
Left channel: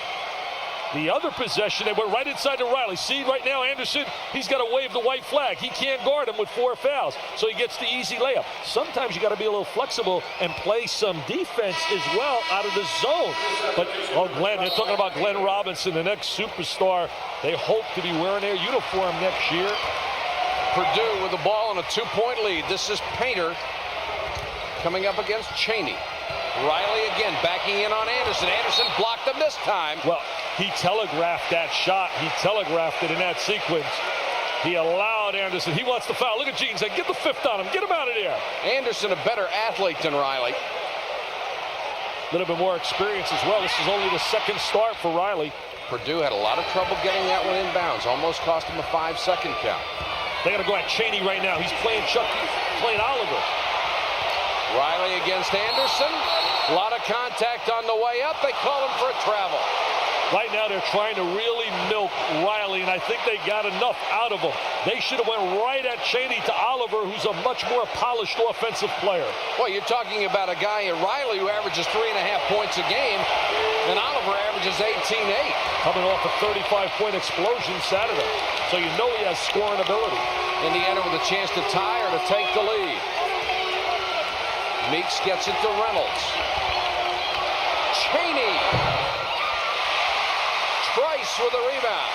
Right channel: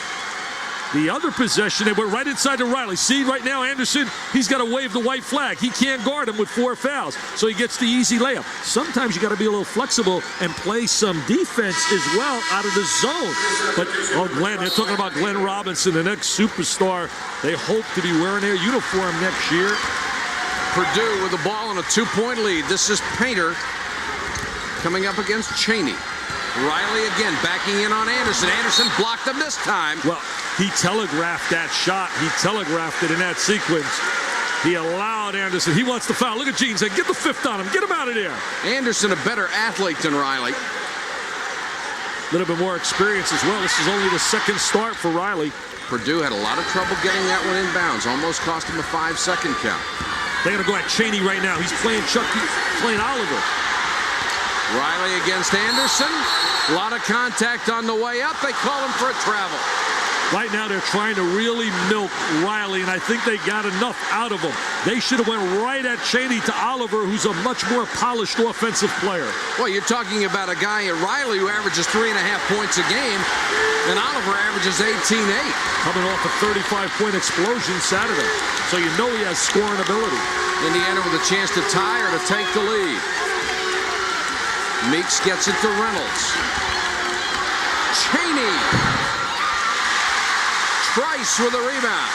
The other possession, they went right inside to Riley. See, right now, Anderson, he's got to wave the white flag. He can't guard him with 4 fouls, so he gets the easy layup. Sometimes you got to be a little flexible and play some defense as well out of the zone. But, oh, Glenn, they're talking about Glenn Robinson, the next superstar. They hope to be wearing their uniform next year. Purdue with the ball in a 2-point lead. This is Painter coming up against Cheney. Riley again backing in on Anderson. Anderson blocked him this time. Well, he telegraphed that shot. He telegraphed it in that sequence. He allowed Anderson. He wants the foul. Look at Gene saying, get the 5th on him. Get him out of there. Anderson a better athlete than Riley. A little bit more experience as well. This is only the 2nd start for Riley. Purdue had a lot of trouble getting that one inbounds. Almost cost him a 5-second count. They got to go at Cheney right now. He's playing Chucky, playing Oliver. Riley against Anderson. A lot of contact on the way up. They call him for a travel. Right now they're trying to really milk Riley, and I think they got enough out of him. They should have went right at Cheney to Oliver, who's a much more polished offensive player. Well, you're talking about a guy at Riley who averages 3.5 points a game, and Oliver averages 18-8. Coming off a 35-point explosion Saturday, so you know he has scoring ability. Indiana with a chance to tie or to take the lead. Meeks gets it to Reynolds. Cheney. Price with a rebound.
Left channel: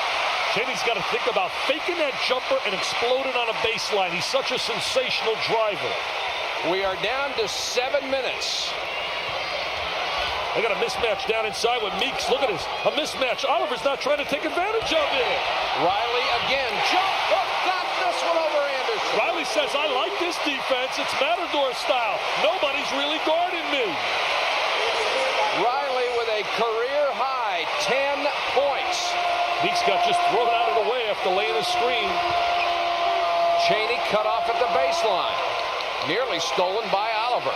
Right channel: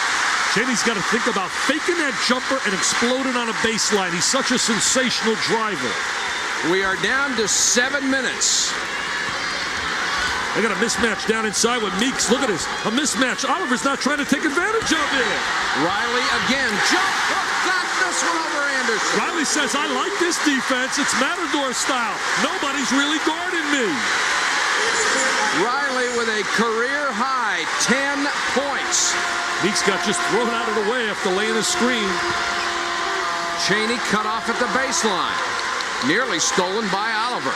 Cheney's got to think about faking that jumper and exploding on a baseline. He's such a sensational driver. We are down to 7 minutes. They got a mismatch down inside with Meeks. Look at this. A mismatch. Oliver's not trying to take advantage of it. Riley again. Jump hook. Got this one over Anderson. Riley says, I like this defense. It's Matador style. Nobody's really guarding me. Riley with a career-high 10 points. Meeks got just thrown out of the way after laying a screen. Cheney cut off at the baseline. Nearly stolen by Oliver.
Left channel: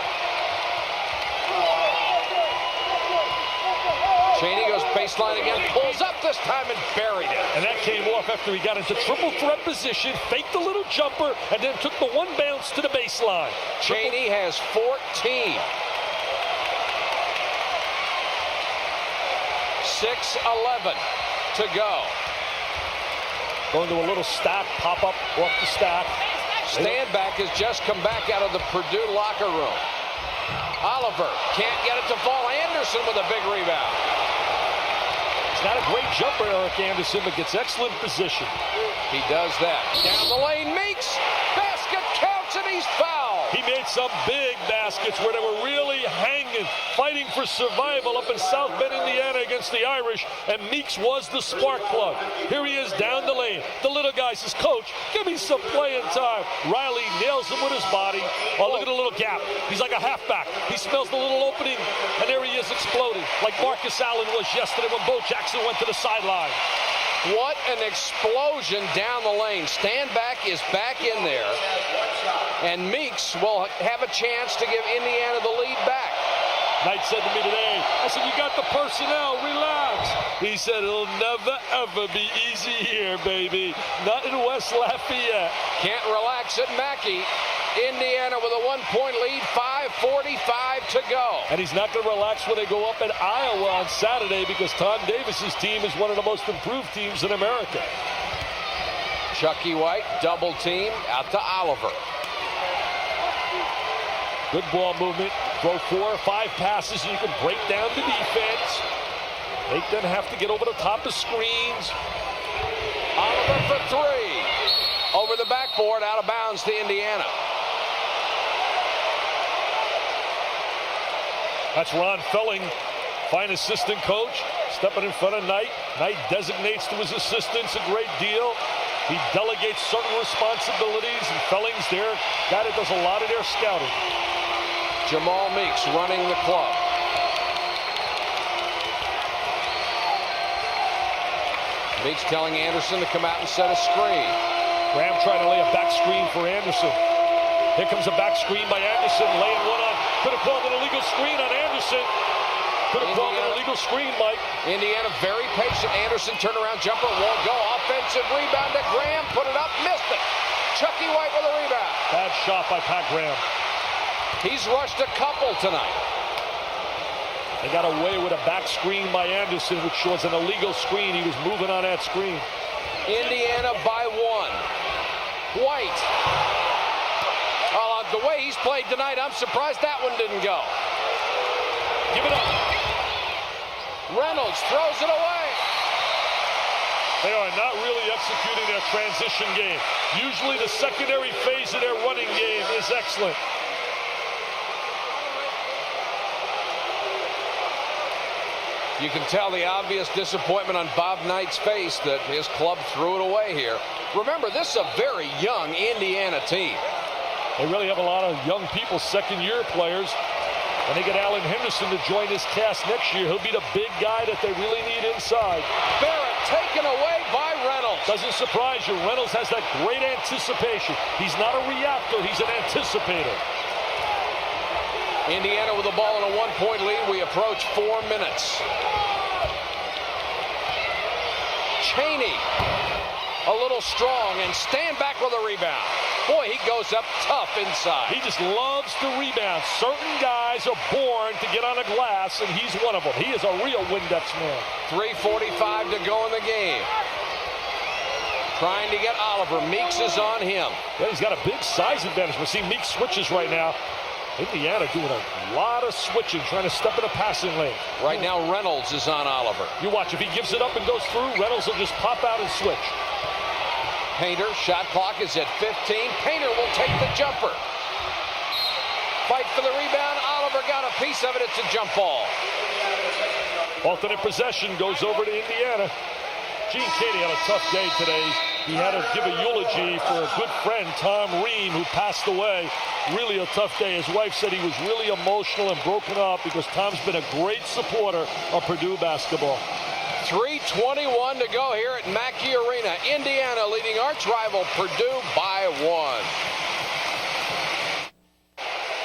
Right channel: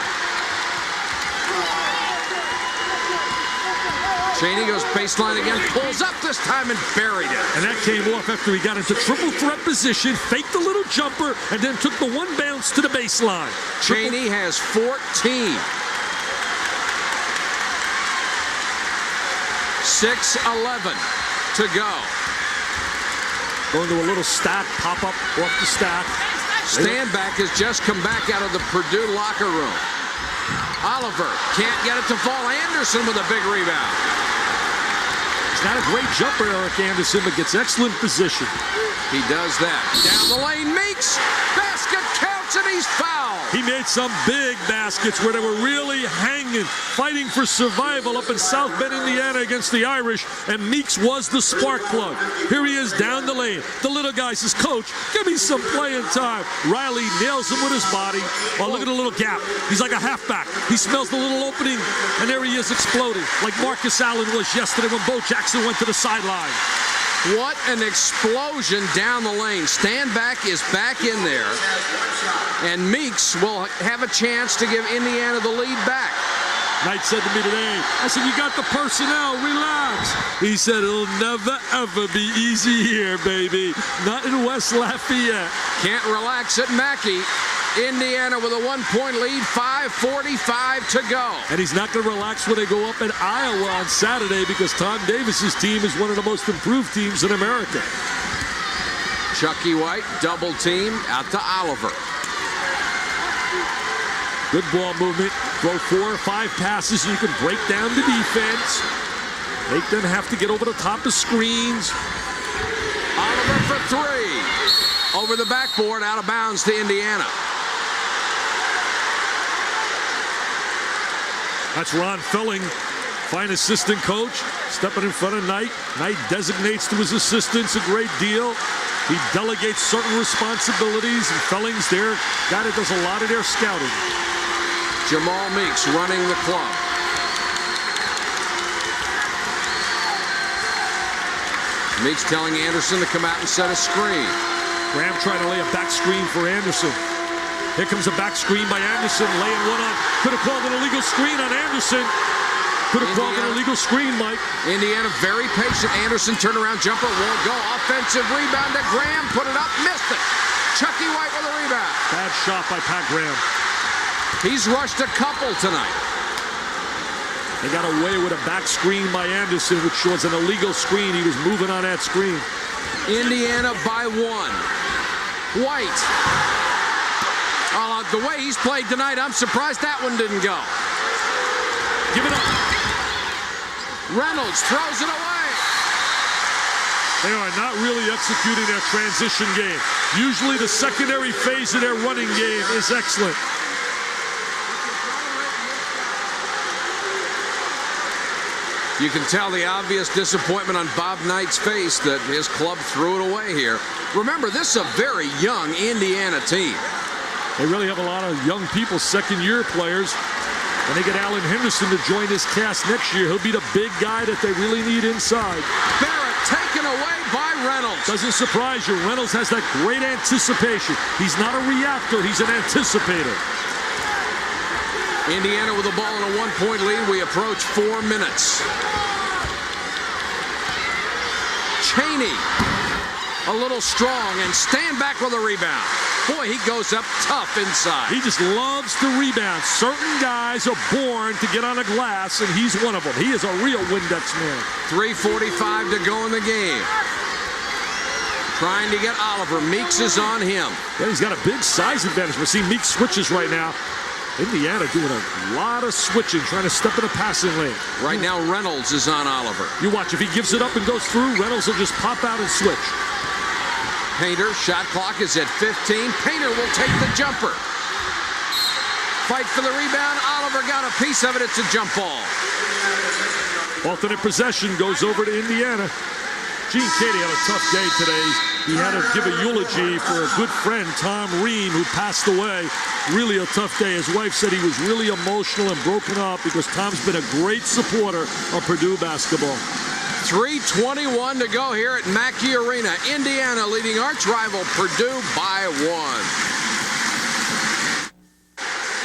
Cheney goes baseline again, pulls up this time and buried it. And that came off after he got into triple threat position, faked the little jumper, and then took the 1 bounce to the baseline. Cheney has 14. 6:11 to go. Going to a little stack, pop up off the stack. Standback has just come back out of the Purdue locker room. Oliver can't get it to fall. Anderson with a big rebound. He's not a great jumper, Eric Anderson, but gets excellent position. He does that. Down the lane, Meeks. Basket counts and he's fouled. He made some big baskets where they were really hanging, fighting for survival up in South Bend, Indiana against the Irish, and Meeks was the spark plug. Here he is down the lane. The little guy says, Coach, give me some playing time. Riley nails him with his body. Oh, look at the little gap. He's like a halfback. He smells the little opening, and there he is exploding, like Marcus Allen was yesterday when Bo Jackson went to the sideline. What an explosion down the lane. Standback is back in there, and Meeks will have a chance to give Indiana the lead back. Knight said to me today, I said, you got the personnel, relax. He said, it'll never, ever be easy here, baby. Not in West Lafayette. Can't relax at Mackey. Indiana with a 1-point lead, 5:45 to go. And he's not going to relax when they go up at Iowa on Saturday because Tom Davis's team is one of the most improved teams in America. Chucky White, double team, out to Oliver. Good ball movement. Throw 4 or 5 passes and you can break down the defense. Make them have to get over the top of screens. Oliver for 3. Over the backboard, out of bounds to Indiana. That's Ron Felling Fine assistant coach, stepping in front of Knight. Knight designates to his assistants a great deal. He delegates certain responsibilities, and Fellings there, guy that does a lot of their scouting. Jamal Meeks running the club. Meeks telling Anderson to come out and set a screen. Graham trying to lay a back screen for Anderson. Here comes a back screen by Anderson, laying one on. Could have called an illegal screen on Anderson. Could have called an illegal screen, Mike. Indiana very patient. Anderson turnaround jumper won't go. Offensive rebound to Graham. Put it up, missed it. Chucky White with a rebound. Bad shot by Pat Graham. He's rushed a couple tonight. They got away with a back screen by Anderson, which was an illegal screen. He was moving on that screen. Indiana by 1. White. The way he's played tonight, I'm surprised that one didn't go. Give it up. Reynolds throws it away. They are not really executing their transition game. Usually the secondary phase of their running game is excellent. You can tell the obvious disappointment on Bob Knight's face that his club threw it away here. Remember, this is a very young Indiana team. They really have a lot of young people, second-year players. When they get Alan Henderson to join this cast next year, he'll be the big guy that they really need inside. Barrett taken away by Reynolds. Doesn't surprise you. Reynolds has that great anticipation. He's not a reactor. He's an anticipator. Indiana with the ball in a 1-point lead. We approach 4 minutes. Chaney, a little strong, and stand back with a rebound. Boy, he goes up tough inside. He just loves to rebound. Certain guys are born to get on a glass, and he's one of them. He is a real Windex man. 3:45 to go in the game. Trying to get Oliver. Meeks is on him. Yeah, he's got a big size advantage. We're seeing Meeks switches right now. Indiana doing a lot of switching, trying to step in a passing lane. Right now, Reynolds is on Oliver. You watch. If he gives it up and goes through, Reynolds will just pop out and switch. Painter, shot clock is at 15. Painter will take the jumper. Fight for the rebound. Oliver got a piece of it. It's a jump ball. Alternate possession goes over to Indiana. Gene Katie had a tough day today. He had to give a eulogy for a good friend, Tom Ream, who passed away. Really a tough day. His wife said he was really emotional and broken up because Tom's been a great supporter of Purdue basketball. 3:21 to go here at Mackey Arena. Indiana leading arch rival Purdue by 1.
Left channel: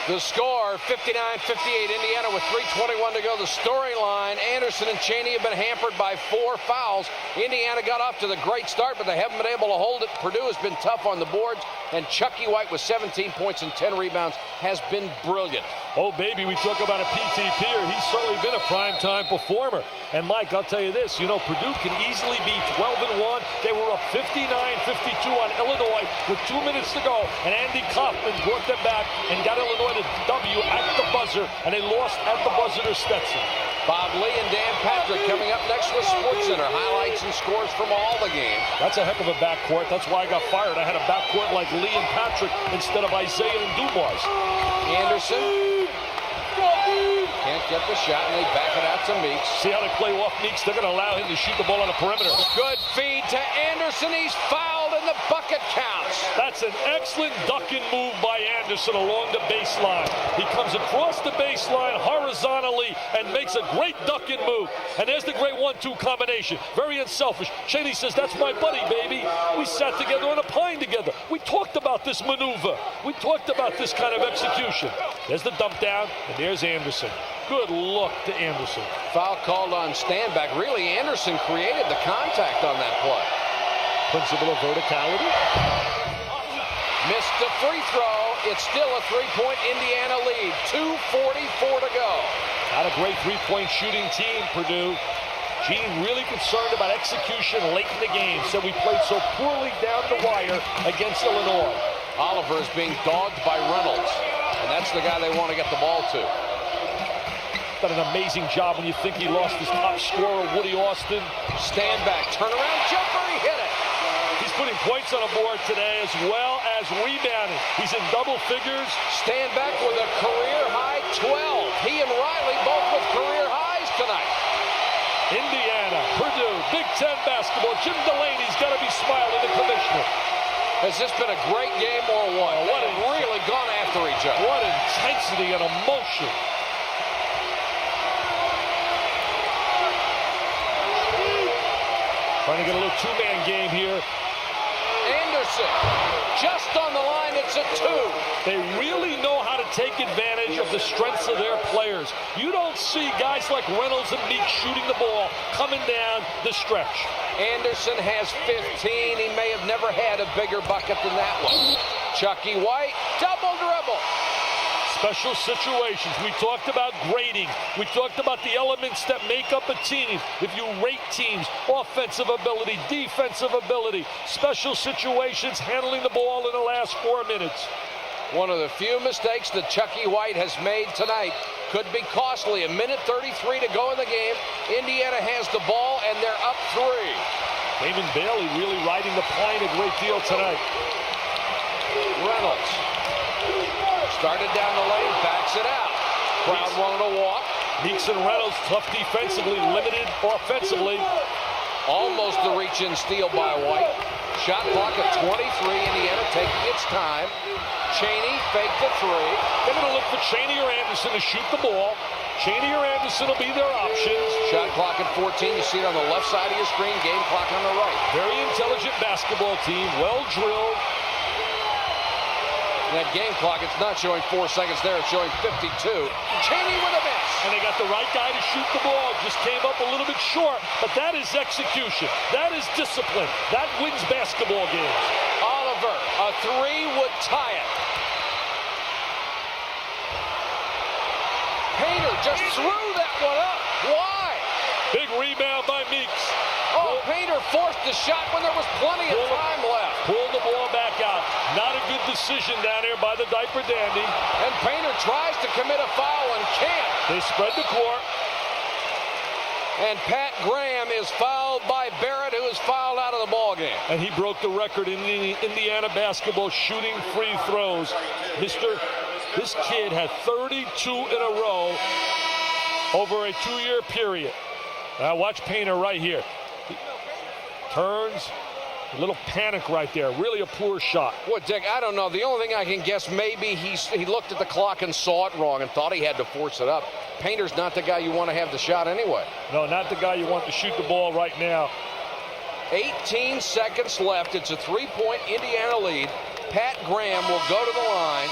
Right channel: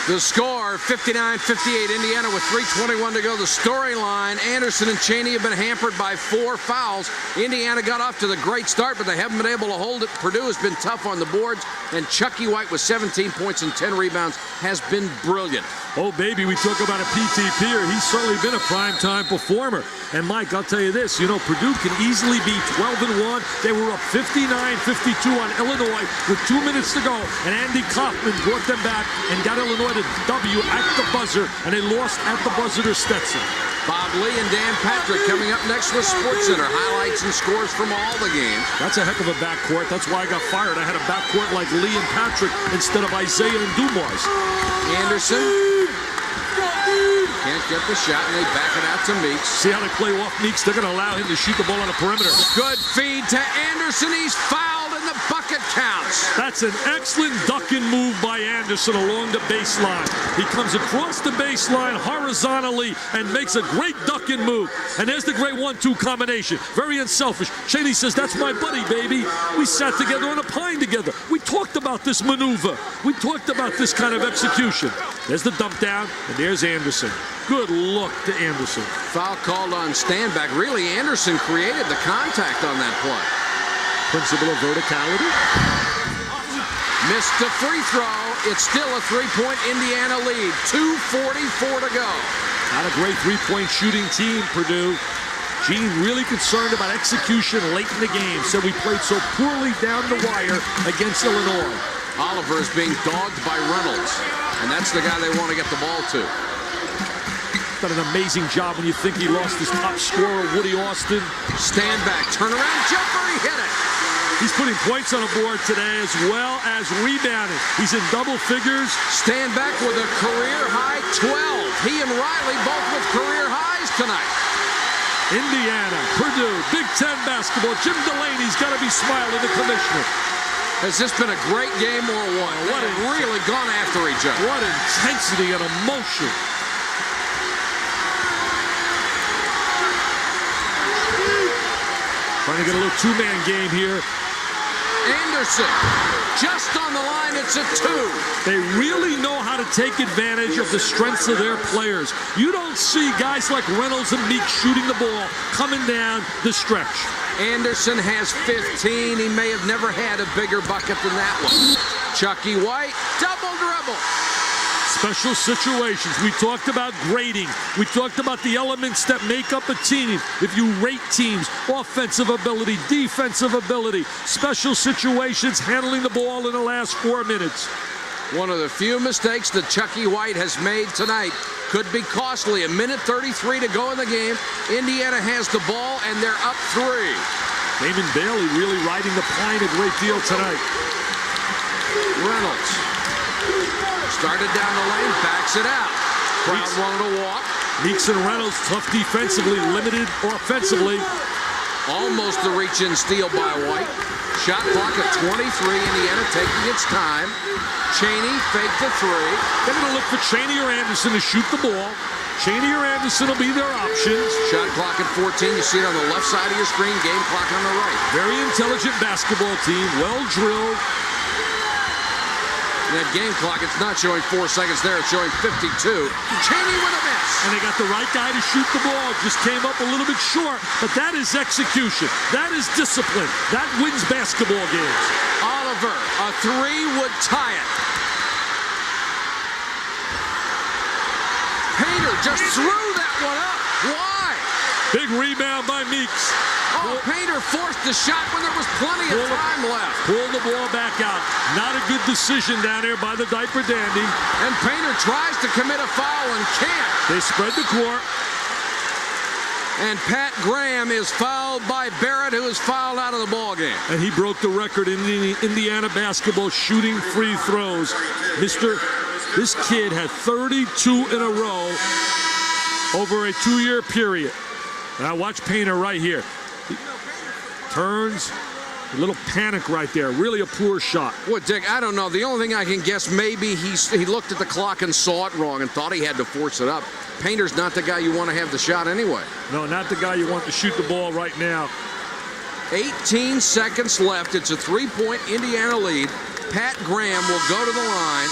The score, 59-58. Indiana with 3:21 to go. The storyline, Anderson and Chaney have been hampered by 4 fouls. Indiana got off to the great start, but they haven't been able to hold it. Purdue has been tough on the boards, and Chucky White with 17 points and 10 rebounds has been brilliant. Oh, baby, we talk about a PTPer. He's certainly been a primetime performer. And, Mike, I'll tell you this. You know, Purdue can easily be 12-1. They were up 59-52 on Illinois with 2 minutes to go. And Andy Kaufman brought them back and got Illinois to W at the buzzer. And they lost at the buzzer to Stetson. Bob Lee and Dan Patrick coming up next with SportsCenter. Highlights and scores from all the games. That's a heck of a backcourt. That's why I got fired. I had a backcourt like Lee and Patrick instead of Isaiah and Dumas. Anderson can't get the shot, and they back it out to Meeks. See how they play off Meeks? They're going to allow him to shoot the ball on the perimeter. Good feed to Anderson. He's fouled, and the bucket counts. That's an excellent ducking move by Anderson along the baseline. He comes across the baseline horizontally and makes a great ducking move. And there's the great 1-2 combination. Very unselfish. Chaney says, that's my buddy, baby. We sat together on a pine together. We talked about this maneuver. We talked about this kind of execution. There's the dump down, and there's Anderson. Good look to Anderson. Foul called on Standback. Really, Anderson created the contact on that play. Principle of verticality. Missed the free throw. It's still a 3-point Indiana lead. 2:44 to go. Not a great three-point shooting team, Purdue. Gene really concerned about execution late in the game. Said we played so poorly down the wire against Illinois. Oliver is being dogged by Reynolds, and that's the guy they want to get the ball to. Done an amazing job when you think he lost his top scorer, Woody Austin. Standback, turnaround jumper, he hit it. He's putting points on the board today as well as rebounding. He's in double figures. Standback with a career high 12. He and Riley both with career highs. tonight. Indiana, Purdue, Big Ten basketball. Jim Delaney's got to be smiling, the commissioner. Has this been a great game or what? What have really gone after each other. What intensity and emotion. Trying to get a little two-man game here. Anderson, just on the line, it's a 2. They really know how to take advantage of the strengths of their players. You don't see guys like Reynolds and Meek shooting the ball coming down the stretch. Anderson has 15. He may have never had a bigger bucket than that one. Chucky White, double dribble. Special situations. We talked about grading. We talked about the elements that make up a team. If you rate teams, offensive ability, defensive ability, special situations, handling the ball in the last 4 minutes. One of the few mistakes that Chucky White has made tonight could be costly. 1:33 to go in the game. Indiana has the ball, and they're up 3. Damon Bailey really riding the plane a great deal tonight. Reynolds started down the lane, backs it out. Crowd wanted to walk. Meeks and Reynolds, tough defensively, limited offensively. Almost the reach-in steal by White. Shot clock at 23. Indiana taking its time. Chaney faked the 3. They're going to look for Chaney or Anderson to shoot the ball. Chaney or Anderson will be their options. Shot clock at 14. You see it on the left side of your screen. Game clock on the right. Very intelligent basketball team. Well drilled. That game clock, it's not showing 4 seconds there. It's showing 52. Chaney with a miss. And they got the right guy to shoot the ball. Just came up a little bit short. But that is execution. That is discipline. That wins basketball games. Oliver, a 3 would tie it. Painter just threw that one up. Why? Big rebound by Meeks. Oh, Painter forced the shot when there was plenty of time left. Pull the ball back out. Not a good decision down here by the diaper dandy. And Painter tries to commit a foul and can't. They spread the court. And Pat Graham is fouled by Barrett, who is fouled out of the ball game. And he broke the record in the Indiana basketball shooting free throws. This kid had 32 in a row over a 2-year period. Now watch Painter right here. He turns, a little panic right there. Really a poor shot. Well, Dick, I don't know. The only thing I can guess, maybe he looked at the clock and saw it wrong and thought he had to force it up. Painter's not the guy you want to have the shot anyway. No, not the guy you want to shoot the ball right now. 18 seconds left. It's a 3-point Indiana lead. Pat Graham will go to the line.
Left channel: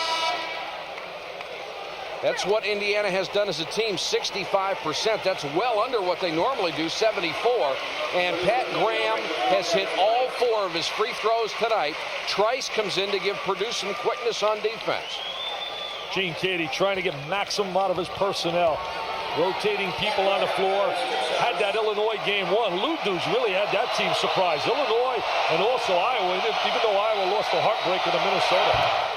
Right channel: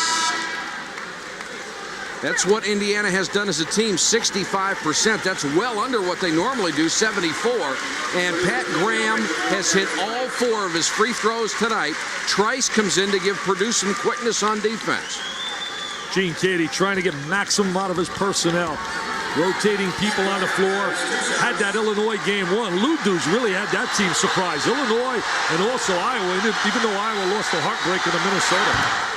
That's what Indiana has done as a team, 65%. That's well under what they normally do, 74. And Pat Graham has hit all 4 of his free throws tonight. Trice comes in to give Purdue some quickness on defense. Gene Katie trying to get maximum out of his personnel. Rotating people on the floor. Had that Illinois game 1. Lou Deuce really had that team surprised. Illinois and also Iowa, even though Iowa lost the heartbreaker to Minnesota.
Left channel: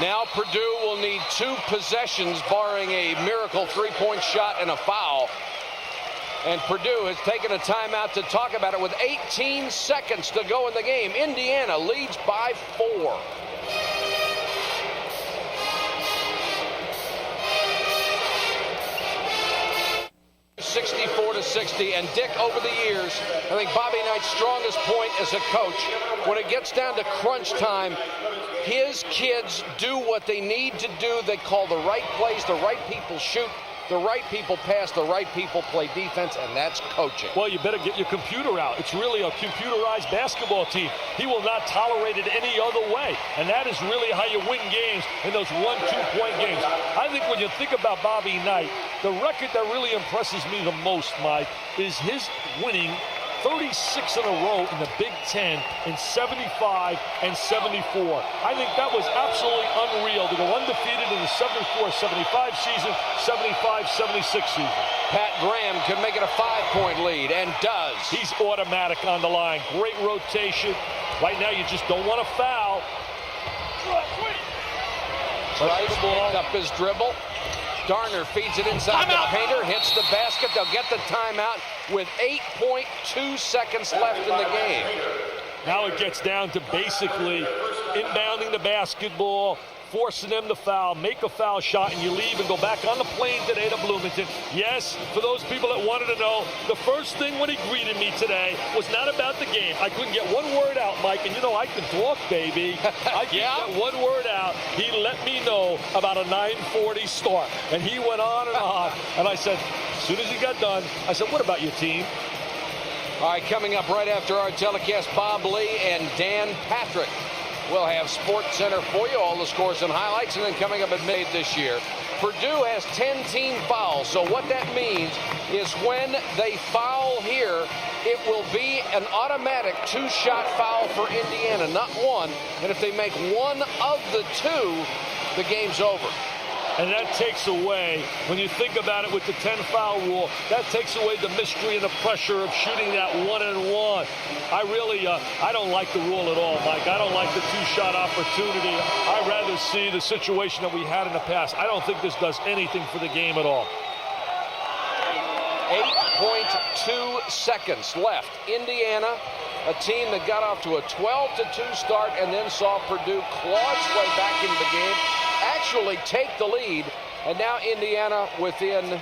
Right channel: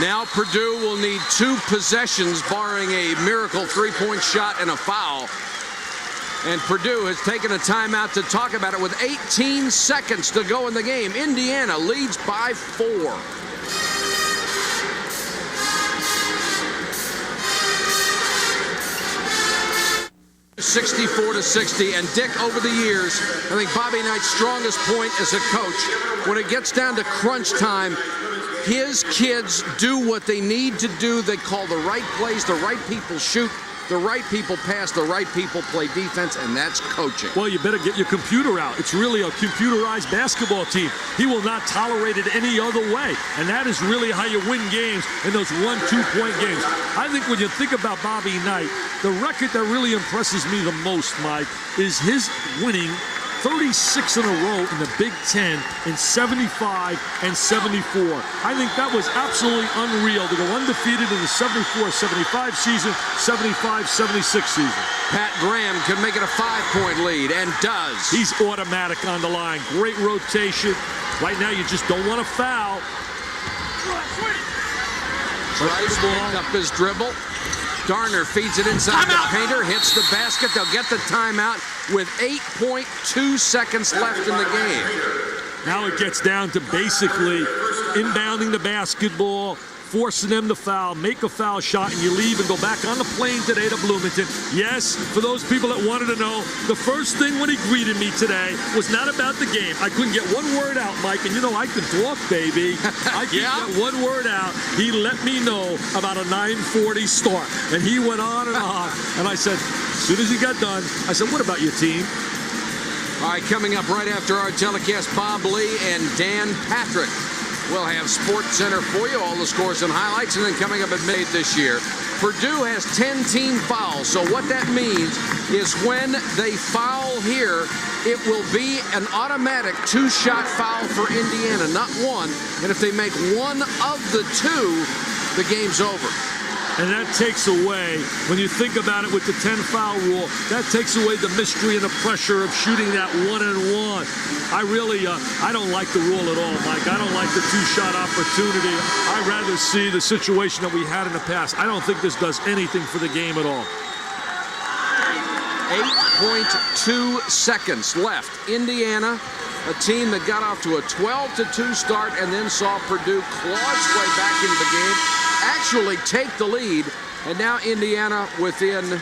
Now Purdue will need 2 possessions, barring a miracle 3-point shot and a foul. And Purdue has taken a timeout to talk about it with 18 seconds to go in the game. Indiana leads by 4. (64-60), and Dick, over the years, I think Bobby Knight's strongest point as a coach, when it gets down to crunch time, his kids do what they need to do. They call the right plays, the right people shoot, the right people pass, the right people play defense, and that's coaching. Well, you better get your computer out. It's really a computerized basketball team. He will not tolerate it any other way, and that is really how you win games in those 1-2-point games. I think when you think about Bobby Knight, the record that really impresses me the most, Mike, is his winning 36 in a row in the Big Ten in 75 and 74. I think that was absolutely unreal to go undefeated in the 74-75 season, 75-76 season. Pat Graham can make it a 5-point lead, and does. He's automatic on the line. Great rotation. Right now, you just don't want to foul. Tries to pick up his dribble. Darner feeds it inside the Painter, hits the basket. They'll get the timeout with 8.2 seconds left in the game. Now it gets down to basically inbounding the basketball, forcing them to foul, make a foul shot, and you leave and go back on the plane today to Bloomington. Yes, for those people that wanted to know, the first thing when he greeted me today was not about the game. I couldn't get one word out, Mike, and you know I can talk, baby. I can get one word out. He let me know about a 9:40 start, and he went on, and I said, as soon as he got done, I said, what about your team? All right, coming up right after our telecast, Bob Lee and Dan Patrick will have Sports Center for you, all the scores and highlights, and then coming up at midnight this year, Purdue has 10 team fouls. So what that means is when they foul here, it will be an automatic 2-shot foul for Indiana, not one. And if they make one of the 2, the game's over. And that takes away, when you think about it with the 10-foul rule, that takes away the mystery and the pressure of shooting that 1-and-1. I don't like the rule at all, Mike. I don't like the 2-shot opportunity. I'd rather see the situation that we had in the past. I don't think this does anything for the game at all. 8.2 seconds left. Indiana, a team that got off to a 12-2 start and then saw Purdue claw its way back into the game, actually take the lead, and now Indiana within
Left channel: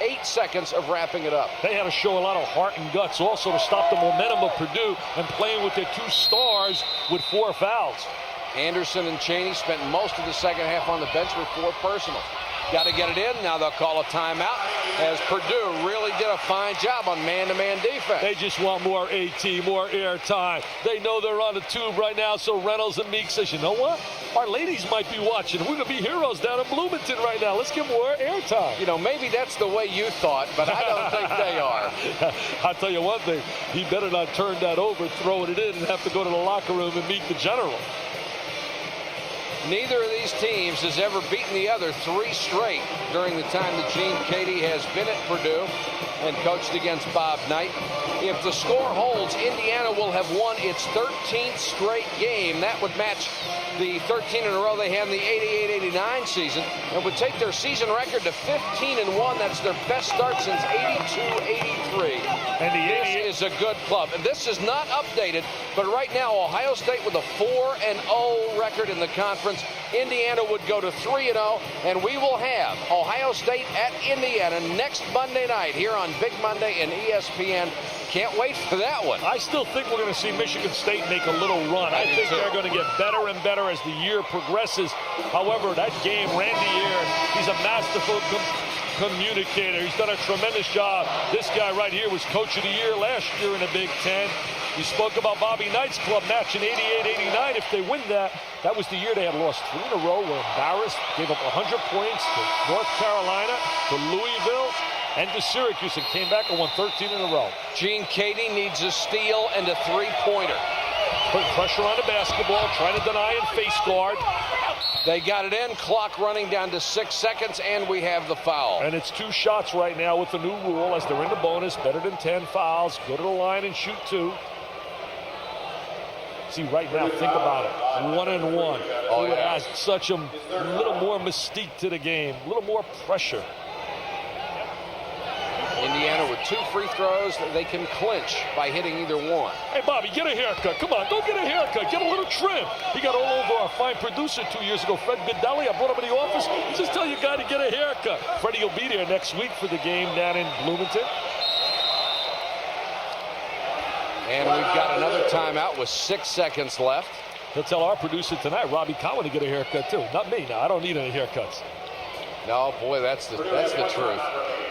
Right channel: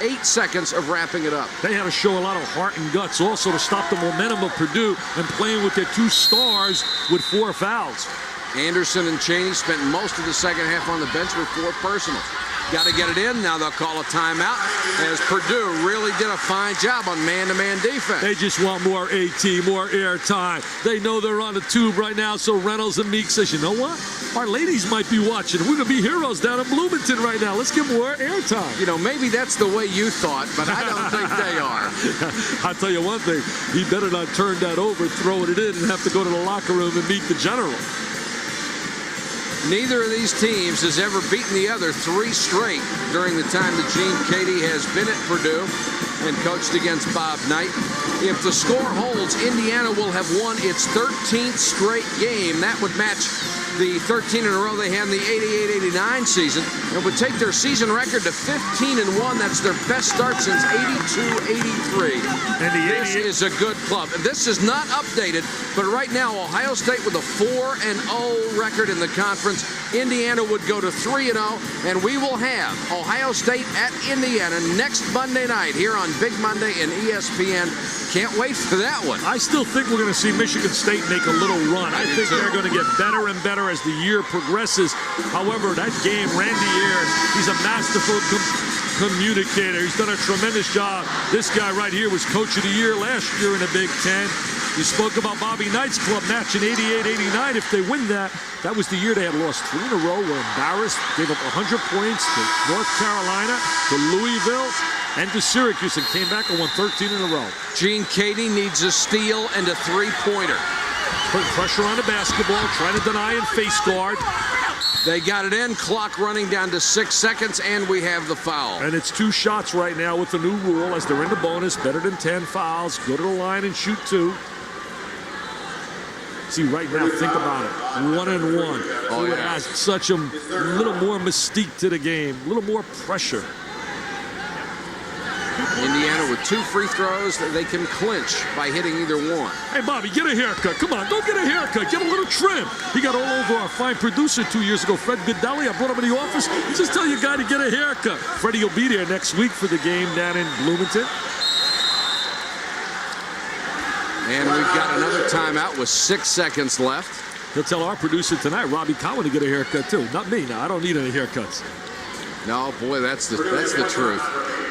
8 seconds of wrapping it up. They had to show a lot of heart and guts also to stop the momentum of Purdue and playing with their 2 stars with 4 fouls. Anderson and Chaney spent most of the second half on the bench with 4 personals. Got to get it in. Now they'll call a timeout as Purdue really did a fine job on man-to-man defense. They just want more AT, more air time. They know they're on the tube right now, so Reynolds and Meek says, you know what? Our ladies might be watching. We're going to be heroes down in Bloomington right now. Let's get more air time. You know, maybe that's the way you thought, but I don't think they are. I'll tell you one thing. He better not turn that over, throwing it in, and have to go to the locker room and meet the general. Neither of these teams has ever beaten the other 3 straight during the time that Gene Katie has been at Purdue and coached against Bob Knight. If the score holds, Indiana will have won its 13th straight game. That would match the 13 in a row they had in the 88-89 season and would take their season record to 15-1. That's their best start since 82-83. And this is a good club. And this is not updated, but right now Ohio State with a 4-0 record in the conference. Indiana would go to 3-0, and we will have Ohio State at Indiana next Monday night here on Big Monday and ESPN. Can't wait for that one. I still think we're going to see Michigan State make a little run. I think they're going to get better and better as the year progresses. However, that game, Randy Ayers, he's a masterful communicator. He's done a tremendous job. This guy right here was Coach of the Year last year in the Big Ten. You spoke about Bobby Knight's club match in 88-89. If they win that, that was the year they had lost 3 in a row, were embarrassed, gave up 100 points to North Carolina, to Louisville, and to Syracuse, and came back and won 13 in a row. Gene Katie needs a steal and a 3-pointer. Putting pressure on the basketball, trying to deny and face guard. They got it in, clock running down to 6 seconds, and we have the foul. And it's 2 shots right now with the new rule as they're in the bonus, better than 10 fouls. Go to the line and shoot 2. See, right now, think about it. 1-and-1. Oh, it yeah. adds such a little more mystique to the game, a little more pressure. Indiana with 2 free throws that they can clinch by hitting either one. Hey, Bobby, get a haircut. Come on, go get a haircut. Get a little trim. He got all over our fine producer 2 years ago, Fred Godelli. I brought him in the office. Just tell your guy to get a haircut. Freddie will be there next week for the game down in Bloomington. And we've got another timeout with 6 seconds left. He'll tell our producer tonight, Robbie Cowan, to get a haircut too. Not me. Now, I don't need any haircuts. No, boy, that's the truth.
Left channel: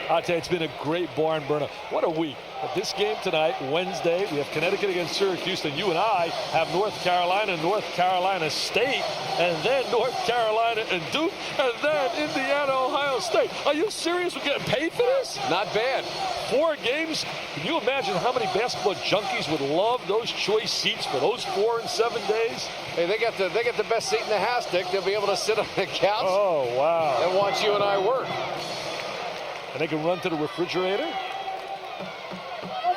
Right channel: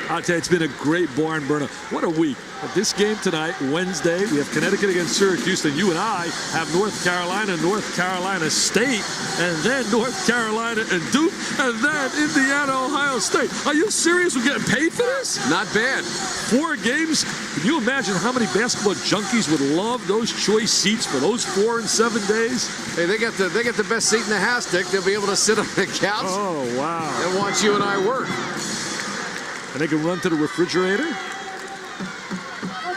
I'll tell you, it's been a great barn burner. What a week. This game tonight, Wednesday, we have Connecticut against Syracuse, and you and I have North Carolina State, and then North Carolina and Duke, and then Indiana, Ohio State. Are you serious? We're getting paid for this? Not bad. 4 games. Can you imagine how many basketball junkies would love those choice seats for those 4 and 7 days? Hey, they got the best seat in the house, Dick. They'll be able to sit on the couch. Oh, wow. And watch you and I work. And they can run to the refrigerator.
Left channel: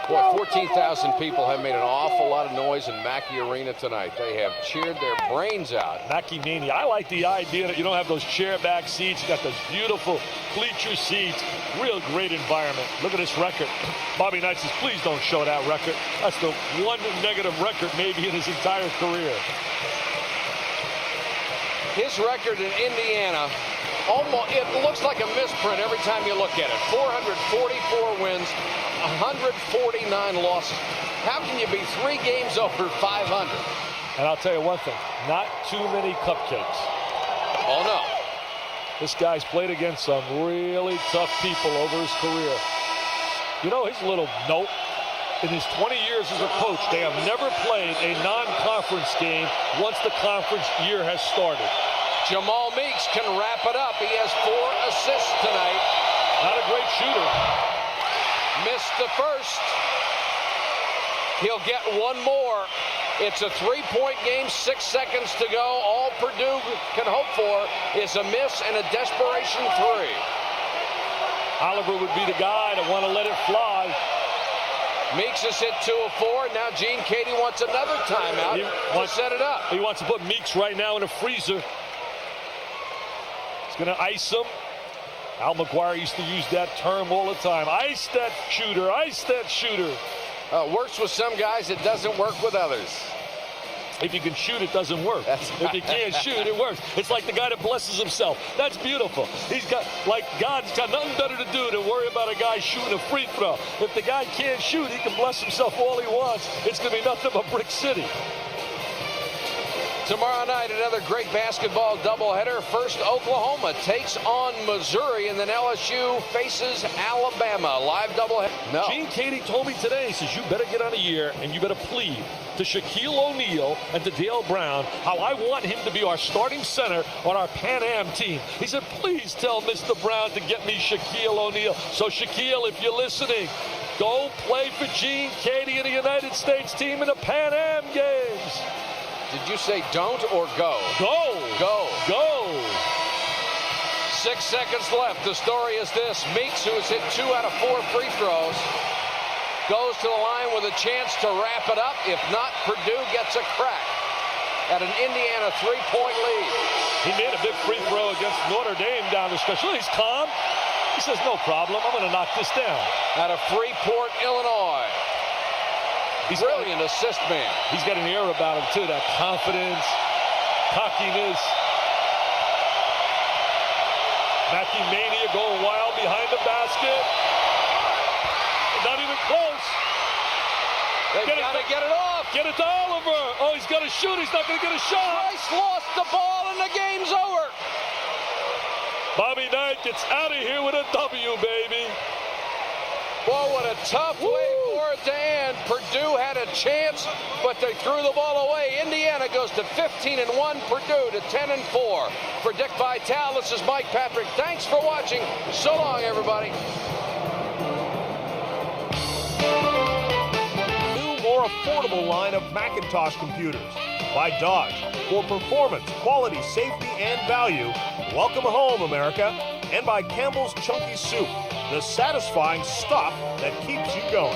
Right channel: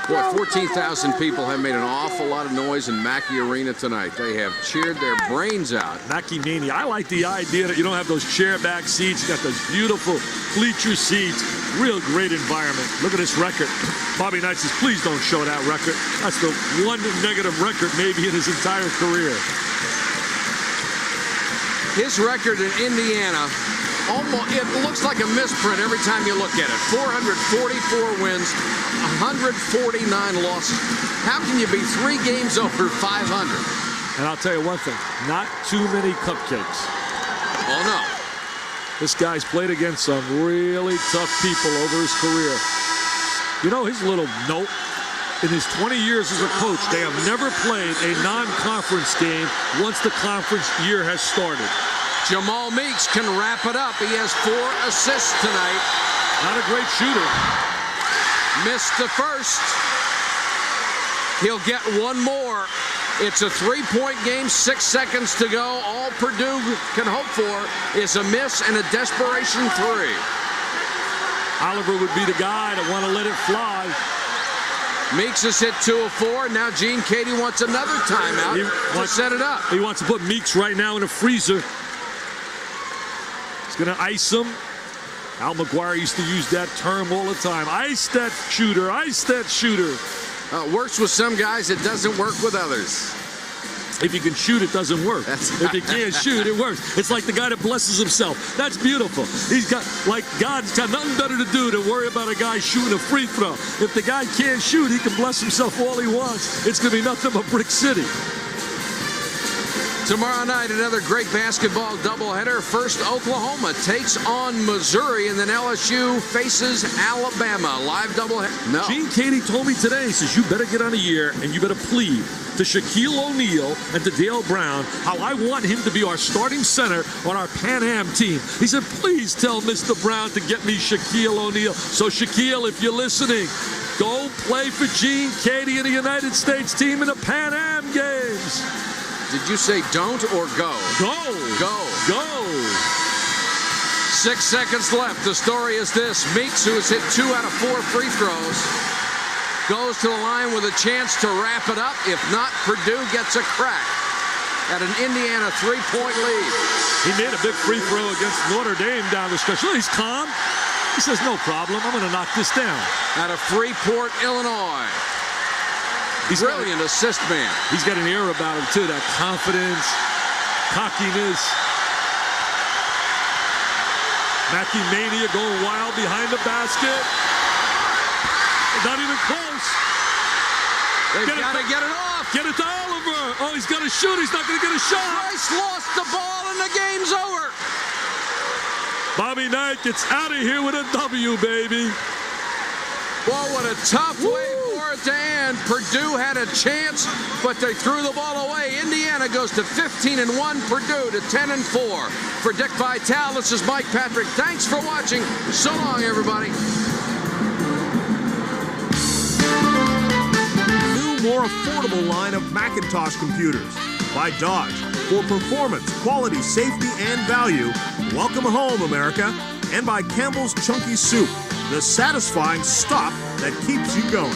Boy, 14,000 people have made an awful lot of noise in Mackey Arena tonight. They have cheered their brains out. Mackey Mania. I like the idea that you don't have those chair back seats. You got those beautiful bleacher seats. Real great environment. Look at this record. Bobby Knight says, please don't show that record. That's the one negative record maybe in his entire career. His record in Indiana, it looks like a misprint every time you look at it. 444 wins, 149 losses. How can you be 3 games over 500? And I'll tell you one thing, not too many cupcakes. Oh, no. This guy's played against some really tough people over his career. You know, his little note, in his 20 years as a coach, they have never played a non-conference game once the conference year has started. Jamal Meeks can wrap it up. He has 4 assists tonight. Not a great shooter. Missed the first. He'll get one more. It's a 3-point game, 6 seconds to go. All Purdue can hope for is a miss and a desperation 3. Oliver would be the guy to want to let it fly. Meeks has hit 2 of 4. Now Gene Katie wants another timeout to set it up. He wants to put Meeks right now in a freezer. He's going to ice him. Al McGuire used to use that term all the time. Ice that shooter, ice that shooter. Works with some guys, it doesn't work with others. If you can shoot, it doesn't work. If you can't shoot, it works. It's like the guy that blesses himself. That's beautiful. He's got, like, God's got nothing better to do than worry about a guy shooting a free throw. If the guy can't shoot, he can bless himself all he wants. It's going to be nothing but Brick City. Tomorrow night, another great basketball doubleheader. First, Oklahoma takes on Missouri, and then LSU faces Alabama. Live doubleheader. No. Gene Katie told me today, he says, you better get on the air and you better plead to Shaquille O'Neal and to Dale Brown how I want him to be our starting center on our Pan Am team. He said, please tell Mr. Brown to get me Shaquille O'Neal. So, Shaquille, if you're listening, go play for Gene Katie and the United States team in the Pan Am games. Did you say don't or go? Go. Go. Go. 6 seconds left. The story is this. Meeks, who has hit 2 out of 4 free throws, goes to the line with a chance to wrap it up. If not, Purdue gets a crack at an Indiana 3-point lead. He made a big free throw against Notre Dame down the stretch. He's calm. He says, no problem. I'm going to knock this down. Out of Freeport, Illinois. Brilliant assist man. He's got an air about him, too. That confidence, cockiness. Mackey Mania going wild behind the basket. Not even close. They've got to get it off. Get it to Oliver. Oh, he's got to shoot. He's not going to get a shot. Rice lost the ball, and the game's over. Bobby Knight gets out of here with a W, baby. Well, what a tough way for it to end. Purdue had a chance, but they threw the ball away. Indiana goes to 15-1, Purdue to 10-4. For Dick Vitale, this is Mike Patrick. Thanks for watching. So long, everybody. New, more affordable line of Macintosh computers. By Dodge. For performance, quality, safety, and value. Welcome home, America. And by Campbell's Chunky Soup. The satisfying stuff that keeps you going.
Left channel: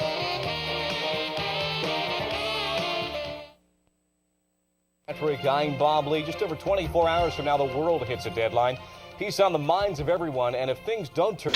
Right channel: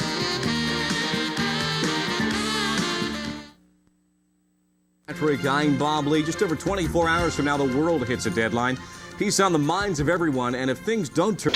Patrick, I'm Bob Lee. Just over 24 hours from now, the world hits a deadline. Peace on the minds of everyone, and if things don't turn...